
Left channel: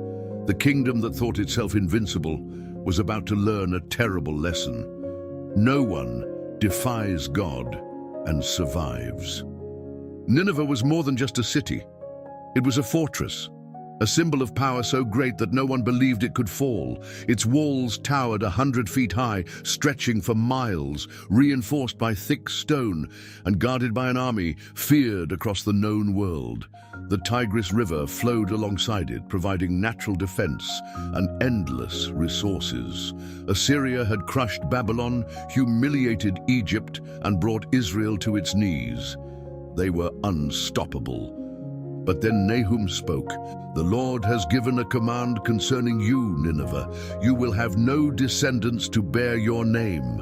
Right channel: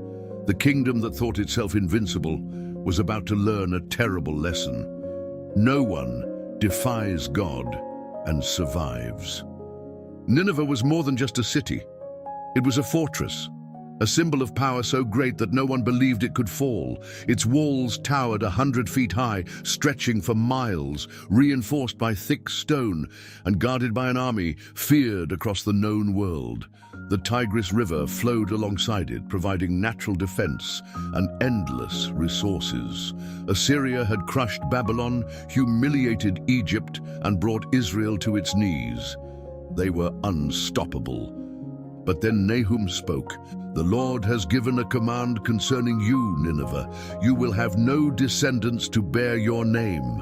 the kingdom that thought itself invincible, was about to learn a terrible lesson. No one defies God and survives. Nineveh was more than just a city. It was a fortress, a symbol of power so great that no one believed it could fall. Its walls towered 100 feet high, stretching for miles, reinforced by thick stone and guarded by an army feared across the known world. The Tigris River flowed alongside it, providing natural defense and endless resources. Assyria had crushed Babylon, humiliated Egypt, and brought Israel to its knees. They were unstoppable. But then Nahum spoke. "The Lord has given a command concerning you, Nineveh. You will have no descendants to bear your name.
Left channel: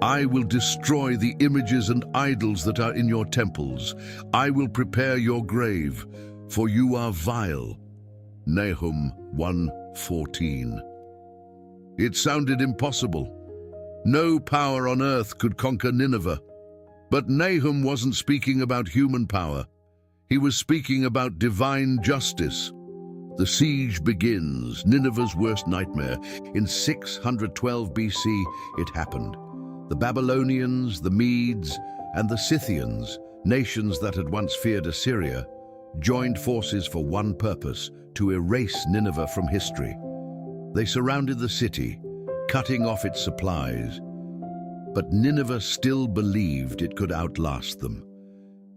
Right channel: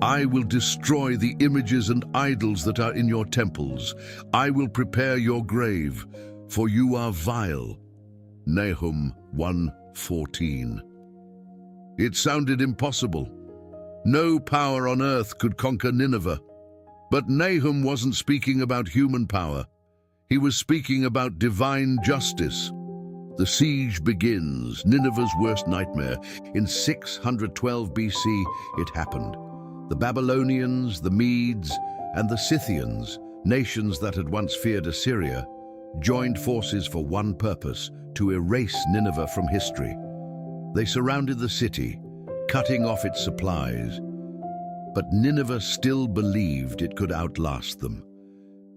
I will destroy the images and idols that are in your temples. I will prepare your grave, for you are vile." Nahum 1:14. It sounded impossible. No power on earth could conquer Nineveh. But Nahum wasn't speaking about human power. He was speaking about divine justice. The siege begins, Nineveh's worst nightmare. In 612 BC, it happened. The Babylonians, the Medes, and the Scythians, nations that had once feared Assyria, joined forces for one purpose: to erase Nineveh from history. They surrounded the city, cutting off its supplies. But Nineveh still believed it could outlast them.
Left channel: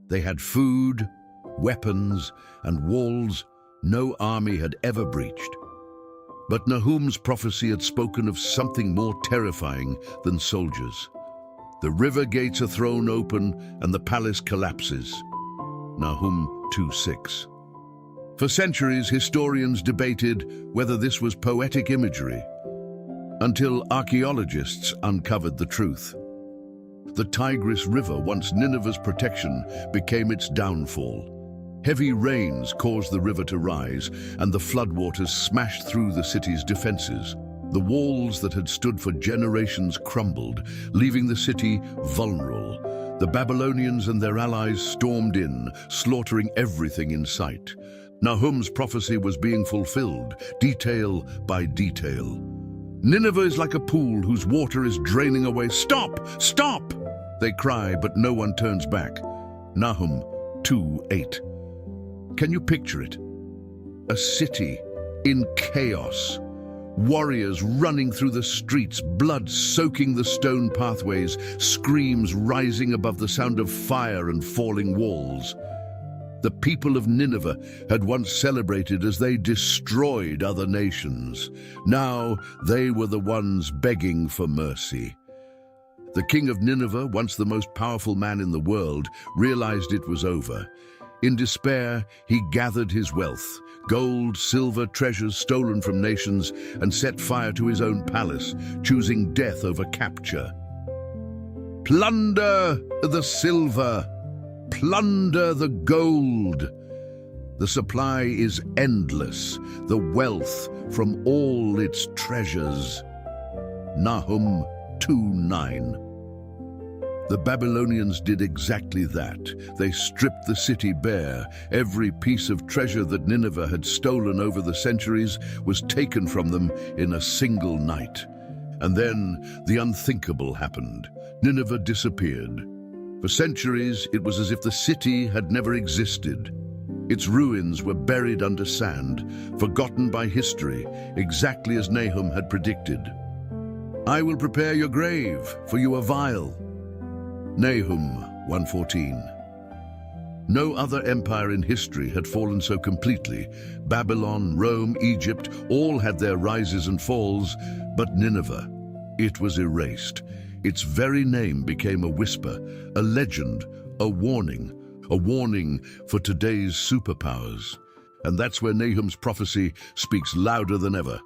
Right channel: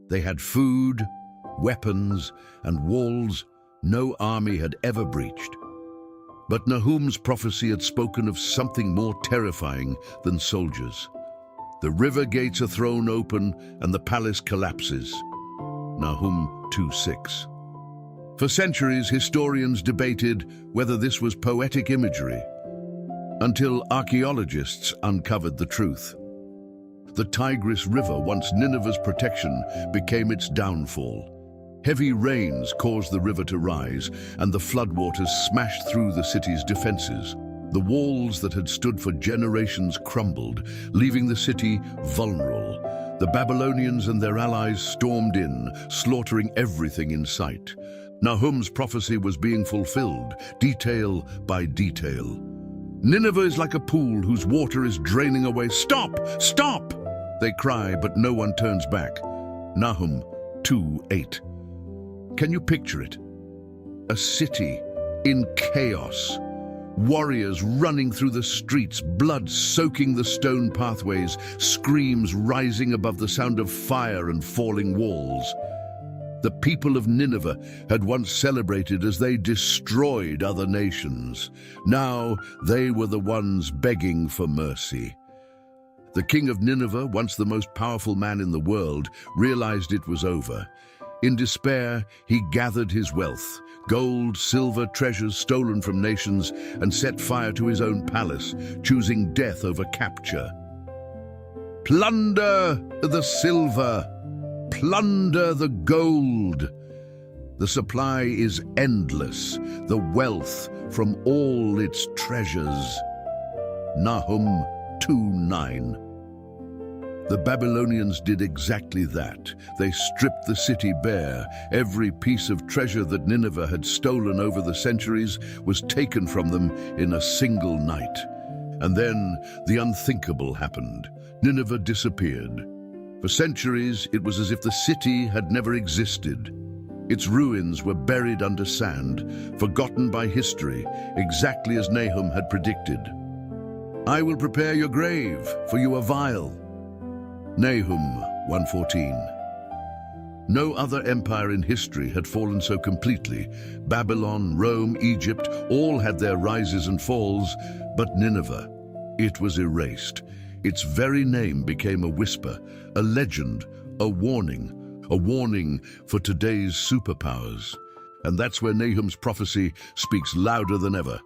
They had food, weapons, and walls no army had ever breached. But Nahum's prophecy had spoken of something more terrifying than soldiers. The river gates are thrown open and the palace collapses. Nahum 2:6. For centuries, historians debated whether this was poetic imagery, until archaeologists uncovered the truth. The Tigris River, once Nineveh's protection, became its downfall. Heavy rains caused the river to rise, and the floodwaters smashed through the city's defenses. The walls that had stood for generations crumbled, leaving the city vulnerable. The Babylonians and their allies stormed in, slaughtering everything in sight. Nahum's prophecy was being fulfilled, detail by detail. Nineveh is like a pool whose water is draining away. Stop! Stop! They cry, but no one turns back. Nahum 2:8. Can you picture it? A city in chaos. Warriors running through the streets, blood soaking the stone pathways, screams rising above the sound of fire and falling walls. The people of Nineveh had once celebrated as they destroyed other nations. Now they were the ones begging for mercy. The king of Nineveh, once the most powerful man in the world, realized it was over. In despair, he gathered his wealth, gold, silver, treasures stolen from nations, and set fire to his own palace, choosing death over capture. Plunder the silver! Plunder the gold! The supply is endless, the wealth from all its treasures. Nahum 2:9. The Babylonians did exactly that. They stripped the city bare. Every piece of treasure that Nineveh had stolen over the centuries was taken from them in a single night. And then the unthinkable happened. Nineveh disappeared. For centuries, it was as if the city had never existed. Its ruins were buried under sand, forgotten by history, exactly as Nahum had predicted. I will prepare your grave, for you are vile. Nahum 1:14. No other empire in history had fallen so completely. Babylon, Rome, Egypt, all had their rises and falls, but Nineveh, it was erased. Its very name became a whisper, a legend, a warning for today's superpowers. And that's where Nahum's prophecy speaks louder than ever.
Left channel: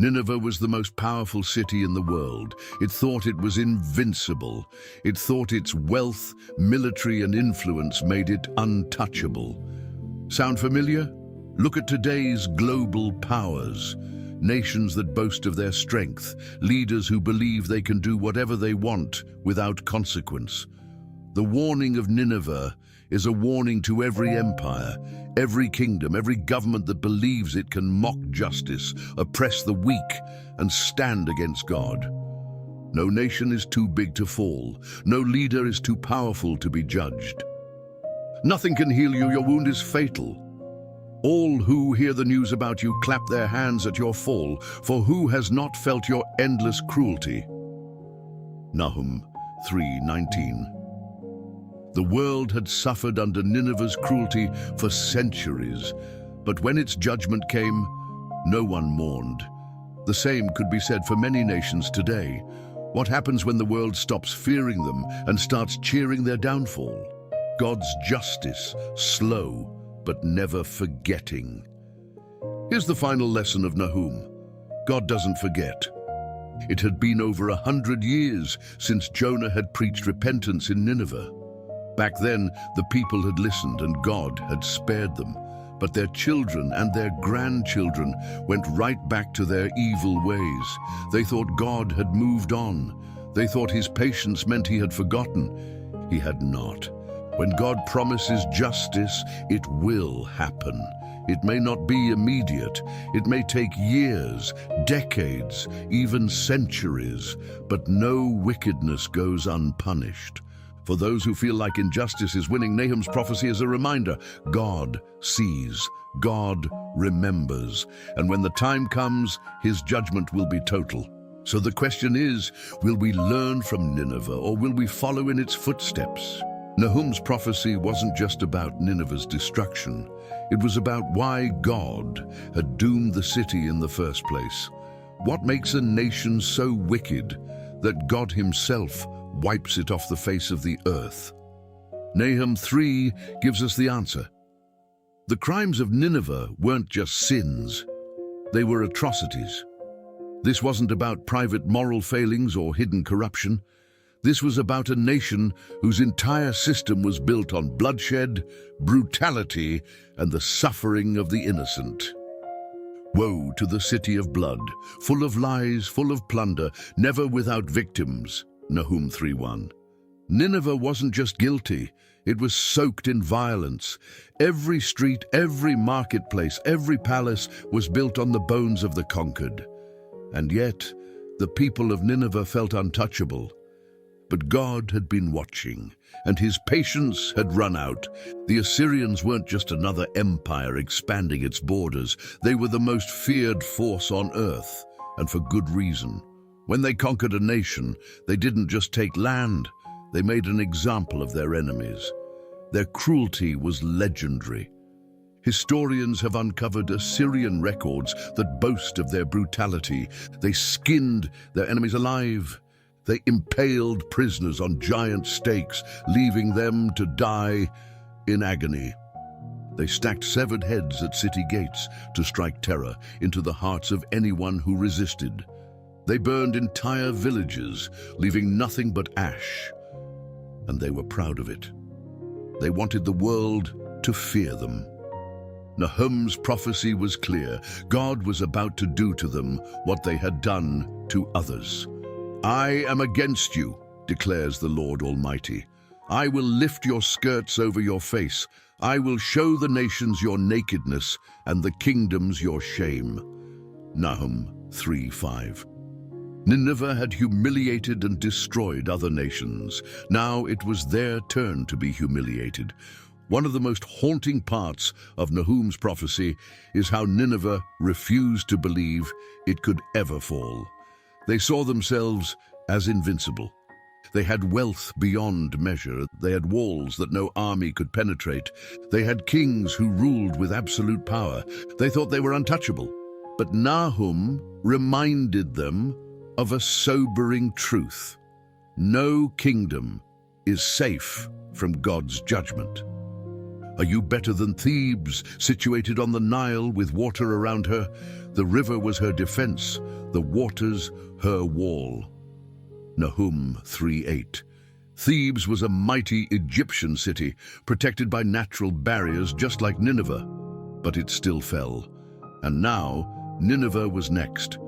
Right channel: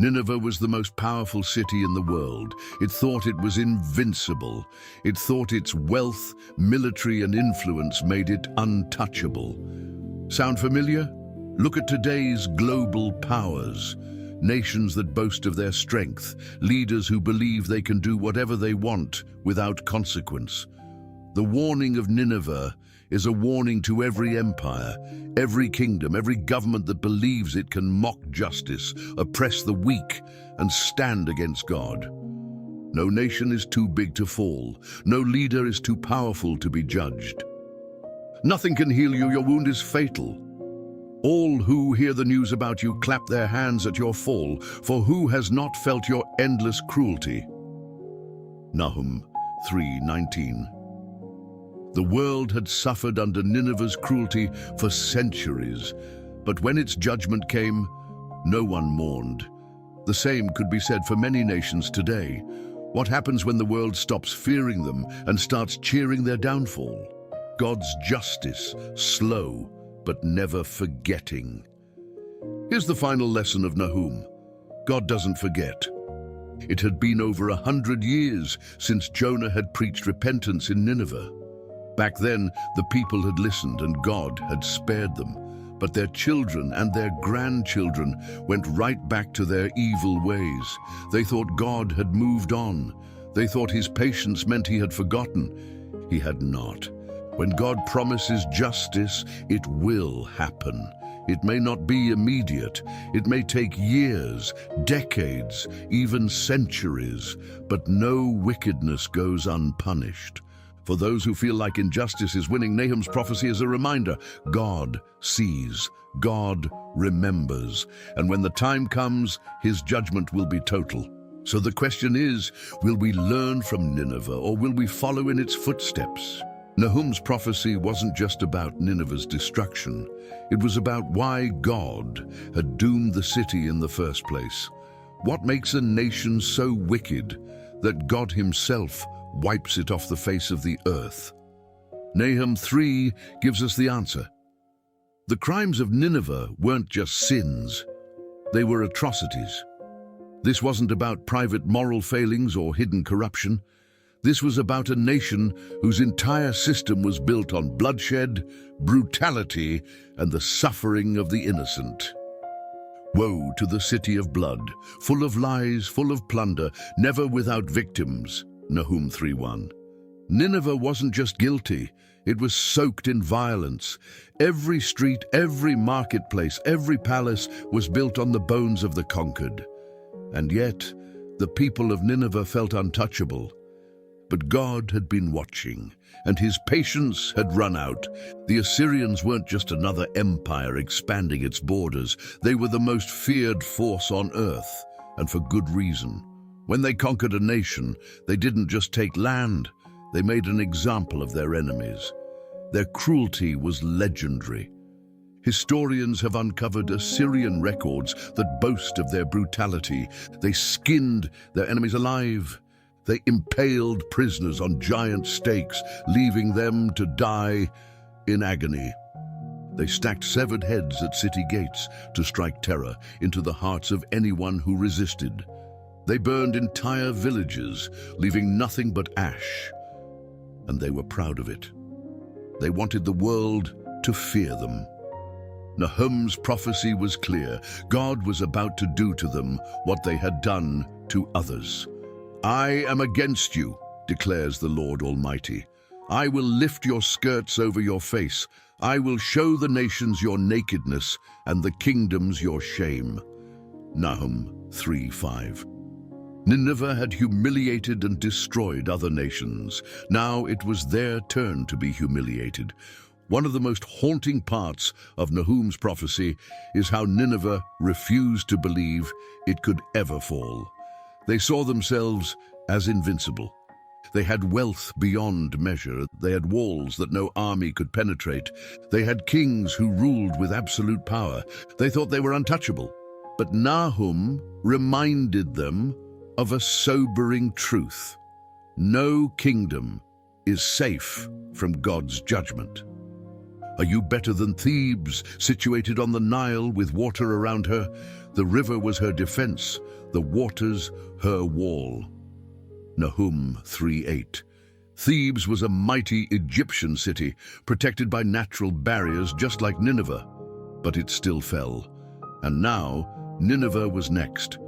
Nineveh was the most powerful city in the world. It thought it was invincible. It thought its wealth, military, and influence made it untouchable. Sound familiar? Look at today's global powers. Nations that boast of their strength, leaders who believe they can do whatever they want without consequence. The warning of Nineveh is a warning to every empire, every kingdom, every government that believes it can mock justice, oppress the weak, and stand against God. No nation is too big to fall. No leader is too powerful to be judged. Nothing can heal you. Your wound is fatal. All who hear the news about you clap their hands at your fall, for who has not felt your endless cruelty? Nahum 3:19. The world had suffered under Nineveh's cruelty for centuries, but when its judgment came, no one mourned. The same could be said for many nations today. What happens when the world stops fearing them and starts cheering their downfall? God's justice, slow but never forgetting. Here's the final lesson of Nahum. God doesn't forget. It had been over 100 years since Jonah had preached repentance in Nineveh. Back then, the people had listened and God had spared them. But their children and their grandchildren went right back to their evil ways. They thought God had moved on. They thought his patience meant he had forgotten. He had not. When God promises justice, it will happen. It may not be immediate. It may take years, decades, even centuries, but no wickedness goes unpunished. For those who feel like injustice is winning, Nahum's prophecy is a reminder. God sees, God remembers, and when the time comes, his judgment will be total. So the question is, will we learn from Nineveh, or will we follow in its footsteps? Nahum's prophecy wasn't just about Nineveh's destruction. It was about why God had doomed the city in the first place. What makes a nation so wicked that God himself wipes it off the face of the earth? Nahum 3 gives us the answer. The crimes of Nineveh weren't just sins, they were atrocities. This wasn't about private moral failings or hidden corruption. This was about a nation whose entire system was built on bloodshed, brutality, and the suffering of the innocent. Woe to the city of blood, full of lies, full of plunder, never without victims. Nahum 3:1. Nineveh wasn't just guilty, it was soaked in violence. Every street, every marketplace, every palace was built on the bones of the conquered. And yet, the people of Nineveh felt untouchable. But God had been watching, and his patience had run out. The Assyrians weren't just another empire expanding its borders. They were the most feared force on earth, and for good reason. When they conquered a nation, they didn't just take land, they made an example of their enemies. Their cruelty was legendary. Historians have uncovered Assyrian records that boast of their brutality. They skinned their enemies alive. They impaled prisoners on giant stakes, leaving them to die in agony. They stacked severed heads at city gates to strike terror into the hearts of anyone who resisted. They burned entire villages, leaving nothing but ash. And they were proud of it. They wanted the world to fear them. Nahum's prophecy was clear. God was about to do to them what they had done to others. I am against you, declares the Lord Almighty. I will lift your skirts over your face. I will show the nations your nakedness and the kingdoms your shame. Nahum 3:5. Nineveh had humiliated and destroyed other nations. Now it was their turn to be humiliated. One of the most haunting parts of Nahum's prophecy is how Nineveh refused to believe it could ever fall. They saw themselves as invincible. They had wealth beyond measure. They had walls that no army could penetrate. They had kings who ruled with absolute power. They thought they were untouchable. But Nahum reminded them of a sobering truth. No kingdom is safe from God's judgment. Are you better than Thebes, situated on the Nile with water around her? The river was her defense, the waters her wall. Nahum 3:8. Thebes was a mighty Egyptian city, protected by natural barriers just like Nineveh, but it still fell. And now, Nineveh was next.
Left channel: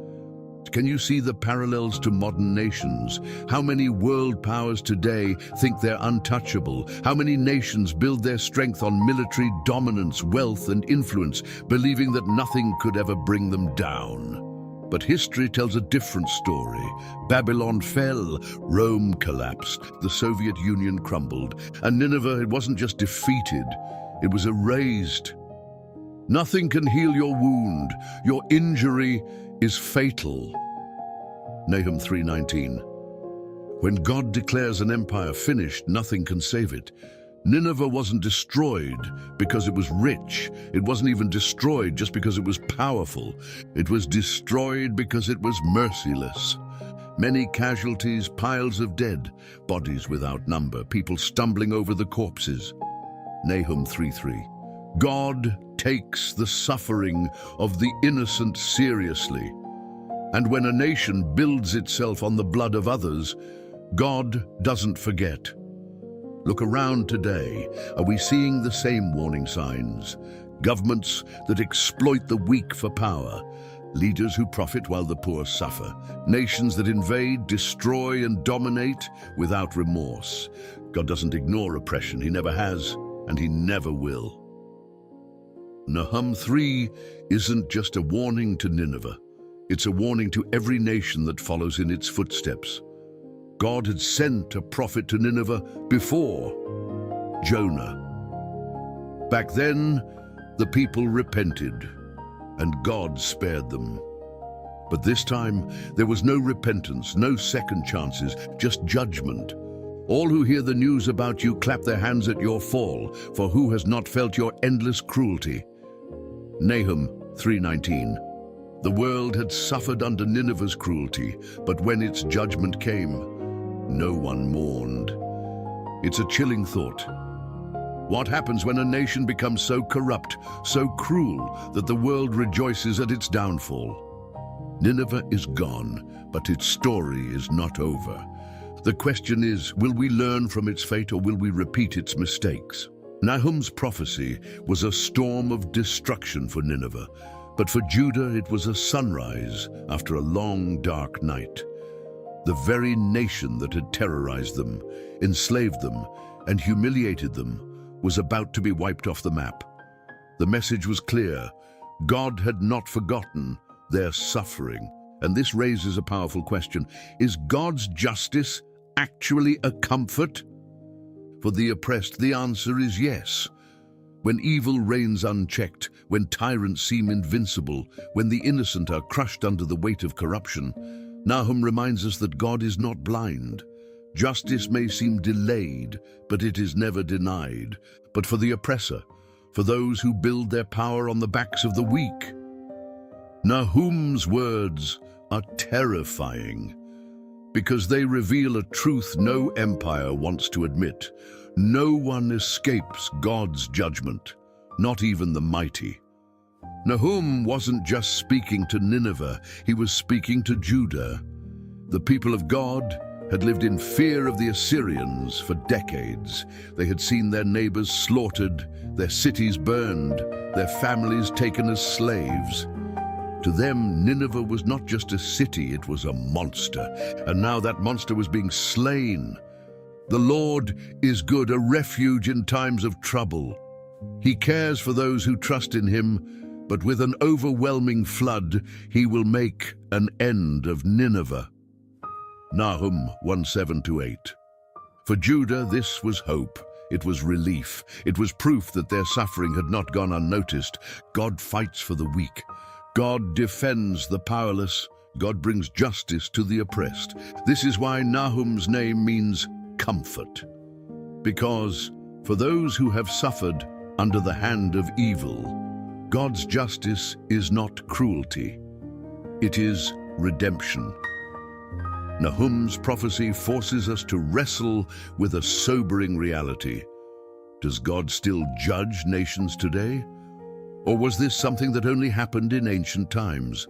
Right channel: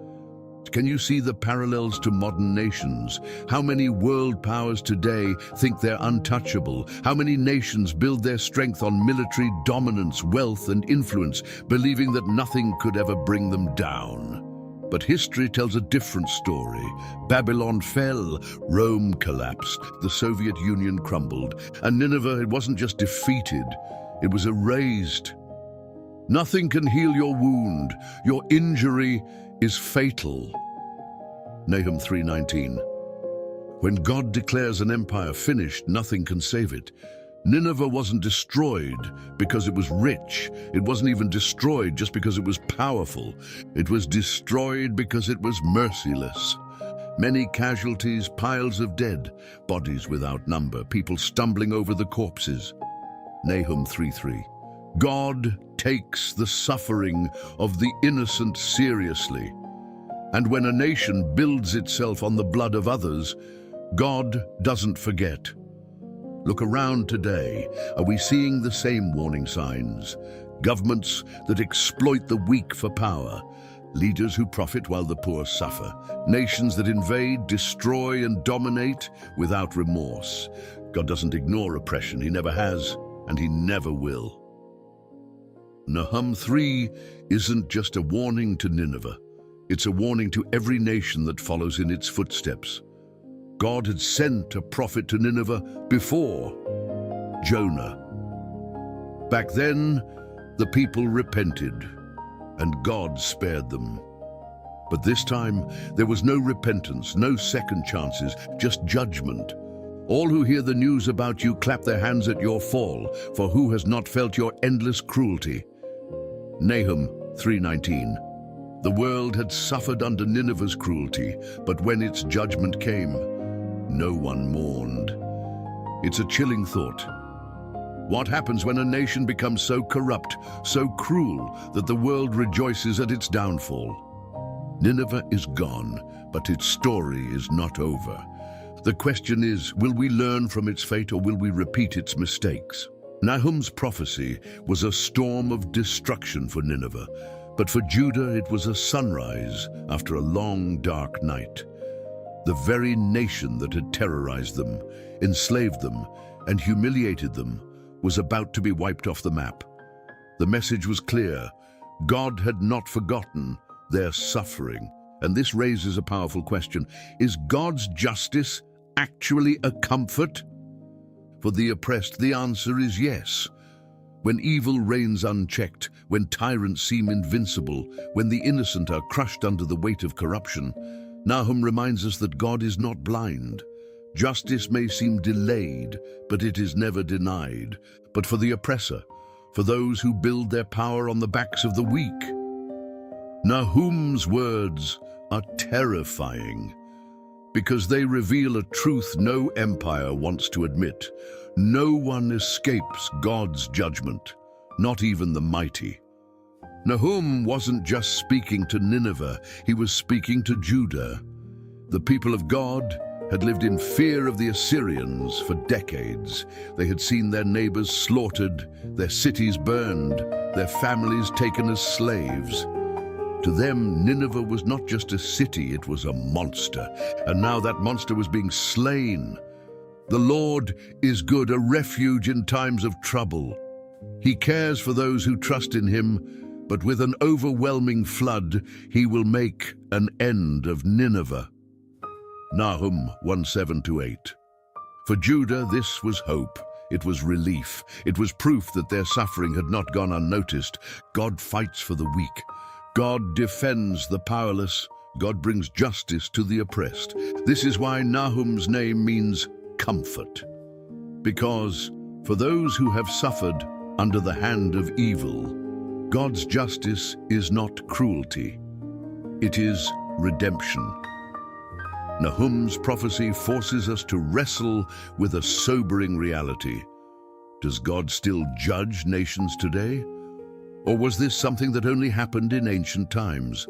Can you see the parallels to modern nations? How many world powers today think they're untouchable? How many nations build their strength on military dominance, wealth, and influence, believing that nothing could ever bring them down? But history tells a different story. Babylon fell, Rome collapsed, the Soviet Union crumbled, and Nineveh, it wasn't just defeated, it was erased. Nothing can heal your wound. Your injury is fatal. Nahum 3:19. When God declares an empire finished, nothing can save it. Nineveh wasn't destroyed because it was rich. It wasn't even destroyed just because it was powerful. It was destroyed because it was merciless. Many casualties, piles of dead, bodies without number, people stumbling over the corpses. Nahum 3:3. God takes the suffering of the innocent seriously. And when a nation builds itself on the blood of others, God doesn't forget. Look around today. Are we seeing the same warning signs? Governments that exploit the weak for power, leaders who profit while the poor suffer, nations that invade, destroy, and dominate without remorse. God doesn't ignore oppression. He never has, and he never will. Nahum 3 isn't just a warning to Nineveh. It's a warning to every nation that follows in its footsteps. God had sent a prophet to Nineveh before, Jonah. Back then, the people repented, and God spared them. But this time, there was no repentance, no second chances, just judgment. All who hear the news about you clap their hands at your fall, for who has not felt your endless cruelty? Nahum 3:19. The world had suffered under Nineveh's cruelty, but when its judgment came, no one mourned. It's a chilling thought. What happens when a nation becomes so corrupt, so cruel, that the world rejoices at its downfall? Nineveh is gone, but its story is not over. The question is, will we learn from its fate or will we repeat its mistakes? Nahum's prophecy was a storm of destruction for Nineveh, but for Judah it was a sunrise after a long, dark night. The very nation that had terrorized them, enslaved them, and humiliated them was about to be wiped off the map. The message was clear. God had not forgotten their suffering. And this raises a powerful question. Is God's justice actually a comfort? For the oppressed, the answer is yes. When evil reigns unchecked, when tyrants seem invincible, when the innocent are crushed under the weight of corruption, Nahum reminds us that God is not blind. Justice may seem delayed, but it is never denied. But for the oppressor, for those who build their power on the backs of the weak, Nahum's words are terrifying because they reveal a truth no empire wants to admit. No one escapes God's judgment, not even the mighty. Nahum wasn't just speaking to Nineveh, he was speaking to Judah. The people of God had lived in fear of the Assyrians for decades. They had seen their neighbors slaughtered, their cities burned, their families taken as slaves. To them, Nineveh was not just a city, it was a monster. And now that monster was being slain. The Lord is good, a refuge in times of trouble. He cares for those who trust in him, but with an overwhelming flood, he will make an end of Nineveh. Nahum 1:7-8. For Judah, this was hope. It was relief. It was proof that their suffering had not gone unnoticed. God fights for the weak. God defends the powerless. God brings justice to the oppressed. This is why Nahum's name means comfort. Because for those who have suffered under the hand of evil, God's justice is not cruelty. It is redemption. Nahum's prophecy forces us to wrestle with a sobering reality. Does God still judge nations today? Or was this something that only happened in ancient times?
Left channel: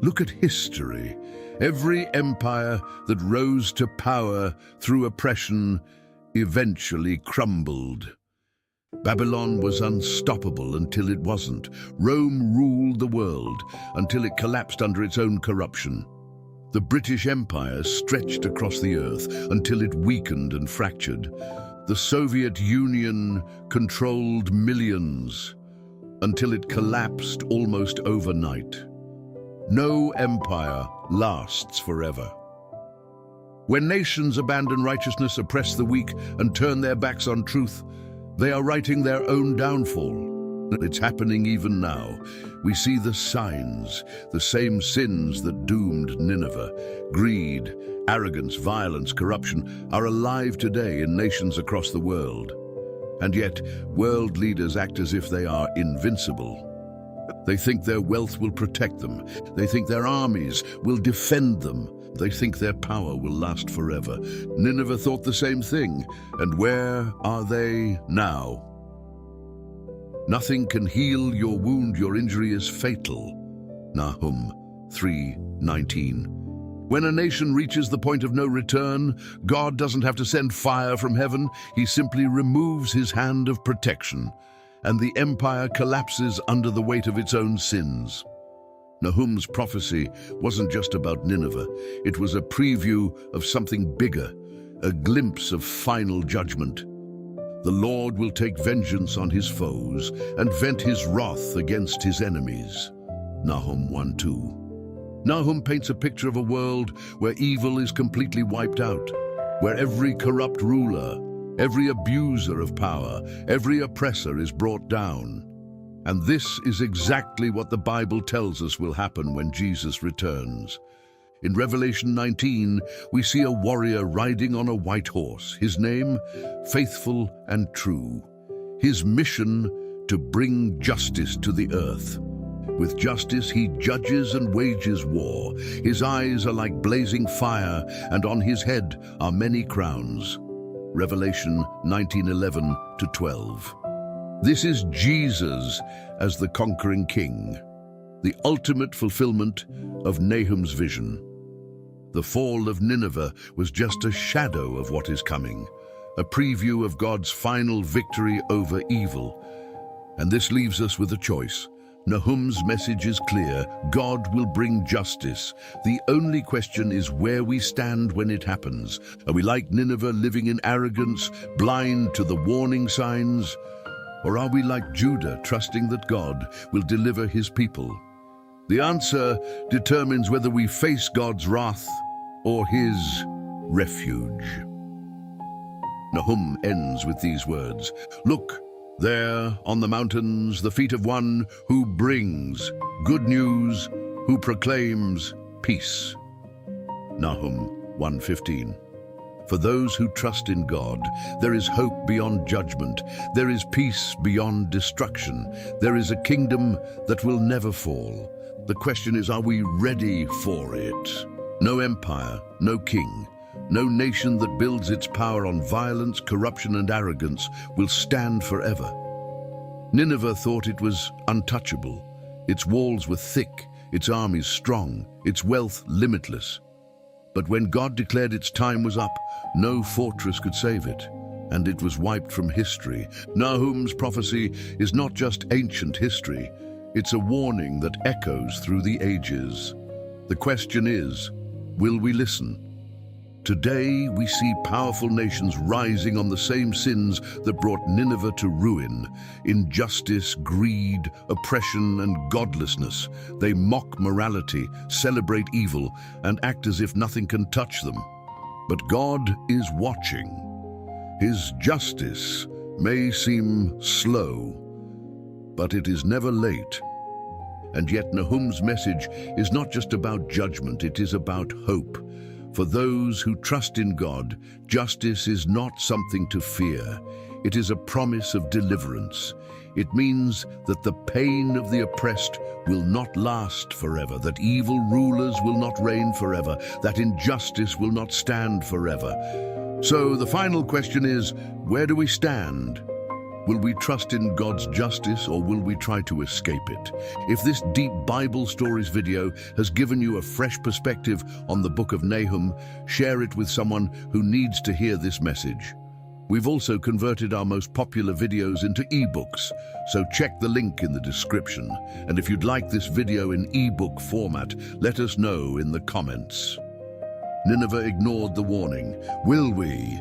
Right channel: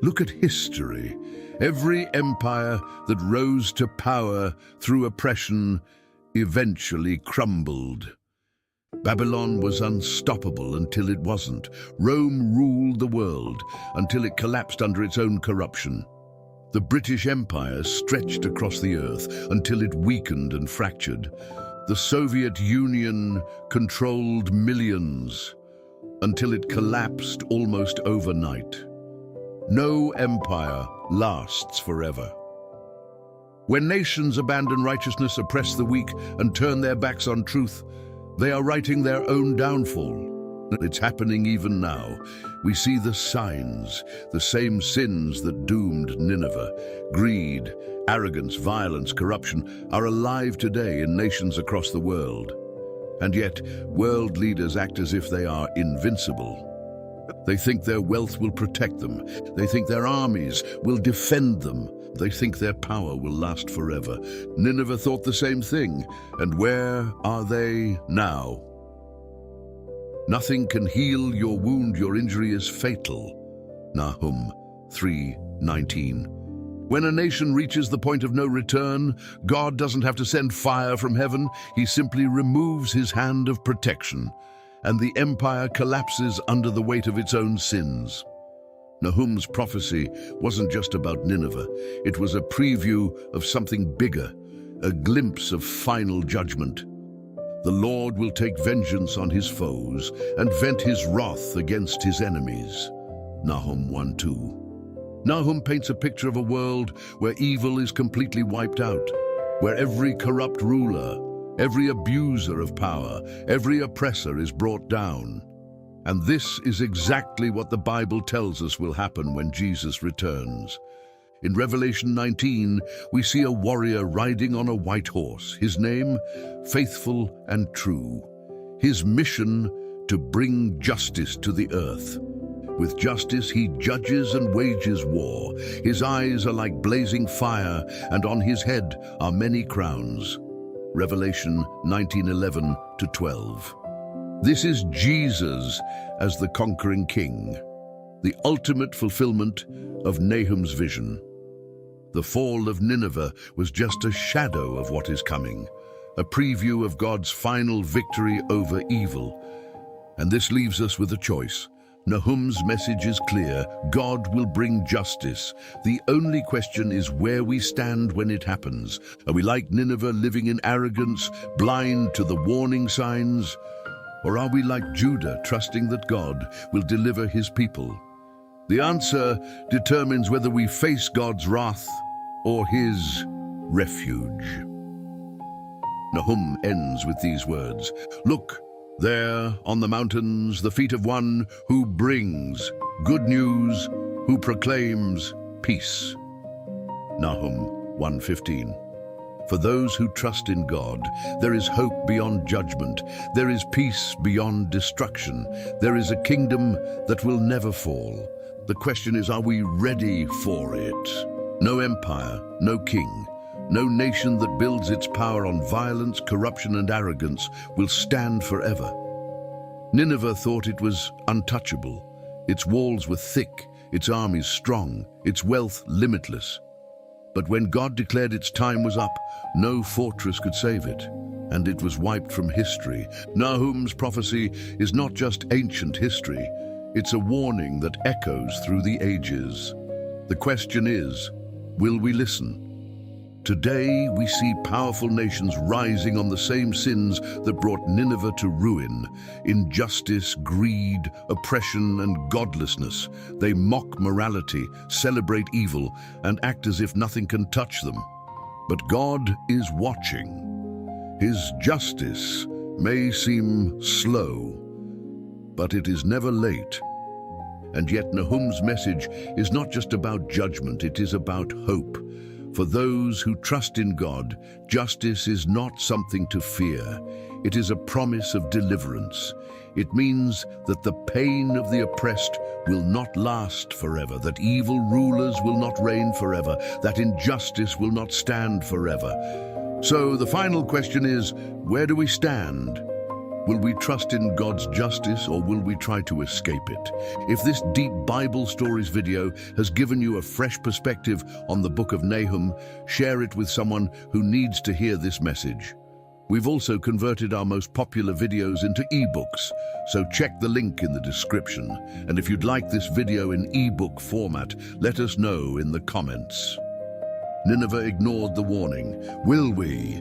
Look at history. Every empire that rose to power through oppression eventually crumbled. Babylon was unstoppable until it wasn't. Rome ruled the world until it collapsed under its own corruption. The British Empire stretched across the earth until it weakened and fractured. The Soviet Union controlled millions until it collapsed almost overnight. No empire lasts forever. When nations abandon righteousness, oppress the weak, and turn their backs on truth, they are writing their own downfall. It's happening even now. We see the signs, the same sins that doomed Nineveh. Greed, arrogance, violence, corruption are alive today in nations across the world. And yet, world leaders act as if they are invincible. They think their wealth will protect them. They think their armies will defend them. They think their power will last forever. Nineveh thought the same thing. And where are they now? Nothing can heal your wound, your injury is fatal. Nahum 3:19. When a nation reaches the point of no return, God doesn't have to send fire from heaven. He simply removes his hand of protection, and the empire collapses under the weight of its own sins. Nahum's prophecy wasn't just about Nineveh. It was a preview of something bigger, a glimpse of final judgment. The Lord will take vengeance on his foes and vent his wrath against his enemies. Nahum 1:2. Nahum paints a picture of a world where evil is completely wiped out, where every corrupt ruler, every abuser of power, every oppressor is brought down. And this is exactly what the Bible tells us will happen when Jesus returns. In Revelation 19, we see a warrior riding on a white horse. His name, Faithful and True. His mission, to bring justice to the earth. With justice, he judges and wages war. His eyes are like blazing fire, and on his head are many crowns. Revelation 19:11-12. This is Jesus as the conquering king, the ultimate fulfillment of Nahum's vision. The fall of Nineveh was just a shadow of what is coming, a preview of God's final victory over evil. And this leaves us with a choice. Nahum's message is clear. God will bring justice. The only question is where we stand when it happens. Are we like Nineveh, living in arrogance, blind to the warning signs? Or are we like Judah, trusting that God will deliver his people? The answer determines whether we face God's wrath or his refuge. Nahum ends with these words, "Look, there on the mountains, the feet of one who brings good news, who proclaims peace." Nahum 1:15. For those who trust in God, there is hope beyond judgment. There is peace beyond destruction. There is a kingdom that will never fall. The question is, are we ready for it? No empire, no king, no nation that builds its power on violence, corruption, and arrogance will stand forever. Nineveh thought it was untouchable. Its walls were thick, its armies strong, its wealth limitless. But when God declared its time was up, no fortress could save it, and it was wiped from history. Nahum's prophecy is not just ancient history, it's a warning that echoes through the ages. The question is, will we listen? Today, we see powerful nations rising on the same sins that brought Nineveh to ruin. Injustice, greed, oppression, and godlessness. They mock morality, celebrate evil, and act as if nothing can touch them. But God is watching. His justice may seem slow, but it is never late. And yet Nahum's message is not just about judgment, it is about hope. For those who trust in God, justice is not something to fear. It is a promise of deliverance. It means that the pain of the oppressed will not last forever, that evil rulers will not reign forever, that injustice will not stand forever. So the final question is, where do we stand? Will we trust in God's justice, or will we try to escape it? If this deep Bible stories video has given you a fresh perspective on the book of Nahum, share it with someone who needs to hear this message. We've also converted our most popular videos into ebooks, so check the link in the description. And if you'd like this video in ebook format, let us know in the comments. Nineveh ignored the warning. Will we?